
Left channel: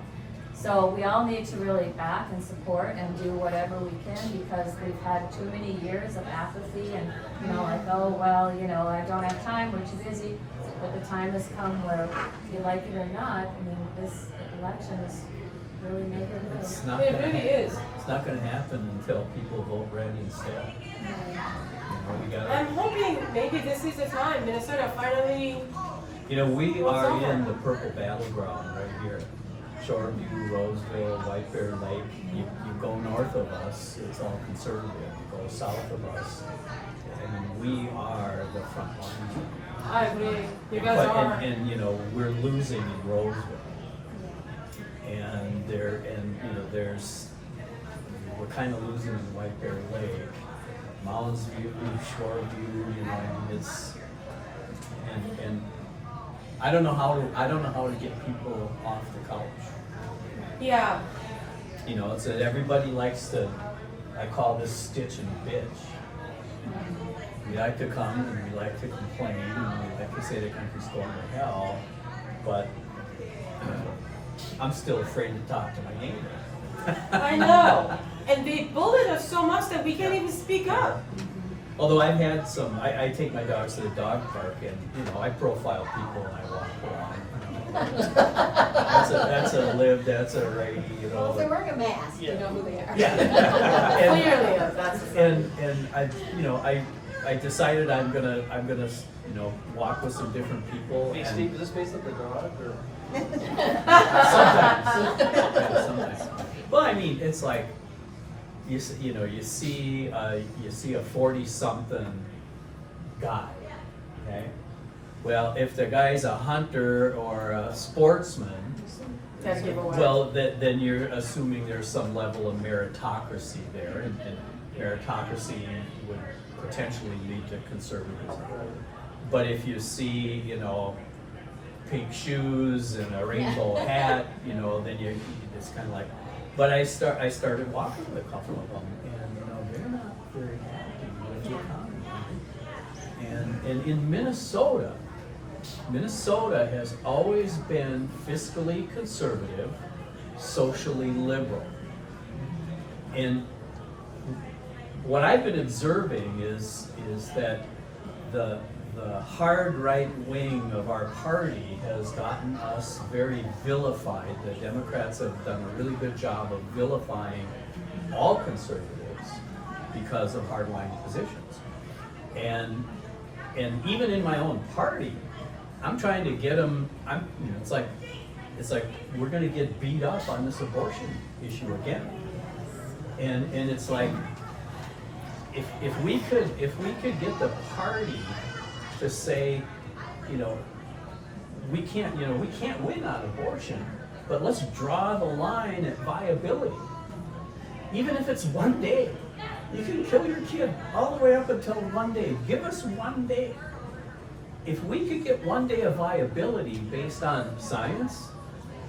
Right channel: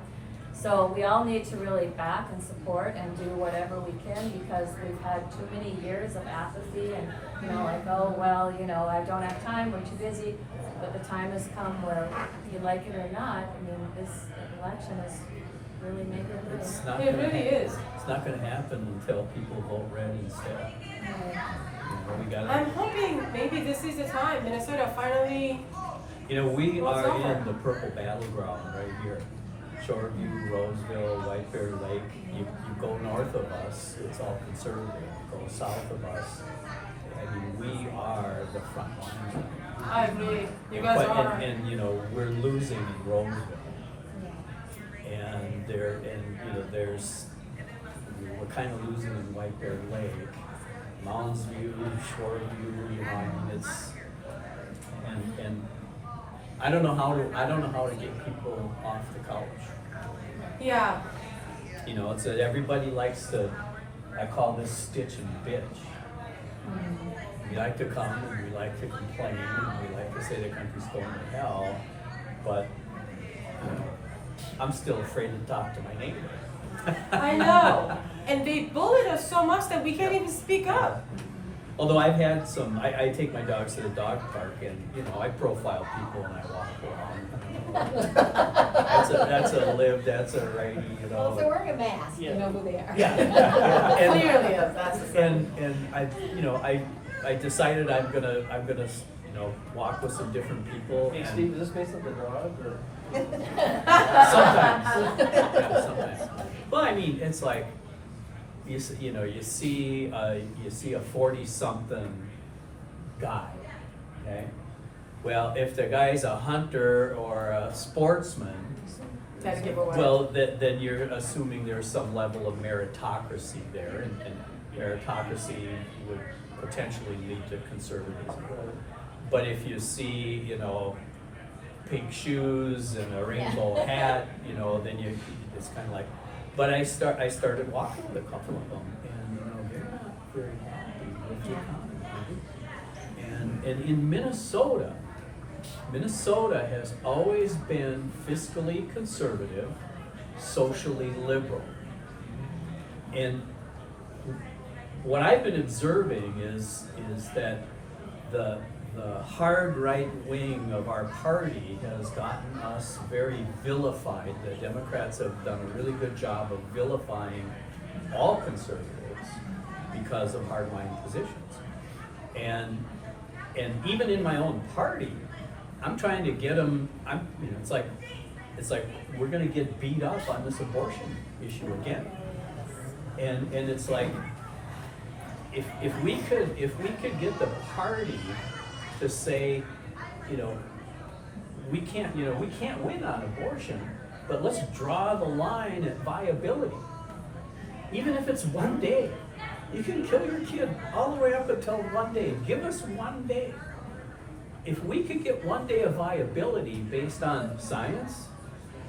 So we all need to really back and support and do whatever we can because we've had too many years of apathy and, like, oh, well, I don't have time, we're too busy. But the time has come where, if you like it or not, I mean, this election is really making it good. It's not It gonna really is. It's not gonna happen until people vote red instead. We gotta, I'm hoping maybe this is the time Minnesota finally. we What's are over? in the purple battleground right here. Shoreview, Roseville, White Bear Lake. You go north of us, it's all conservative. You go south of us, and we are the front line. I agree. You guys But- are. And we're losing in Roseville. And we're kind of losing in White Bear Lake, Mounds View, Shoreview, it's, and I don't know how to get people off the couch. Yeah. You know, it's that everybody likes to, I call this stitch and bitch. We like to come and we like to complain and we like to say the country's going to hell, but I'm still afraid to talk to my neighbor. I know. And they bullied us so much that we can't even speak up. Although I've had some, I take my dogs to the dog park and, you know, I profile people when I walk around. That's a lib, that's a righty, you know. They wear a mask, you know who they are. Yeah. Clearly, that's the thing. And I, you know, I decided I'm gonna, you know, walk with some different people. Hey and- Steve, is this based on the dog or? Sometimes. Yeah, sometimes. Well, I mean, it's like, you know, you see a 40-something guy, okay? Well, if the guy's a hunter or a sportsman, Gotta give away. well, then you're assuming there's some level of meritocracy there, and meritocracy would potentially lead to conservatism. But if you see, you know, pink shoes and a rainbow hat, you know, then you just kind of like. But I started walking with a couple of them, and you know, they're not very happy with the economy. And in Minnesota has always been fiscally conservative, socially liberal. And what I've been observing is that the hard right wing of our party has gotten us very vilified. The Democrats have done a really good job of vilifying all conservatives because of hardline positions. And even in my own party, I'm trying to get them, you know, it's like we're gonna get beat up on this abortion issue again. And it's like, if we could get the party to say, you know, we can't win on abortion, but let's draw the line at viability. Even if it's 1 day, you can kill your kid all the way up until 1 day. Give us 1 day. If we could get 1 day of viability based on science,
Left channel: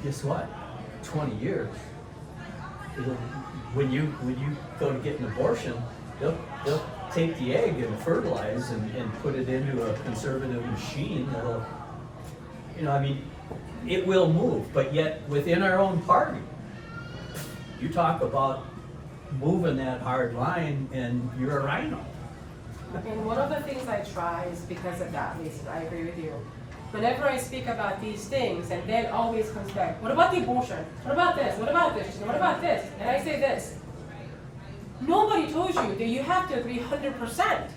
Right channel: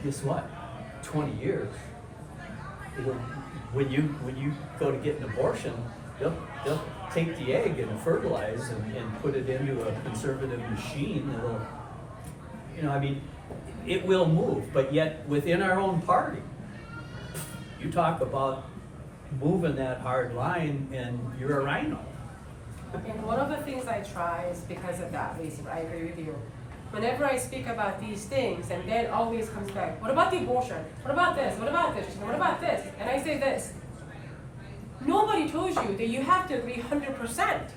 guess what? 20 years. When you go to get an abortion, they'll take the egg and fertilize and put it into a conservative machine that'll, you know, I mean, it will move, but yet within our own party, you talk about moving that hard line and you're a rhino. And one of the things I try is because of that, Lisa, I agree with you. Whenever I speak about these things, and then always comes back, what about the abortion? What about this? What about this? What about this? And I say this. Nobody told you that you have to agree 100%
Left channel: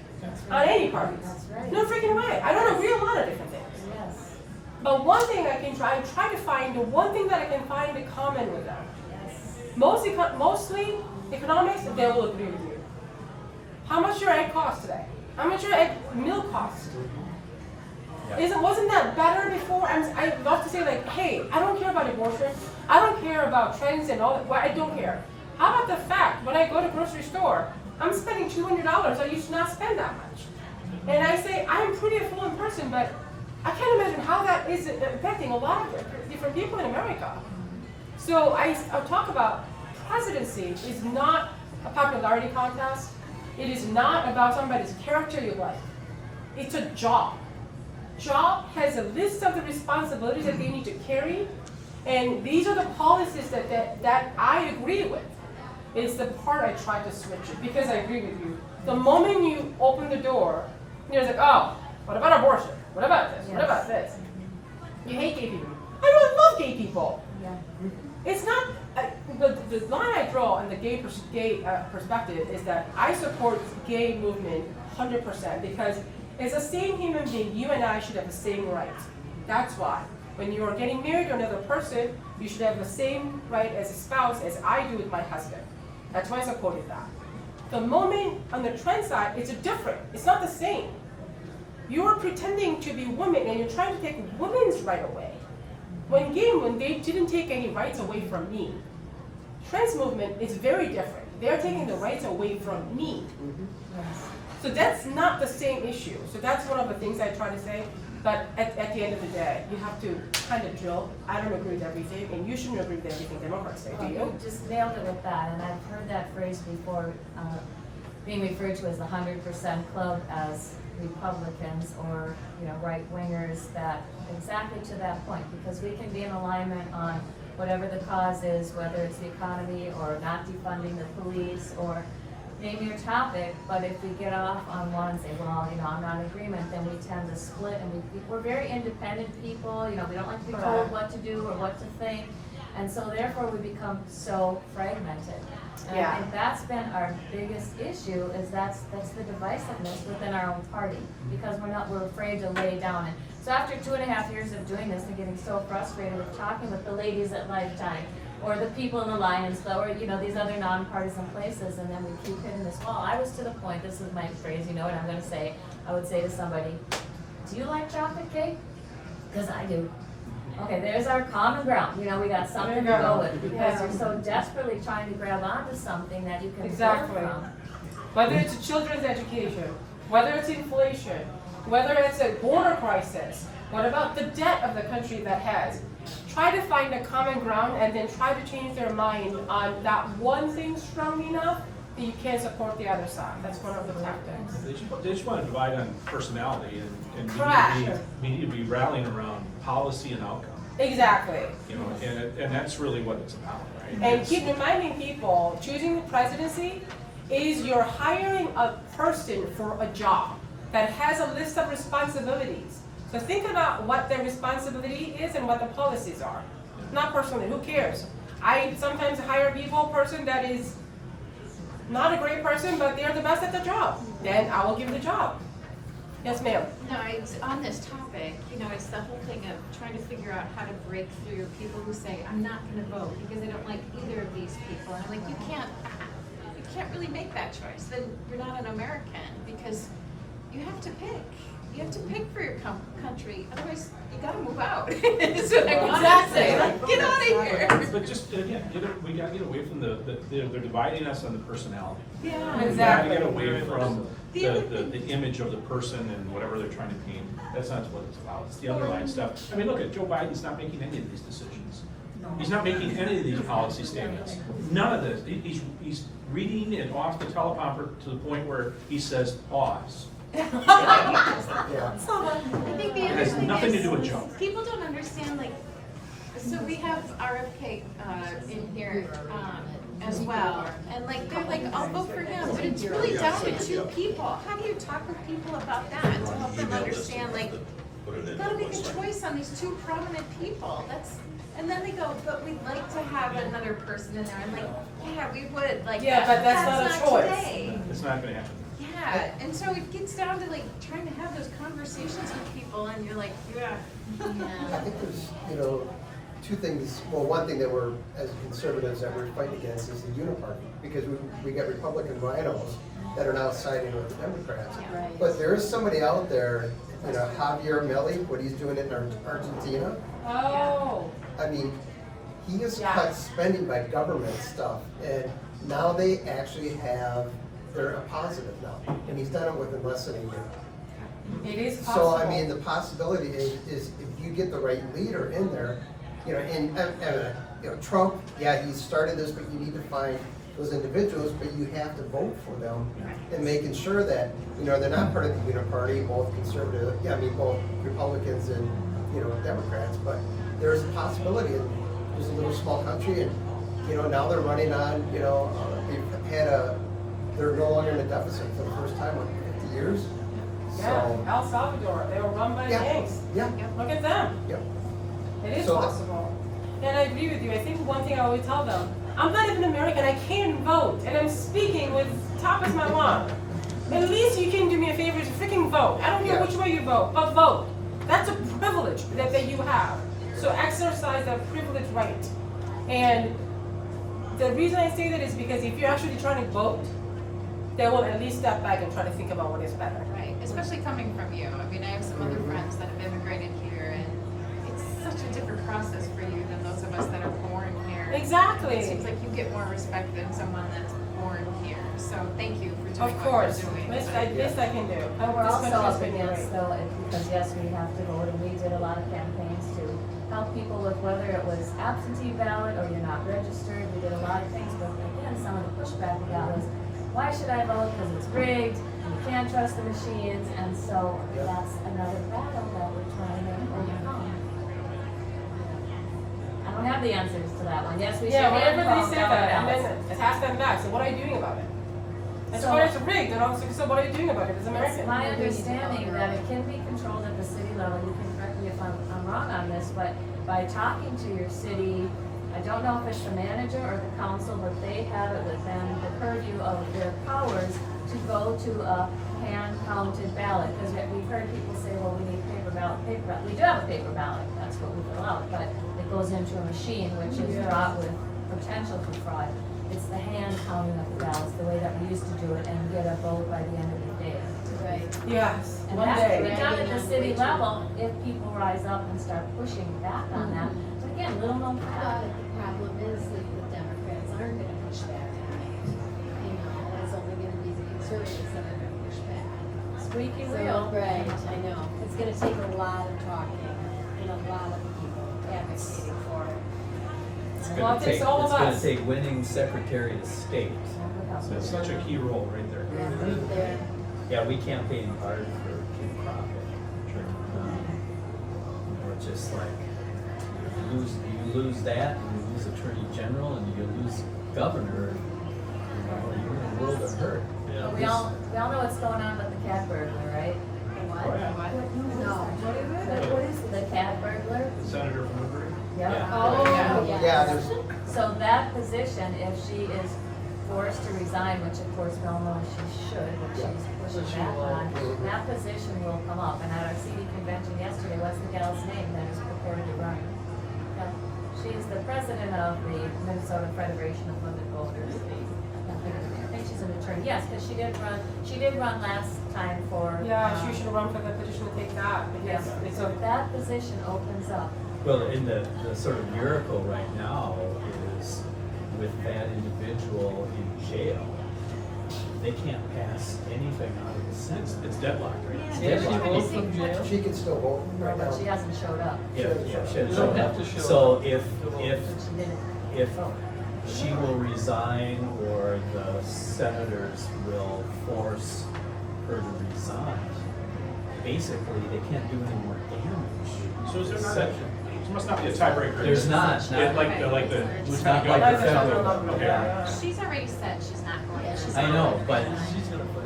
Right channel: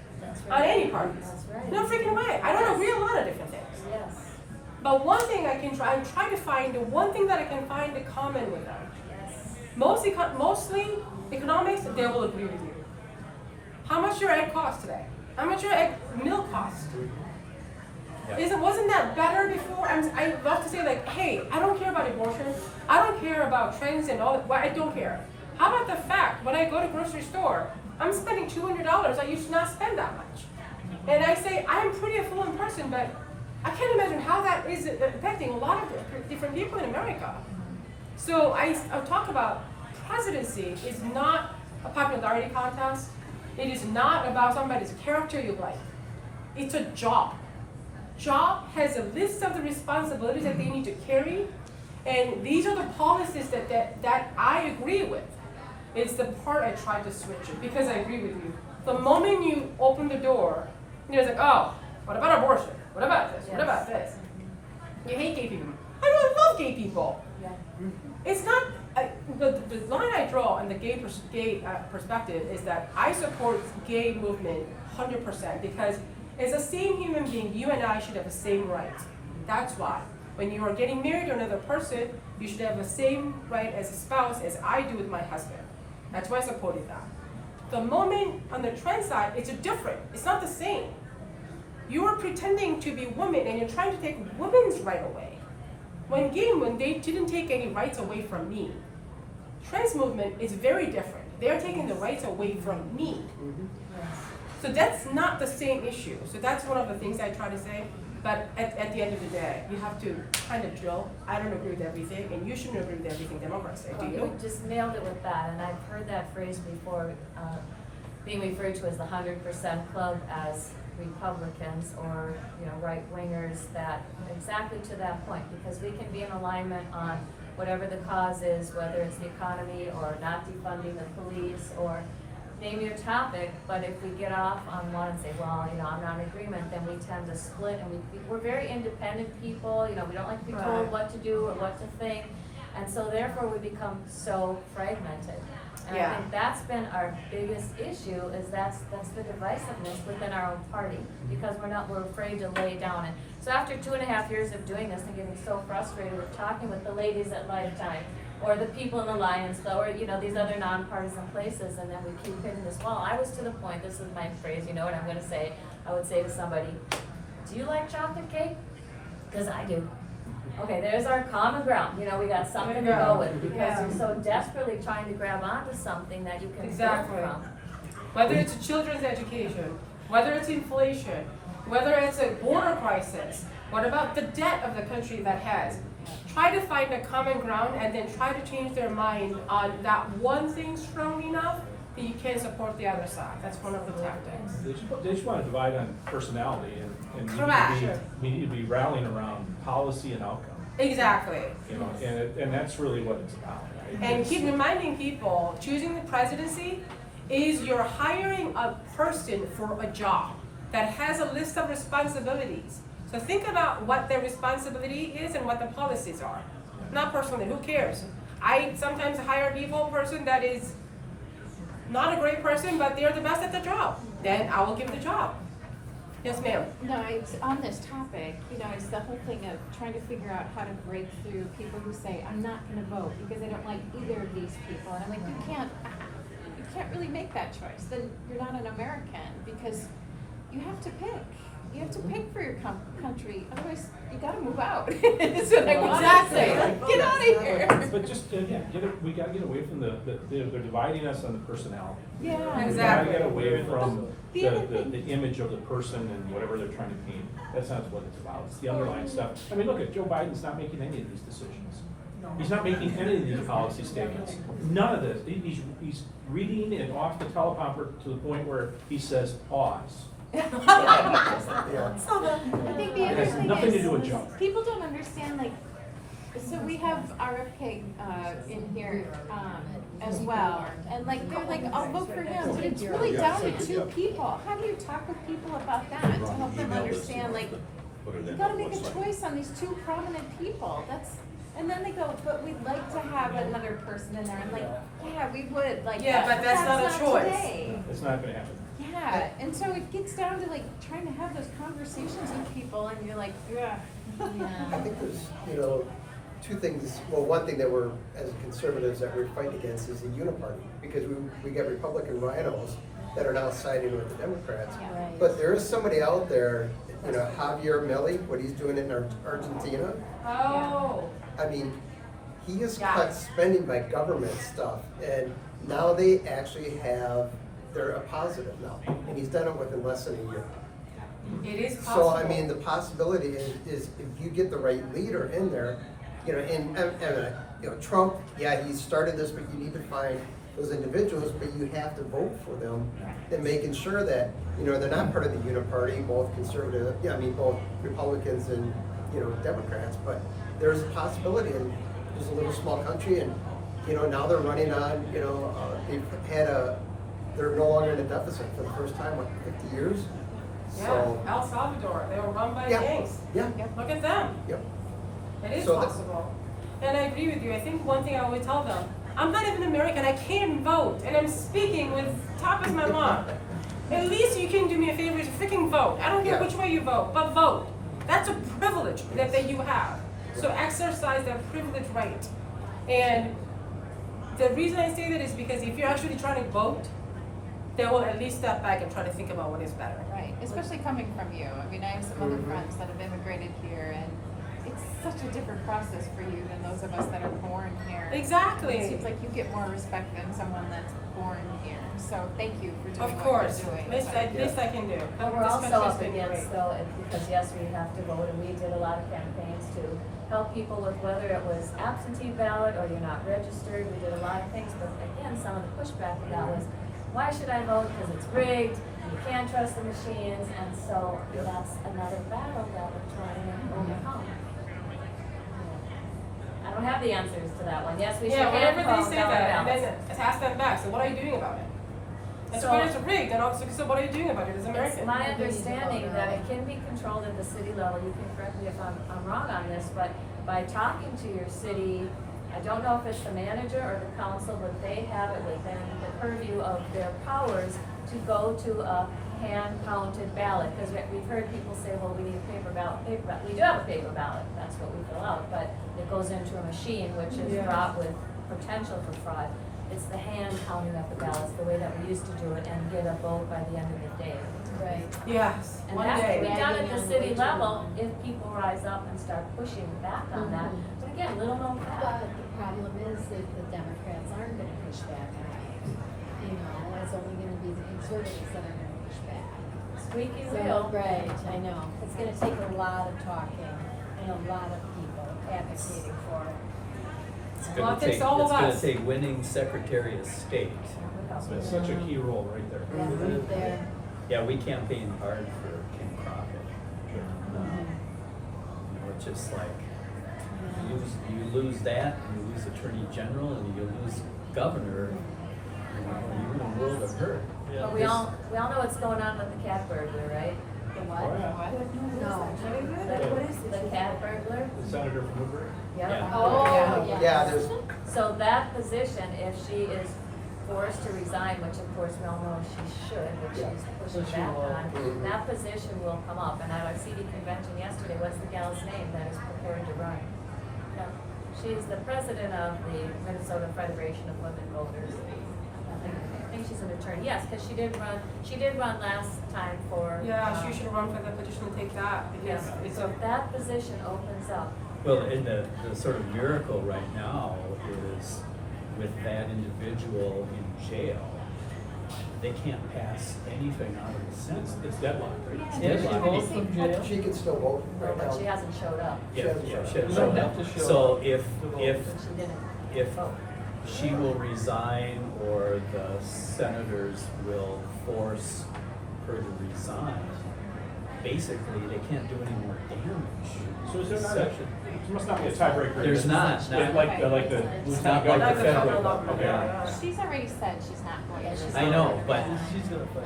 on any parties. That's right. No freaking way. I don't agree on a lot of different things. Yes. But one thing I can try to find, the one thing that I can find in common with them. Mostly economics, they will agree with you. How much your egg cost today? How much your egg milk cost? Wasn't that better before? I love to say like, hey, I don't care about abortion. I don't care about trends and all that. Well, I don't care. How about the fact when I go to grocery store, I'm spending $200. I used to not spend that much. And I say I'm pretty affluent person, but I can't imagine how that is affecting a lot of different people in America. So I'll talk about presidency is not a popularity contest. It is not about somebody's character you like. It's a job. Job has a list of the responsibilities that they need to carry, and these are the policies that I agree with. It's the part I try to switch it because I agree with you. The moment you open the door, you're like, oh, what about abortion? What about this? What about this? You hate gay people. I don't love gay people. Yeah. It's not, the line I draw on the gay perspective is that I support gay movement 100% because as a same human being, you and I should have the same rights. That's why. When you are getting married to another person, you should have the same right as a spouse as I do with my husband. That's why I supported that. The moment on the trans side, it's different. It's not the same. You are pretending to be women and you're trying to take women's right away. When they didn't take any rights away from me. Trans movement is very different. They're taking the rights away from me. Yes. So that's not the same issue. So that's one of the things I try to say. But at the end of the day, you have to kind of drill. I don't agree with everything, and you shouldn't agree with everything Democrats say, do you? You just nailed it with that, and I've heard that phrase before, being referred to as the 100% club as Republicans or, you know, right-wingers, that exactly to that point, because we can be in alignment on whatever the cause is, whether it's the economy or not defunding the police or name your topic, but if we get off on one and say, well, you know, I'm not in agreement, then we tend to split, and we're very independent people, you know, we don't like to be told what to do or what to think, and so therefore we become so fragmented. And I think that's been our biggest issue, is that's the divisiveness within our own party, because we're afraid to lay down. And so after 2.5 years of doing this and getting so frustrated with talking with the ladies at Lifetime, or the people in the Lions Club, or, you know, these other nonpartisan places, and then we keep hitting this wall. I was to the point, this is my phrase, you know what I'm gonna say, I would say to somebody, do you like chocolate cake? Because I do. Okay, there's our common ground, you know, we got something to go with, because you're so desperately trying to grab onto something that you can Exactly. learn from. Whether it's children's education, whether it's inflation, whether it's a border crisis, what about the debt of the country that has? Try to find a common ground and then try to change their mind on that one thing strong enough that you can't support the other side. That's one of the tactics. They just want to divide on personality and Correct. we need to be rallying around policy and outcome. Exactly. You know, and that's really what it's about, right? And It's- keep reminding people, choosing the presidency is you're hiring a person for a job that has a list of responsibilities. So think about what their responsibility is and what the policies are. Not personally, who cares? I sometimes hire a person that is not a great person, but they're the best at the job. Then I will give the job. Yes, ma'am. No, it's on this topic, you know, it's the whole thing of trying to figure out how to break through people who say, I'm not gonna vote because I don't like either of these people. And I'm like, you can't really make that choice. Then you're not an American, because you have to pick. You have to pick for your country, otherwise you gotta move out. That's what I want to say. Like, get out of here. But just, again, we gotta get away from they're dividing us on the personality. Yeah. We gotta get away from The other the image of the person and whatever they're trying to paint. That's not what it's about. It's the underlying stuff. I mean, look at Joe Biden's not making any of these decisions. He's not making any of these policy statements. None of this. He's reading it off the teleprompter to the point where he says, pause. Yeah. I think the It other has thing nothing to is, do with Joe. people don't understand, like, so we have RFK in here as well, and like, they're like, I'll vote for him, but it's really down to two people. How do you talk with people about that to help them understand, like, you gotta make a choice on these two prominent people, and then they go, but we'd like to have another person in there. I'm like, yeah, we would, like, Yeah, but that's not a choice. today. It's not gonna happen. Yeah, and so it gets down to like trying to have those conversations with people, and you're like, yeah. I think there's, you know, two things, well, one thing that we're, as conservatives, that we're fighting against is the uniparty, because we got Republican rhinos that are now siding with the Democrats. Yeah, right. But there is somebody out there, you know, Javier Milei, what he's doing in Argentina, Oh. I mean, he has Yeah. cut spending by government stuff, and now they actually they're a positive now, and he's done it within less than a year. It is possible. So, I mean, the possibility is if you get the right leader in there, you know, and you know, Trump, yeah, he started this, but you need to find those individuals, but you have to vote for them and making sure that, you know, they're not part of the uniparty, both conservative, yeah, I mean, both Republicans and, you know, Democrats, but there's a possibility, and it's a little small country, and, you know, now they're running on, you know, they're no longer in a deficit for the first time in 50 years. Yeah, So, El Salvador, they were run by Yeah. gangs. yeah, Look at them. yep. It is So that- possible. And I agree with you. I think one thing I always tell them, I'm not even American, I can't vote, and I'm speaking with top as my lung. At least you can do me a favor, is freaking vote. I don't care Yeah. which way you vote, but vote. That's a privilege that you have. So exercise that privilege right. And the reason I say that is because if you're actually trying to vote, they will at least step back and try to think about what is better. Right, especially coming from you. I mean, I have some other friends that have immigrated here, and it's such a different process for you than those of us that are born here. Exactly. It seems like you get more respect than someone that's born here, so thank you for doing Of what you're course, doing. least I can do. But we're This also country's up been against great. though, because yes, we have to vote, and we did a lot of campaigns to help people with whether it was absentee ballot or you're not registered, we did a lot of things, but again, some of the pushback we got was, why should I vote, because it's rigged, you can't trust the machines, and so that's another battle that we're trying to overcome. I don't have the answers to that one, yes, we should. Yeah, whenever hand they call say ballot that, and ballots. then ask them back, so what are you doing about it? And so So- when it's rigged, and also, so what are you doing about it as It's American? my understanding that it can be controlled at the city level, you can correct me if I'm wrong on this, but by talking to your city, I don't know if it's the manager or the council, but they have it within the purview of their powers to go to a hand-counted ballot, because we've heard people say, well, we need paper ballot, we do have a paper ballot, that's what we fill out, but it goes into a machine, which is Yeah. fraught with potential for fraud. It's the hand counting of the ballots, the way that we used to do it, and get a vote by the end of the day. Right. Yes, And one that can be day. done at the city level if people rise up and start pushing back on that. But again, little known But fact. the problem is that the Democrats aren't gonna push back on it. You know, it's only gonna be the conservatives that are gonna push back. Squeaky So, wheel. right, I know, it's gonna take a lot of talking and a lot of people advocating for it. It's Well, gonna it takes take, all of it's gonna us. take winning Secretary of State. That's such a key role right there. Right there. Yeah, we campaigned hard for King Crockett. It's just like, you lose that, you lose Attorney General, and you lose Governor, you're in a world of hurt. Yeah. We all know what's going on with the cat burglar, right? Oh, yeah. No. What is the cat burglar? The senator from Woodbury. Yeah. Oh, Yeah, there's, So that position, if she is forced to resign, which of course we all know she should, but she's pushing back on, that position will come up. And at our CD convention yesterday, what's the gal's name that is prepared to run? No, she is the president of the Minnesota Federation of Women Voters. I think she's an attorney, yes, because she did run last time for. Yeah, she should run for the petition to take that, because Yes, it's so a, that position opens up. Well, and the sort of miracle right now is with that individual in jail, they can't pass anything out of the Senate. It's deadlocked, right? Yeah, She votes from jail. she can still vote right now. But she hasn't showed up. Yeah, You don't have to show So up. if But she didn't. if she will resign or the senators will force her to resign, basically they can't do any more damage. So is there not a, there must not be a tiebreaker? There's not. Yeah, like the Not lieutenant like governor. the federal. Okay. Yeah. She's already said she's not going. She's I not know, going. but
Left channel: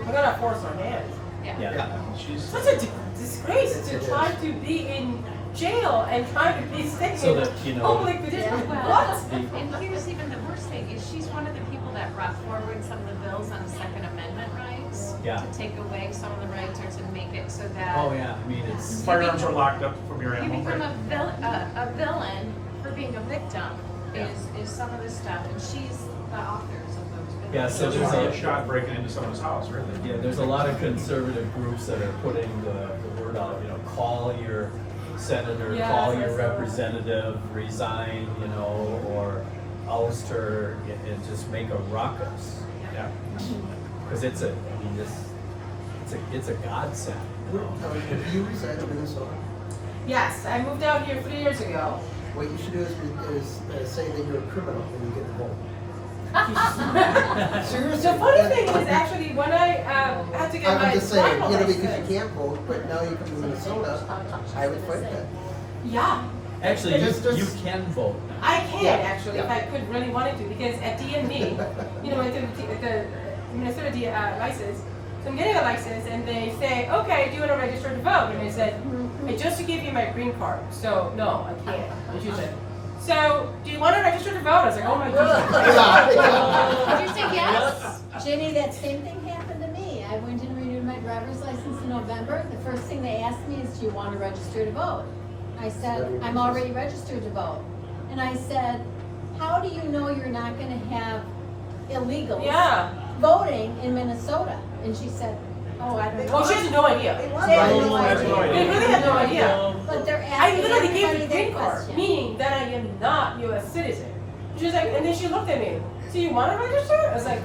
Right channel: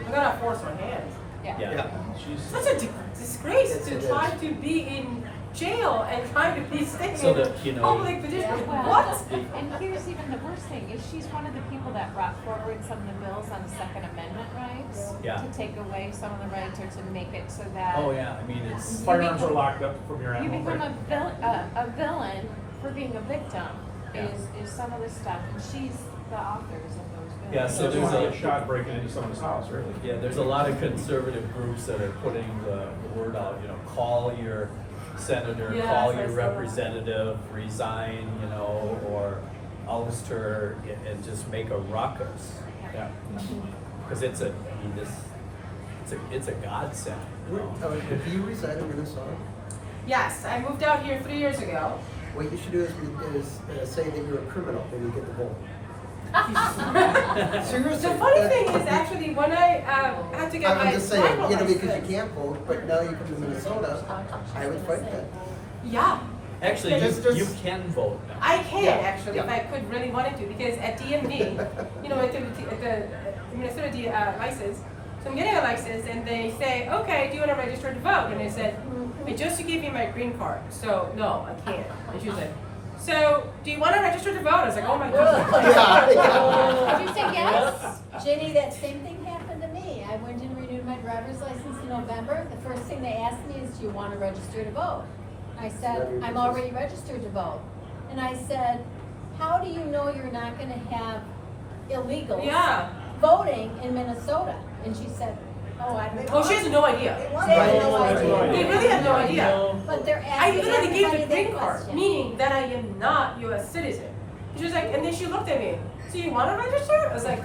we're gonna force our hand. Yeah. yeah. She's, Such a disgrace It to is. try to be in jail and try to be staying So in that, you know, public position. Well, What? and here's even the worst thing, is she's one of the people that brought forward some of the bills on Second Amendment rights. Yeah. To take away some of the rights or to make it so that. Oh, yeah, I mean, it's, firearms are locked up from your You animal, become right? a villain for being a victim, is some of the stuff, and she's the authors of those bills. Yeah, She so doesn't there's want to a- get shot breaking into someone's house, really. yeah, there's a lot of conservative groups that are putting the word out, you know, call your senator, Yes, call I your saw that. representative, resign, you know, or oust her and just make a ruckus. Yeah. Cause it's a, I mean, it's a godsend, you know? Do you reside in Minnesota? Yes, I moved out here 3 years ago. What you should do is say that you're a criminal when you get the vote. Seriously. The funny thing is actually when I had to get my I'm just saying, driver's you know, because license. you can't vote, but now you come to Minnesota, I would fight that. Yeah, Actually, Just- you can vote now. I can Yeah, actually if yeah. I could really wanted to, because at DMV, you know, with the Minnesota license, so I'm getting a license and they say, okay, do you want to register to vote? And I said, I just gave you my green card, so no, I can't. And she said, so do you want to register to vote? I was like, oh my Did you god. say yes? Jenny, that same thing happened to me. I went and renewed my driver's license in November. The first thing they asked me is, do you want to register to vote? I said, I'm already registered to vote. And I said, how do you know you're not gonna have illegals Yeah. voting in Minnesota? And she said, oh, I don't know. Oh, she has no idea. They want They to have know no that idea. you're- They really have no idea. But they're I asking literally gave everybody the that green card, question. meaning that I am not U.S. citizen. She's like, and then she looked at me. So you want to register? I was like,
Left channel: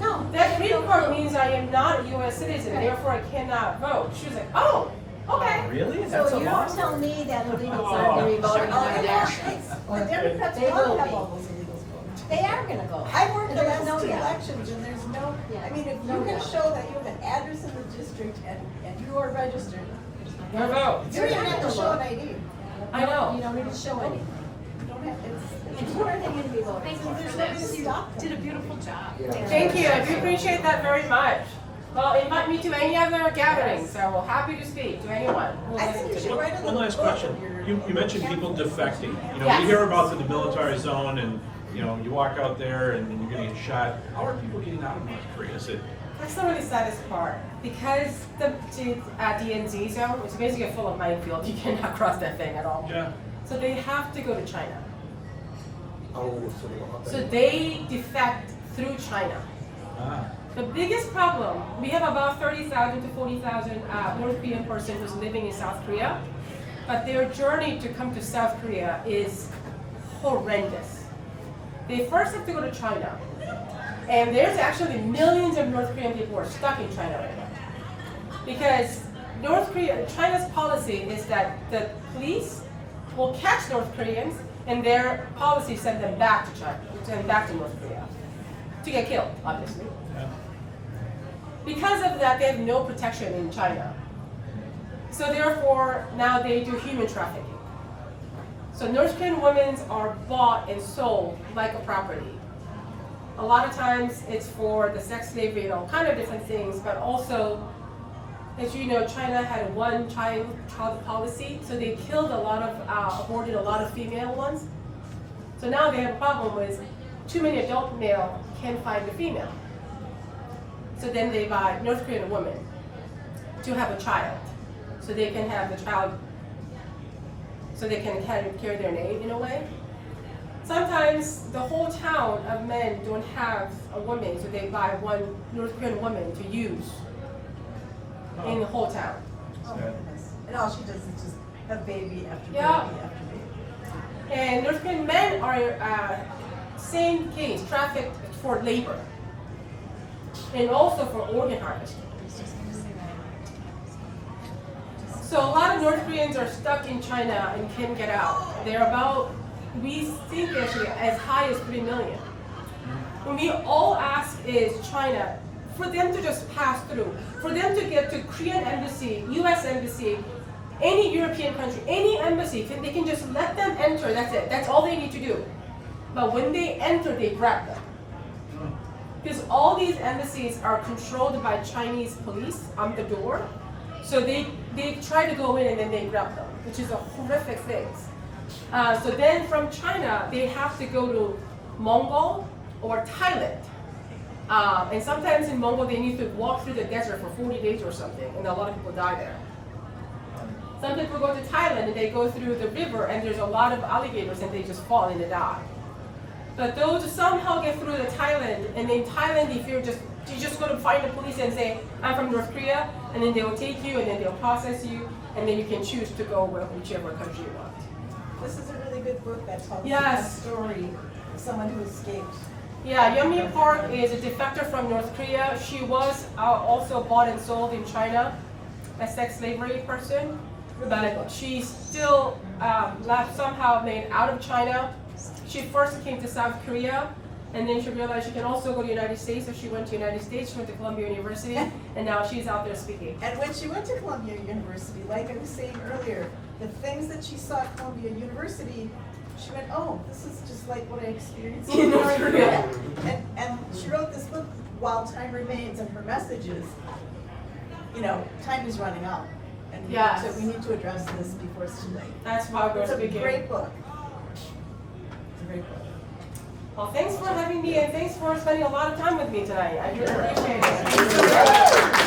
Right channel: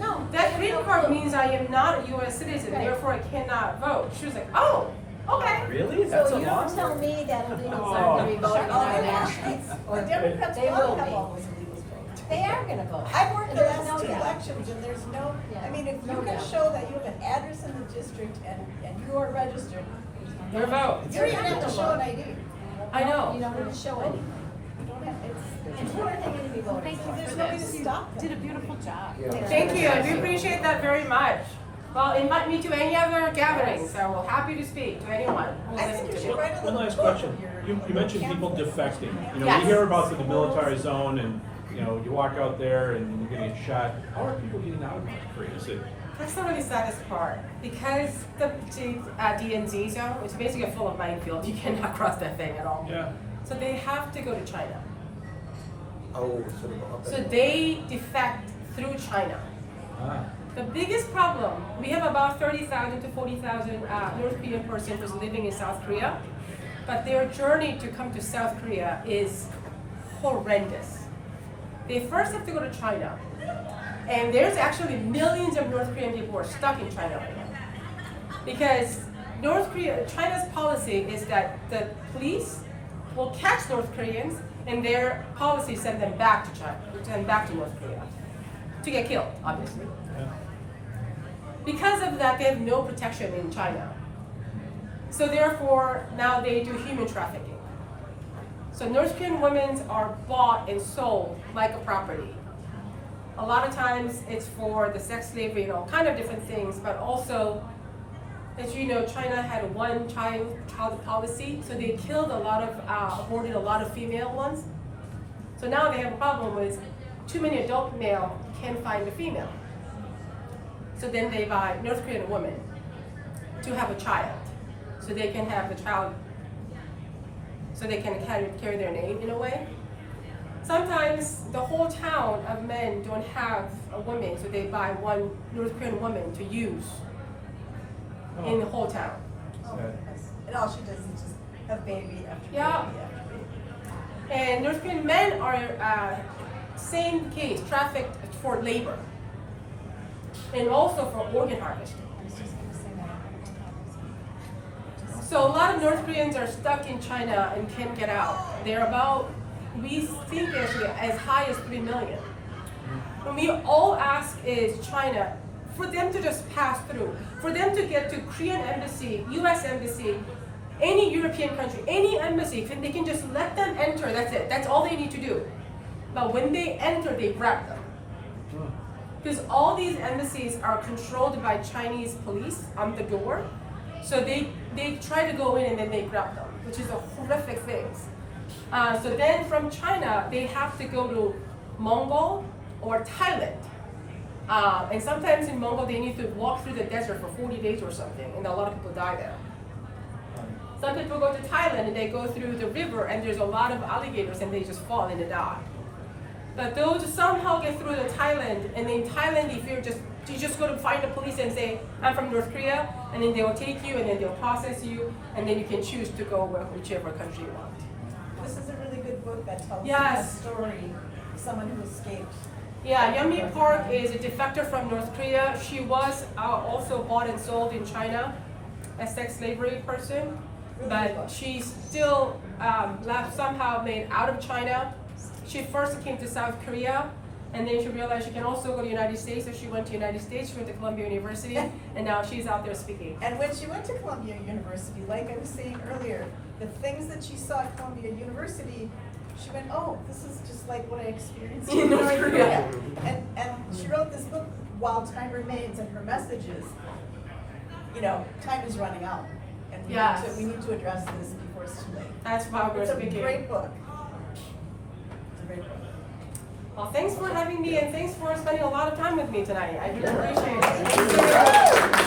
No. that green card means I am not a U.S. citizen, therefore I cannot vote. She was like, oh, okay. Really? That's So a you law? don't tell me that illegals Oh. aren't gonna be voting Oh, on nationals. The Democrats They want will to have be. all those illegals voting. They are gonna vote. I worked the There's last no two doubt. elections and there's no, Yeah, I mean, if no you can doubt. show that you have an address in the district and you are registered, Your vote. you don't even have to show an ID. I know. You don't need to show any. You don't have, It's who are they gonna be voting for? there's no way to stop it. Did a beautiful job. Thank you. I do appreciate that very much. Well, invite me to any other gatherings. I will happy to speak to anyone who will I listen think you to should me. write a One little last book question. of your- You mentioned people defecting. You know, Yes. we hear about the demilitarized zone and, you know, you walk out there and you're gonna get shot. How are people getting out of North Korea? Is it, That's the really saddest part. Because the DNZ zone is basically full of minefield, you cannot cross that thing at all. yeah, So they have to go to China. Oh, so, So they defect through China. ah, The biggest problem, we have about 30,000 to 40,000 North Korean person who's living in South Korea, but their journey to come to South Korea is horrendous. They first have to go to China, and there's actually millions of North Korean people who are stuck in China right now. Because China's policy is that the police will catch North Koreans, and their policy send them back to China, send back to North Korea, to get killed, obviously. yeah. Because of that, they have no protection in China. So therefore, now they do human trafficking. So North Korean women are bought and sold like a property. A lot of times it's for the sex slavery and all kind of different things, but also, as you know, China had a one-child policy, so they killed a lot of, aborted a lot of female ones. So now they have a problem with too many adult male can't find a female. So then they buy North Korean women to have a child, so they can have the child, so they can carry their name in a way. Sometimes the whole town of men don't have a woman, so they buy one North Korean woman to use in the whole town. Sad. And all she does is just have baby after Yeah. baby after baby. And North Korean men are same case, trafficked for labor, and also for organ harvesting. So a lot of North Koreans are stuck in China and can't get out. They're about, we think actually, as high as 3 million. And we all ask is China, for them to just pass through, for them to get to Korean embassy, US embassy, any European country, any embassy, if they can just let them enter, that's it. That's all they need to do. But when they enter, they grab them. Because all these embassies are controlled by Chinese police on the door. So they try to go in and then they grab them, which is a horrific thing. So then from China, they have to go to Mongol or Thailand. And sometimes in Mongol, they need to walk through the desert for 40 days or something, and a lot of people die there. Some people go to Thailand and they go through the river and there's a lot of alligators and they just fall and they die. But those somehow get through to Thailand, and in Thailand, if you just go to find the police and say, I'm from North Korea, and then they will take you and then they'll process you, and then you can choose to go whichever country you want. This is a really good book that tells Yes. the story of someone who escaped. Yeah, Yeonmi Park is a defector from North Korea. She was also bought and sold in China, a sex slavery person, but she still somehow made out of China. She first came to South Korea, and then she realized she can also go to the United States, so she went to the United States, she went to Columbia University, and now she's out there speaking. And when she went to Columbia University, like I was saying earlier, the things that she saw at Columbia University, she went, oh, this is just like what I experienced In North Korea. And she wrote this book, While Time Remains, and her message is, you know, time is running out. And Yes. we need to address this before it's too late. That's why we're It's a speaking. great book. It's a great book. Well, thanks for having me, and thanks for spending a lot of time with me tonight. I really appreciate it.